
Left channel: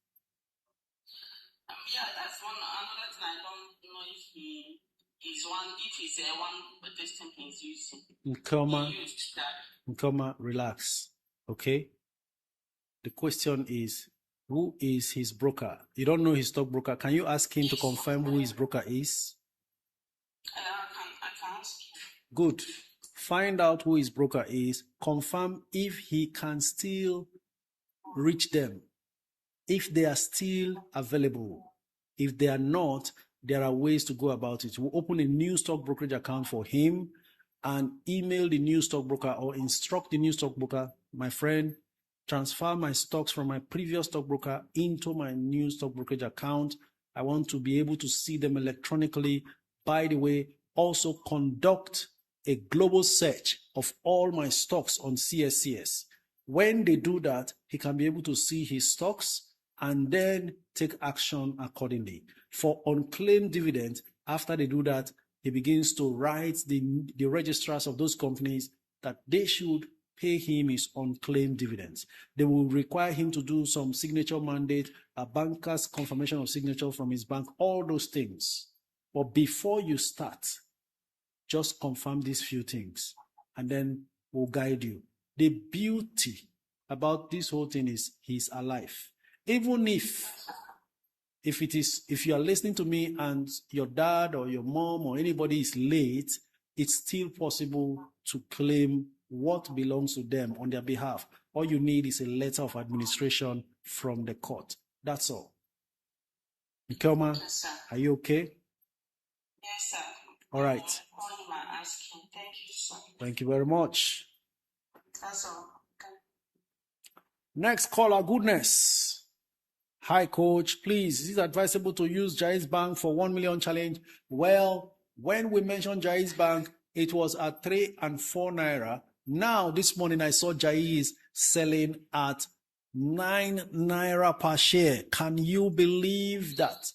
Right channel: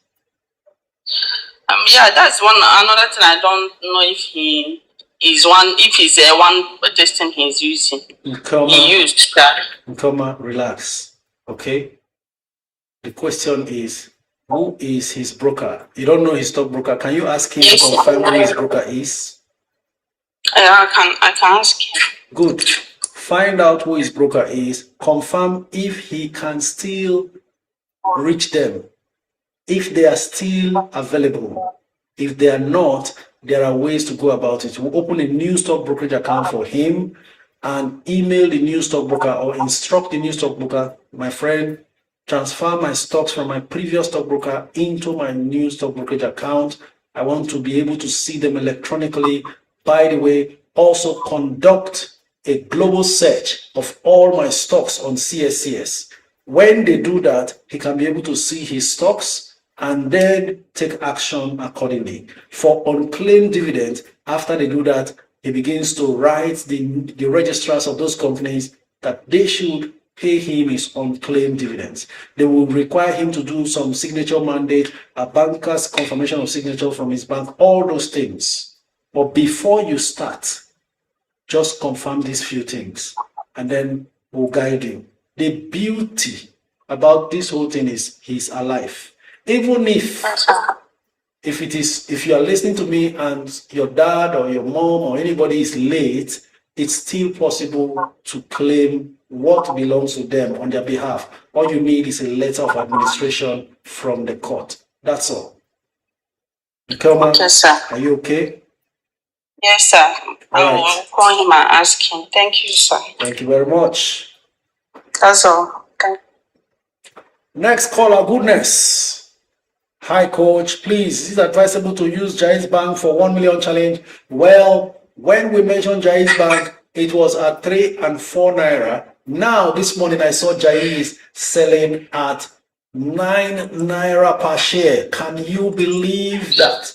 yeah, that's another thing. I don't know if he is one, if he's one this thing he's using. He used that. Relax. Okay. The question is, who is his broker? You don't know his stockbroker. Can you ask him to confirm who his broker is? I can ask him. Good. Find out who his broker is. Confirm if he can still reach them. If they are still available. If they are not, there are ways to go about it. We'll open a new stock brokerage account for him and email the new stockbroker or instruct the new stockbroker, my friend, transfer my stocks from my previous stockbroker into my new stock brokerage account. I want to be able to see them electronically. By the way, also conduct a global search of all my stocks on CSCS. When they do that, he can be able to see his stocks and then take action accordingly. For unclaimed dividends, after they do that, he begins to write the registrars of those companies that they should pay him his unclaimed dividends. They will require him to do some signature mandate, a banker's confirmation of signature from his bank, all those things. But before you start, just confirm these few things and then we'll guide you. The beauty about this whole thing is he's alive. Even if you are listening to me and your dad or your mom or anybody is late, it's still possible to claim what belongs to them on their behalf. All you need is a letter of administration from the court. That's all. Okay, sir. Are you okay? Yes, sir. All I'll call him and ask him. Thank you, sir. Thank you very much. That's all. Okay. Next caller, goodness. Hi, coach. Please, is it advisable to use Jais Bank for 1 million challenge? Well, when we mentioned Jais Bank, it was at 3 and 4 naira. Now, this morning, I saw Jais selling at 9 naira per share. Can you believe that?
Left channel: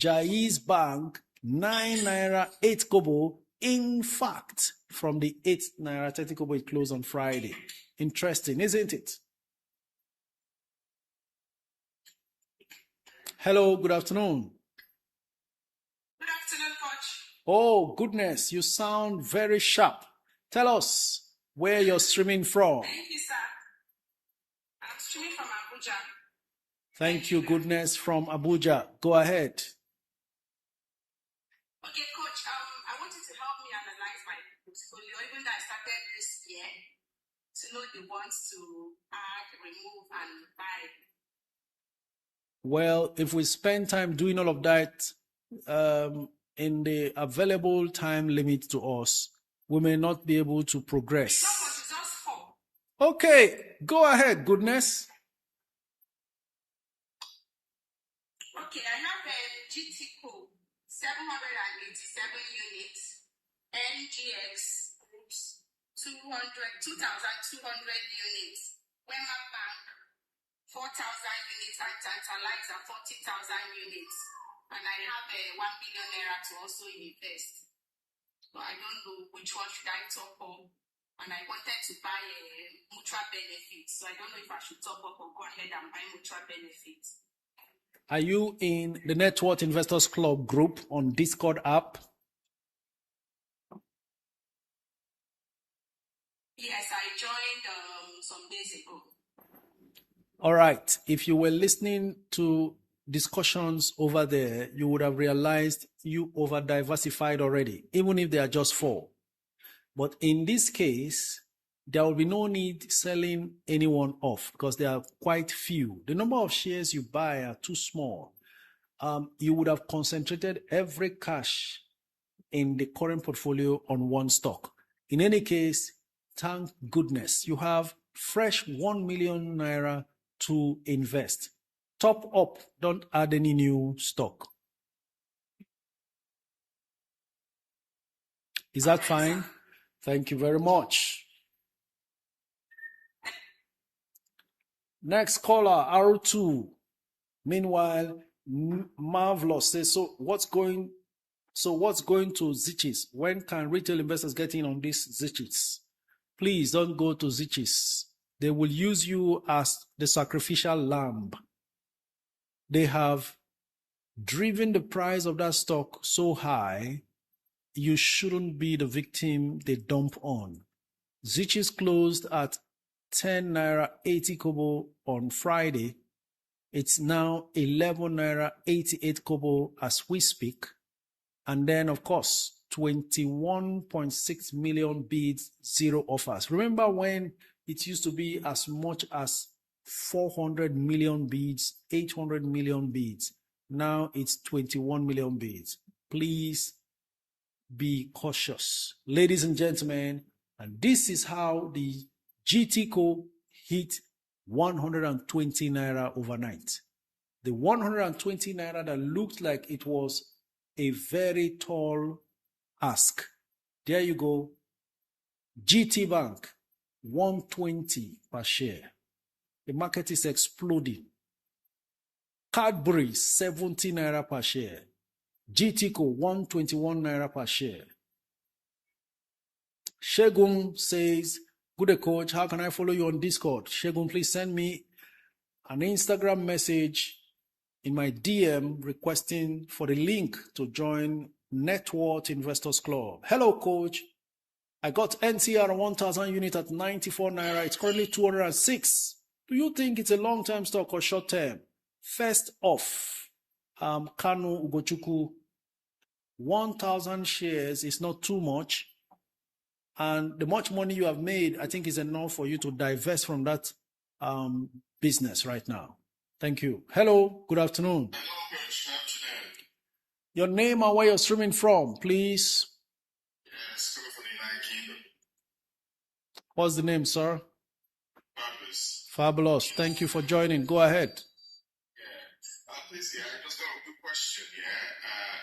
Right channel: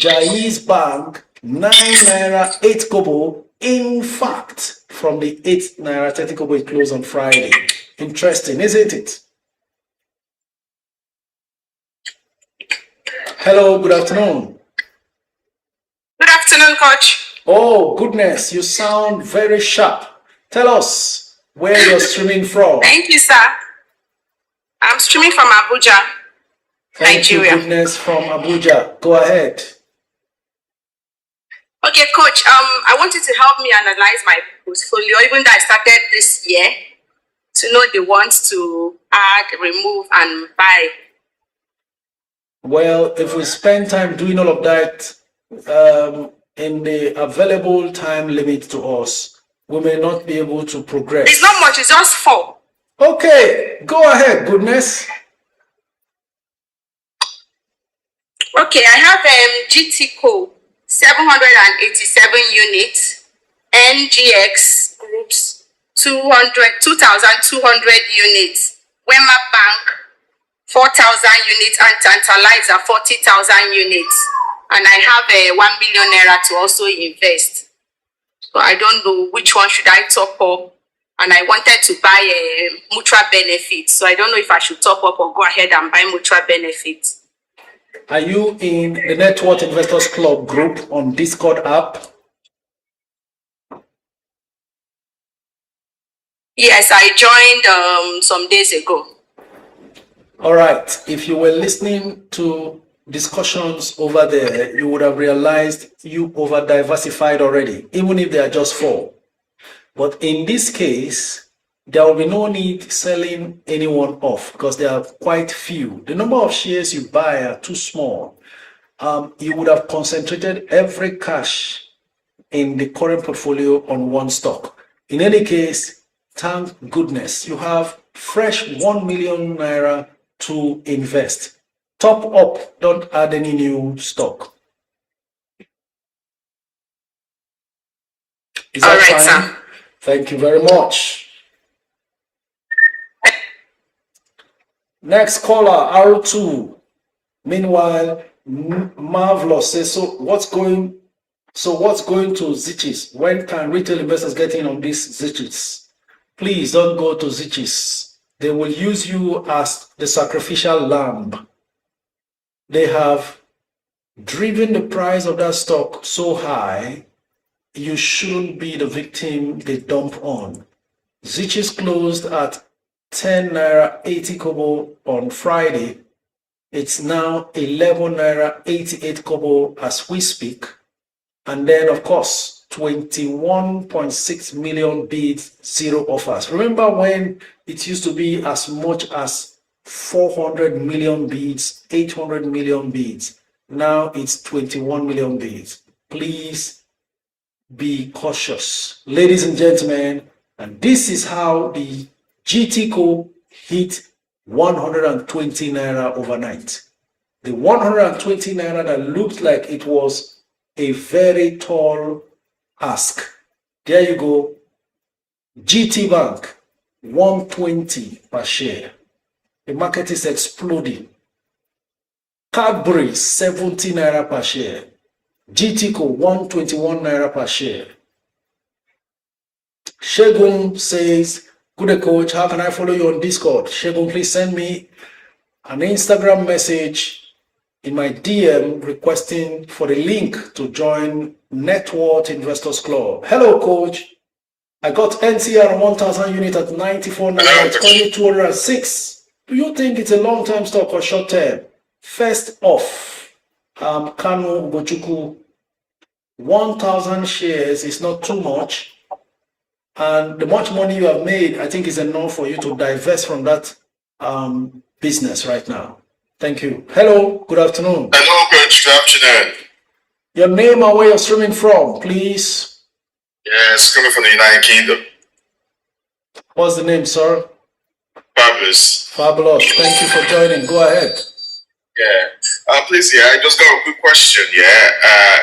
Jais Bank, 9 naira, 8 kobo. In fact, from the 8 naira 30 kobo, it closed on Friday. Interesting, isn't it? Hello, good afternoon. Good afternoon, coach. Oh, goodness, you sound very sharp. Tell us where you're streaming from. Thank you, sir. I'm streaming from Abuja, Nigeria. You, goodness, from Abuja. Go ahead. Okay, coach, I want you to help me analyze my portfolio, even though I started this year, to know the ones to add, remove, and buy. Well, if we spend time doing all of that in the available time limit to us, we may not be able to progress. It's not much, it's just 4. Okay, go ahead, goodness. Okay, I have GTCO, 787 units, NGX groups, 2,200 units, Wema Bank, 4,000 units, and Tantalizer, 40,000 units. And I have 1 million naira to also invest. So I don't know which one should I top up. And I wanted to buy a mutual benefit. So I don't know if I should top up or go ahead and buy mutual benefit. Are you in the Net Worth Investors Club group on Discord app? Yes, I joined some days ago. All right. If you were listening to discussions over there, you would have realized you over diversified already, even if they are just 4. But in this case, there will be no need selling anyone off because there are quite few. The number of shares you buy are too small. You would have concentrated every cash in the current portfolio on one stock. In any case, thank goodness you have fresh 1 million naira to invest. Top up, don't add any new stock. Is that fine? Sir. Thank you very much. Next caller, R2. Meanwhile, Marvelous says, so what's going to Zichis? When can retail investors get in on these Zichis? Please don't go to Zichis. They will use you as the sacrificial lamb. They have driven the price of that stock so high, you shouldn't be the victim they dump on. Zichis closed at 10 naira 80 kobo on Friday. It's now 11 naira 88 kobo as we speak. And then, of course, 21.6 million bids, 0 offers. Remember when it used to be as much as 400 million bids, 800 million bids. Now it's 21 million bids. Please be cautious. Ladies and gentlemen, and this is how the GTCO hit 120 naira overnight. The 120 naira that looked like it was a very tall ask. There you go. GT Bank, 120 per share. The market is exploding. Cadbury, 70 naira per share. GTCO, 121 naira per share. Shegun says, good day, coach, how can I follow you on Discord? Shegun, please send me an Instagram message in my DM requesting for the link to join Network Investors Club. Hello, coach. I got NCR 1000 unit at 94 naira, it's only 206. Do you think it's a long-term stock or short-term? First off, Kanu Bochuku, 1,000 shares is not too much. And the much money you have made, I think is enough for you to divest from that business right now. Thank you. Hello, good afternoon. Hello, coach. Good afternoon. Your name and where you're streaming from, please. Yes, coming from the United Kingdom. What's the name, sir? Fabulous. Fabulous. Thank you for joining. Go ahead. Yeah. Please, I just got a quick question.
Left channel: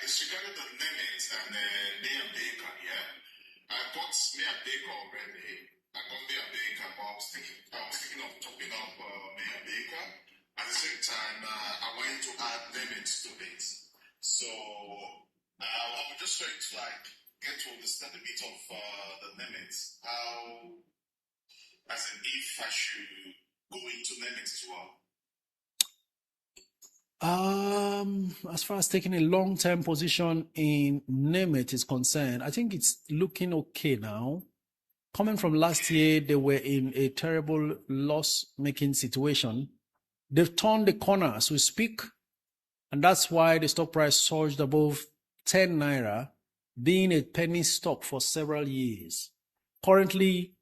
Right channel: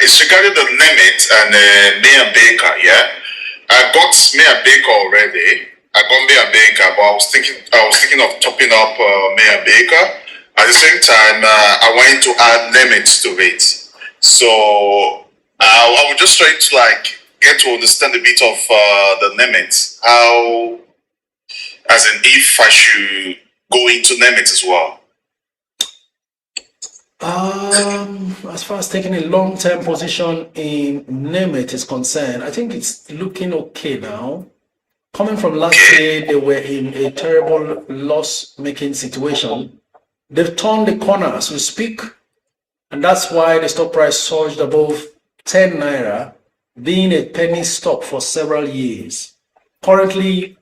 It's regarding the limit and May and Baker. I got May and Baker already. I got May and Baker, but I was thinking of topping up May and Baker. At the same time, I wanted to add limits to it. So I was just trying to get to understand a bit of the limits. How, as in, if I should go into limits as well. As far as taking a long-term position in Nemeth is concerned, I think it's looking okay now. Coming from last year, they were in a terrible loss-making situation. They've turned the corner as we speak, and that's why the stock price surged above 10 naira, being a penny stock for several years. Currently,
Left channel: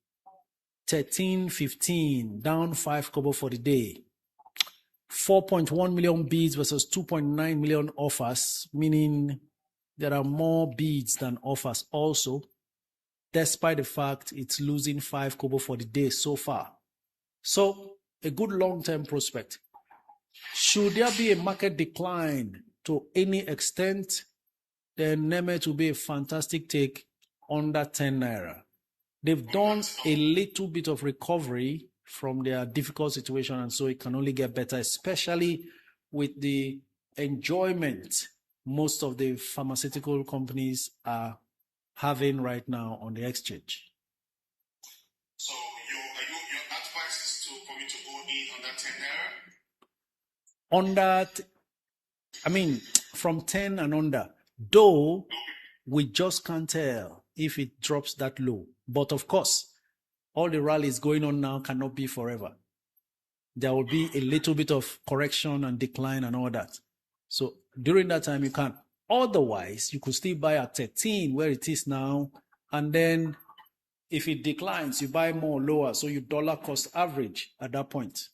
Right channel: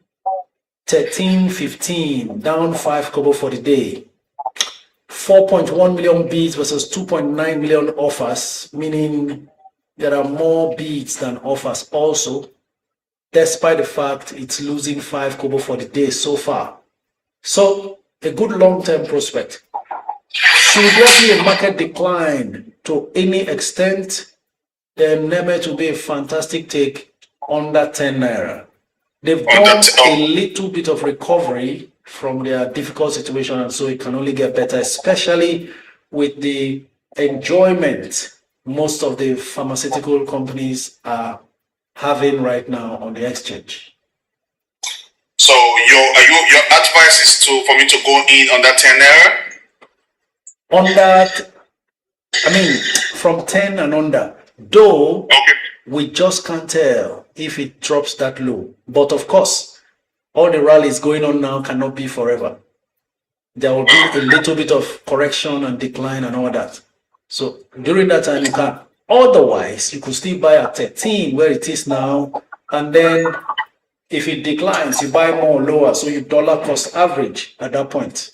13.15, down 5 kobo for the day. 4.1 million bids versus 2.9 million offers, meaning there are more bids than offers also, despite the fact it's losing 5 kobo for the day so far. So, a good long-term prospect. Should there be a market decline to any extent, then Nemeth will be a fantastic take under 10 naira. They've done a little bit of recovery from their difficult situation, and so it can only get better, especially with the enjoyment most of the pharmaceutical companies are having right now on the exchange. So your advice is for me to go in on that 10 naira? On that, I mean, from 10 and under, though we just can't tell if it drops that low. But of course, all the rallies going on now cannot be forever. There will be a little bit of correction and decline and all that. So during that time, you can. Otherwise, you could still buy at 13 where it is now, and then If it declines, you buy more lower, so you dollar cost average at that point.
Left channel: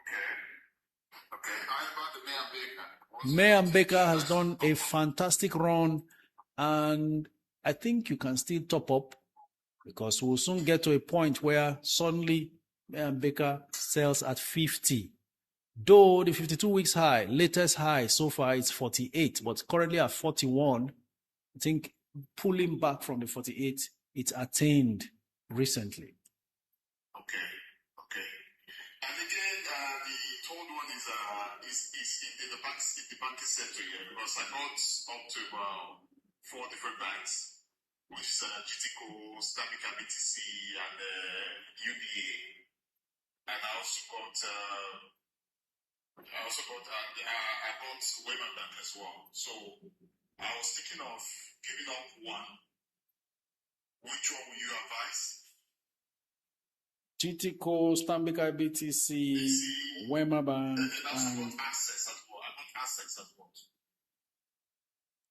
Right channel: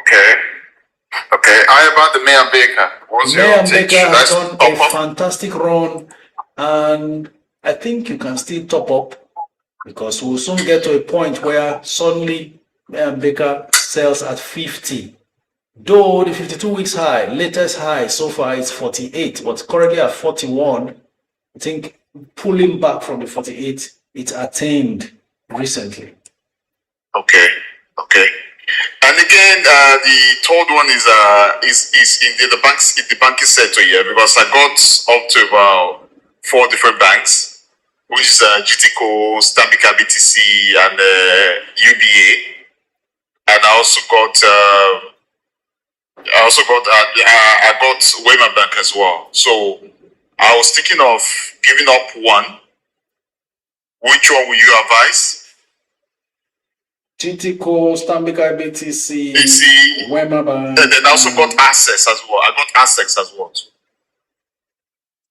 Okay. Okay. How about the Mayor Baker? What's your Mayor take? Baker has That's done a fantastic run, and I think you can still top up because we'll soon get to a point where suddenly Mayor Baker sells at 50. Though the 52 weeks high, latest high so far is 48, but currently at 41. I think pulling back from the 48, it's attained recently. okay. Okay. And again, the third one is in the banks in the banking sector here, because I got up to about 4 different banks, which is GTCO, Stambika BTC, and UBA, and I also got Wayman Bank as well. So I was thinking of giving up one. Which one will you advise? GTCO, Stambika BTC, Wema Bank. And then I also got Access as well. I got Access as well.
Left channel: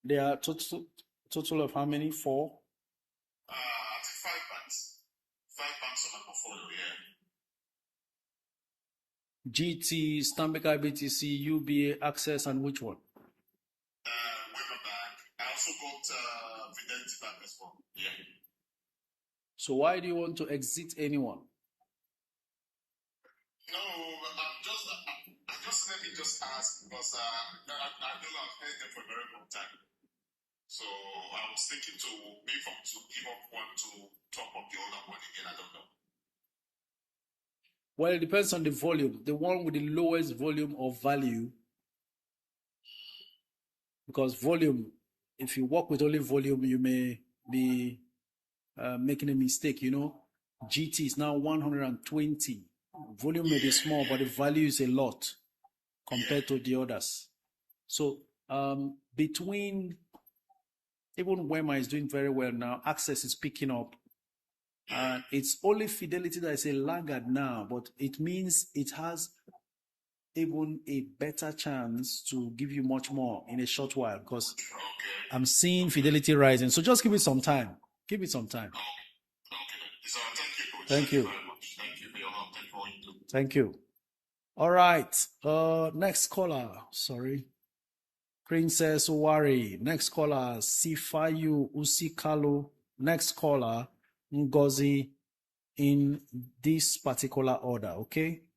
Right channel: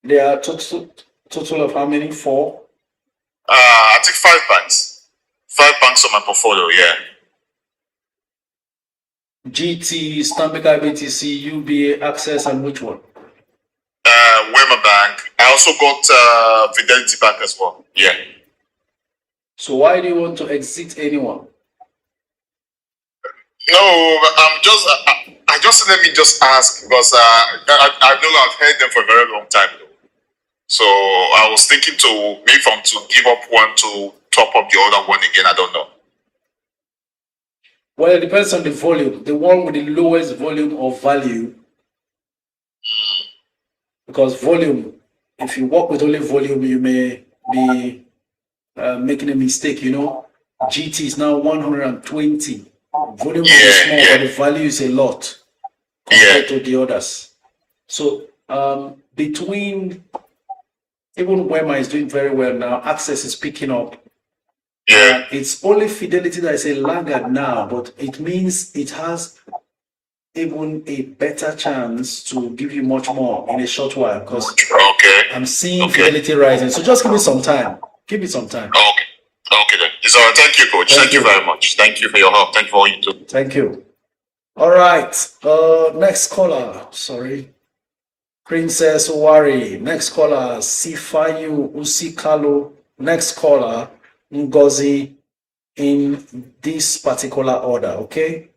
There are total of how many? 4? I think 5 banks. 5 banks on my portfolio, yeah. GT, Stambika BTC, UBA, Access, and which one? Wema Bank. I also got Fidelity Bank as well. Yeah. So why do you want to exit anyone? No, I just let me just ask, because I know I've heard them for a very long time though. So I was thinking to maybe to give up one to top up the other one again. I don't know. Well, it depends on the volume. The one with the lowest volume of value, because volume, if you work with only volume, you may be making a mistake. You know, GT is now 120. Volume is small, but the value is a lot compared to the others. So between, even Wema is doing very well now, Access is picking up. It's only Fidelity that is a laggard now, but it means it has even a better chance to give you much more in a short while, because I'm seeing Fidelity rising. So just give it some time. Give it some time. Okay then. It's all right. Thank you, Coach. Thank you very much. Thank you for your help. Thank you for all you do. Thank you. All right. Next caller. Sorry. Princess Wari. Next caller. Sifayu Usikalo. Next caller. Ngozi. In this particular order. Okay.